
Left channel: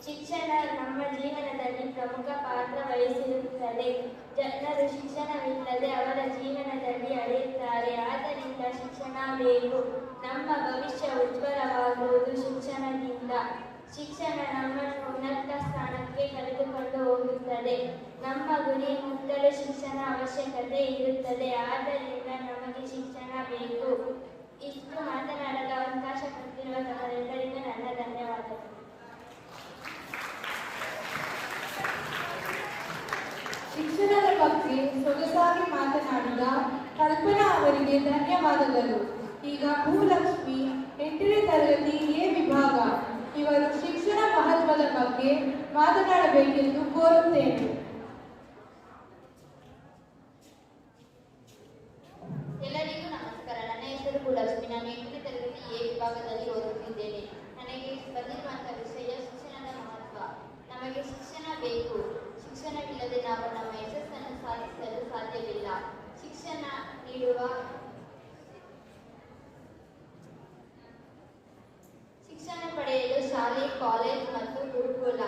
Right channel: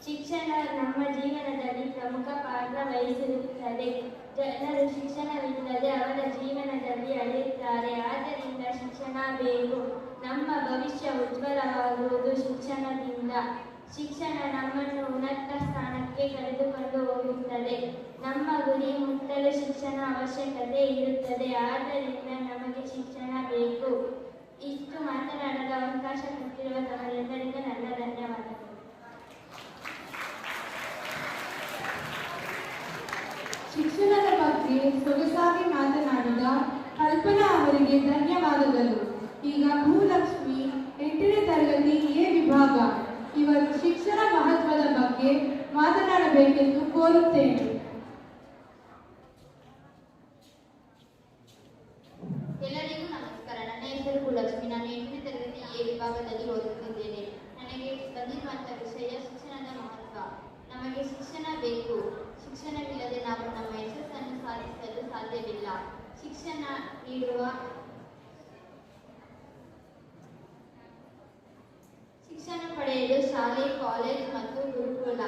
ಶಿಕ್ಷಣ ನಮ್ಮ ಜೀವನದಲ್ಲಿ ಪ್ರಮುಖ ಪಾತ್ರ ವಹಿಸಿರುತ್ತದೆ. ಜನರು ಶಿಕ್ಷಣವಿಲ್ಲದೆ ಅವರ ಜೀವನದಲ್ಲಿ ಅಳೆಯುತ್ತಾರೆ. ಆದ್ದರಿಂದ ಶಿಕ್ಷಣ ಬೇಕು. ನಮ್ಮ ಭವಿಷ್ಯ ಉಜ್ವಲವಾಗುವುದು ಶಿಕ್ಷಣದಿಂದ. ಶಿಕ್ಷಣ ನಮ್ಮನ್ನು ಉನ್ನತ ಸ್ಥಾನಕ್ಕೆ ಕರೆದುಕೊಂಡು ಹೋಗುತ್ತದೆ. ನಮ್ಮ ಗುರಿ ಮುಟ್ಟಲು ಶಿಕ್ಷಣ ಅವಶ್ಯಕತೆ ಇರುತ್ತದೆ. ಆದ್ದರಿಂದ ನಮಗೆ ಶಿಕ್ಷಣ ಬೇಕು. ಇಷ್ಟು ಮಾತನಾಡಲು ಅವಕಾಶ ಕೊಟ್ಟಿರುವ ತಮ್ಮೆಲ್ಲರಿಗೂ ನನ್ನ ಧನ್ಯವಾದಗಳು. ಶಿಕ್ಷಣದ ಬಗ್ಗೆ ಸೊಗಸಾಗಿ ಮಾತನಾಡಿದ ಕಲ್ಪನಾ ಅವರಿಗೆ ಧನ್ಯವಾದಗಳು. ಈಗ ಭೂಲಕ್ಷ್ಮಿ 8ನೇ ತರಗತಿ ಎ ವಿಭಾಗ ಇವರು ಶಿಕ್ಷಣ ಮಹತ್ವದ ಬಗ್ಗೆ ಮಾತನಾಡಬೇಕೆಂದು ಕೋರುತ್ತೇನೆ. ಎಲ್ಲರಿಗೂ ನಮಸ್ಕಾರ. ನನ್ನ ಹೆಸರು ಭೂಲಕ್ಷ್ಮಿ. ನಾನು 8ನೇ ತರಗತಿ ಎ ವಿಭಾಗದಲ್ಲಿ ಓದುತ್ತಿದ್ದೇನೆ. ನನಗೆ ಬಂದಿರುವಂತಹ ವಿಷಯ ಶಿಕ್ಷಣದ ಮಹತ್ವ. ನಮಗೆ ಶಿಕ್ಷಣ ಬೇಕು. ಶಿಕ್ಷಣವಿಲ್ಲದೆ ನಾವು ನಮ್ಮ ಯಶಸ್ಸನ್ನು ಸಾಧಿಸಲು ಸಾಧ್ಯವಿಲ್ಲ. ಶಿಕ್ಷಣ ಪಡೆಯಲು ಶಾಲೆ, ಕಾಲೇಜ್ ಮತ್ತು ಗುರುಕುಲ.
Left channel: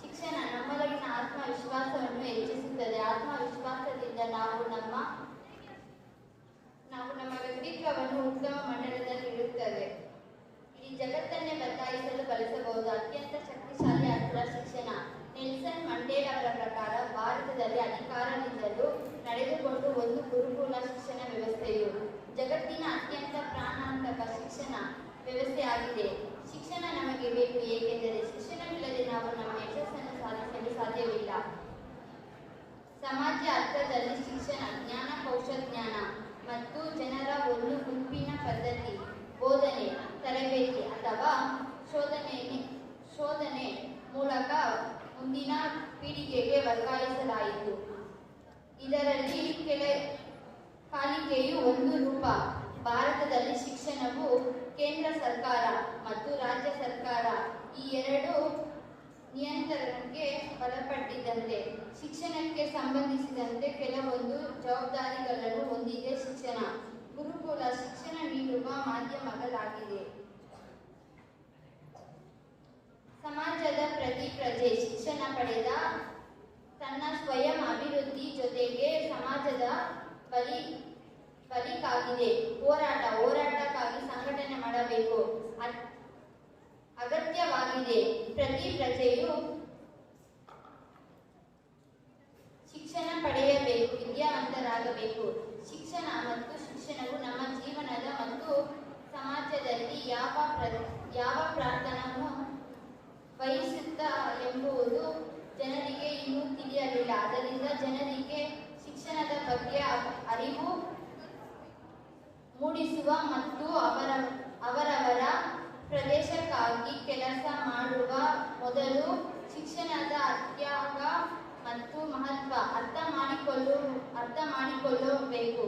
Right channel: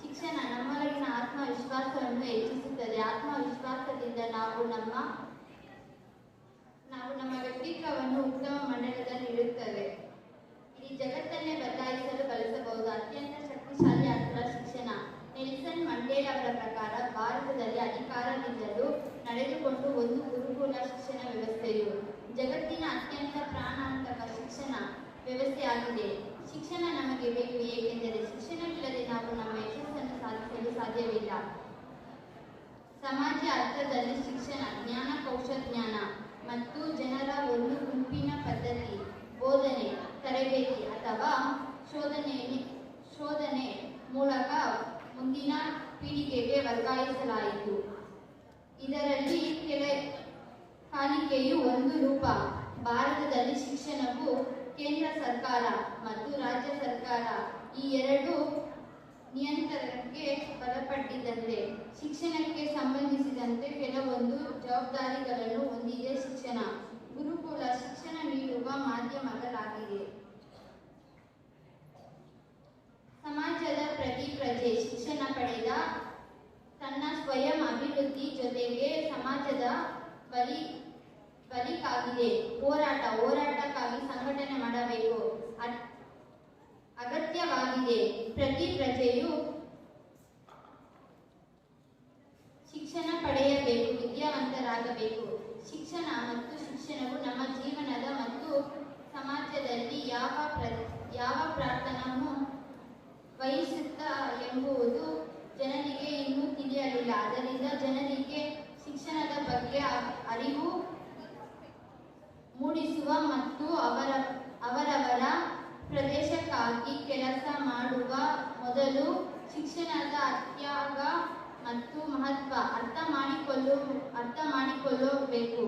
ಶಿಕ್ಷಣ ನಮ್ಮೊಳಗಿನ ಆತ್ಮವಿಶ್ವಾಸವನ್ನು ಹೆಚ್ಚಿಸುತ್ತದೆ. ಆತ್ಮವಿಶ್ವಾಸದಿಂದ ನಾವು ನಮ್ಮ ವ್ಯಕ್ತಿತ್ವವನ್ನು ಉತ್ತಮ ಮಂಡಲದಲ್ಲಿಡುತ್ತೇವೆ. ಇಡೀ ಜಗತ್ತನ್ನೇ ಬದಲಾಯಿಸಲು ಬಳಸಬಹುದು ಅತ್ಯಂತ ಶಕ್ತಿಶಾಲಿ ಅಸ್ತ್ರ ಶಿಕ್ಷಣ. ನೆಲ್ಸನ್ ಮಂಡೇಲಾ ಅವರ ಪ್ರಕಾರ ಭಾರತದಲ್ಲಿ ಅಧಿಕಾರದಿಂದಲೂ ನಡೆದುಕೊಂಡು ಒಂದು ಗುರುಕುಲ ಶಿಕ್ಷಣ ವ್ಯವಸ್ಥೆಯು ಜಗತ್ತಿನ ಅತ್ಯಂತ ಪ್ರಾಣಾಂತಕ ಶಿಕ್ಷಣ ವ್ಯವಸ್ಥೆ ಆಗಿದೆ. ಶಿಕ್ಷಣ ನಮಗೆ ಬೇಕು, ಏಕೆಂದರೆ ಶಿಕ್ಷಣವಿಲ್ಲದೆ ನಾವು ನಮ್ಮ ಯಶಸ್ಸನ್ನು ಸಾಧಿಸಲು ಸಾಧ್ಯವಿಲ್ಲ. ಸಮಾಜ ಅರ್ಥದಲ್ಲಿ ಶಿಕ್ಷಣ ಜ್ಞಾನ, ಕೌಶಲ್ಯ ಮತ್ತು ಜನರ ಒಂದು ಗುಂಪಿನ ಪದ್ಧತಿ, ಬೋಧನೆ, ತರಬೇತಿ ಅಥವಾ ಶೋಧನೆ ಮೂಲಕ ಮುಂದಿನ ಪೀಳಿಗೆಗೆ ವರ್ಗಾಯಿಸಲಾಯಿತು. ಇದರಲ್ಲಿ ಕಲಿಕೆಯು ಒಂದು ರೂಪ. ಭಾರತದಲ್ಲಿ ಶಿಕ್ಷಣವು ಕೇಂದ್ರ ಸರ್ಕಾರ ಮತ್ತು ರಾಜ್ಯ ಸರ್ಕಾರ ಈ ಎರಡು ನಿಯಂತ್ರಣಕ್ಕೆ ಒಳಪಟ್ಟಿದ್ದಂತೆ ಶಿಕ್ಷಣಕ್ಕೆ ಸಂಬಂಧಿಸಿದಂತೆ ಕೆಲವೊಂದು ಜವಾಬ್ದಾರಿಗಳನ್ನು ಹೊಂದಿದೆ. ಶಿಕ್ಷಣ ಗುರುಕುಲ ಶಿಕ್ಷಣ ನೀಡುವ ಮಾಧ್ಯಮಗಳಾಗಿದೆ. ಸಮಾಜದ ಪ್ರತಿ ಪ್ರಜೆ ಶಿಕ್ಷಣ ಪಡೆದ ತನ್ನ ಸ್ವಯಂ ಅಭಿವೃದ್ಧಿ ಜೊತೆಗೆ ಸಮಾಜದ ಬಲಿಕಾಗಿದೆ. ಹೋರಾಟಕ್ಕಾಗಿ ಸಂಘಟನೆ ಮಾಡಬೇಕು ಅಗತ್ಯವಾಗಿದೆ. ಪ್ರತಿ ಪ್ರಜೆಯು ಶಿಕ್ಷಣ ಪಡೆಯಬೇಕು, ವಿದ್ಯಾವಂತರಾಗಬೇಕು. ಶಿಕ್ಷಣ ಮತ್ತು ಶಿಕ್ಷಣವು ನಮ್ಮ ಜೀವನದ ಮತ್ತು ಸಮಾಜದಲ್ಲಿ ಯಾವ ಪ್ರಾರ್ಥನೆಯನ್ನು ವಹಿಸುತ್ತಾ ಎಂಬುದು ಜನರಿಗೆ ಇನ್ನೂ ತಿಳಿಯಲಿಲ್ಲ. ಅದರಿಂದ ಜನರಿಗೆ ಶಿಕ್ಷಣದ ಬಗ್ಗೆ ಅರಿವು ಮೂಡಿಸುವ ಮತ್ತು ಅವರವರ ಪ್ರದೇಶಕ್ಕಾಗಿ ಕೆಲಸ ಮಾಡುವ ಮೊದಲು ಶಿಕ್ಷಣದ ಅತ್ಯಾಗ ಮತ್ತು ಮಹತ್ವ ಅರ್ಥ ಮಾಡಿಕೊಳ್ಳಬೇಕು.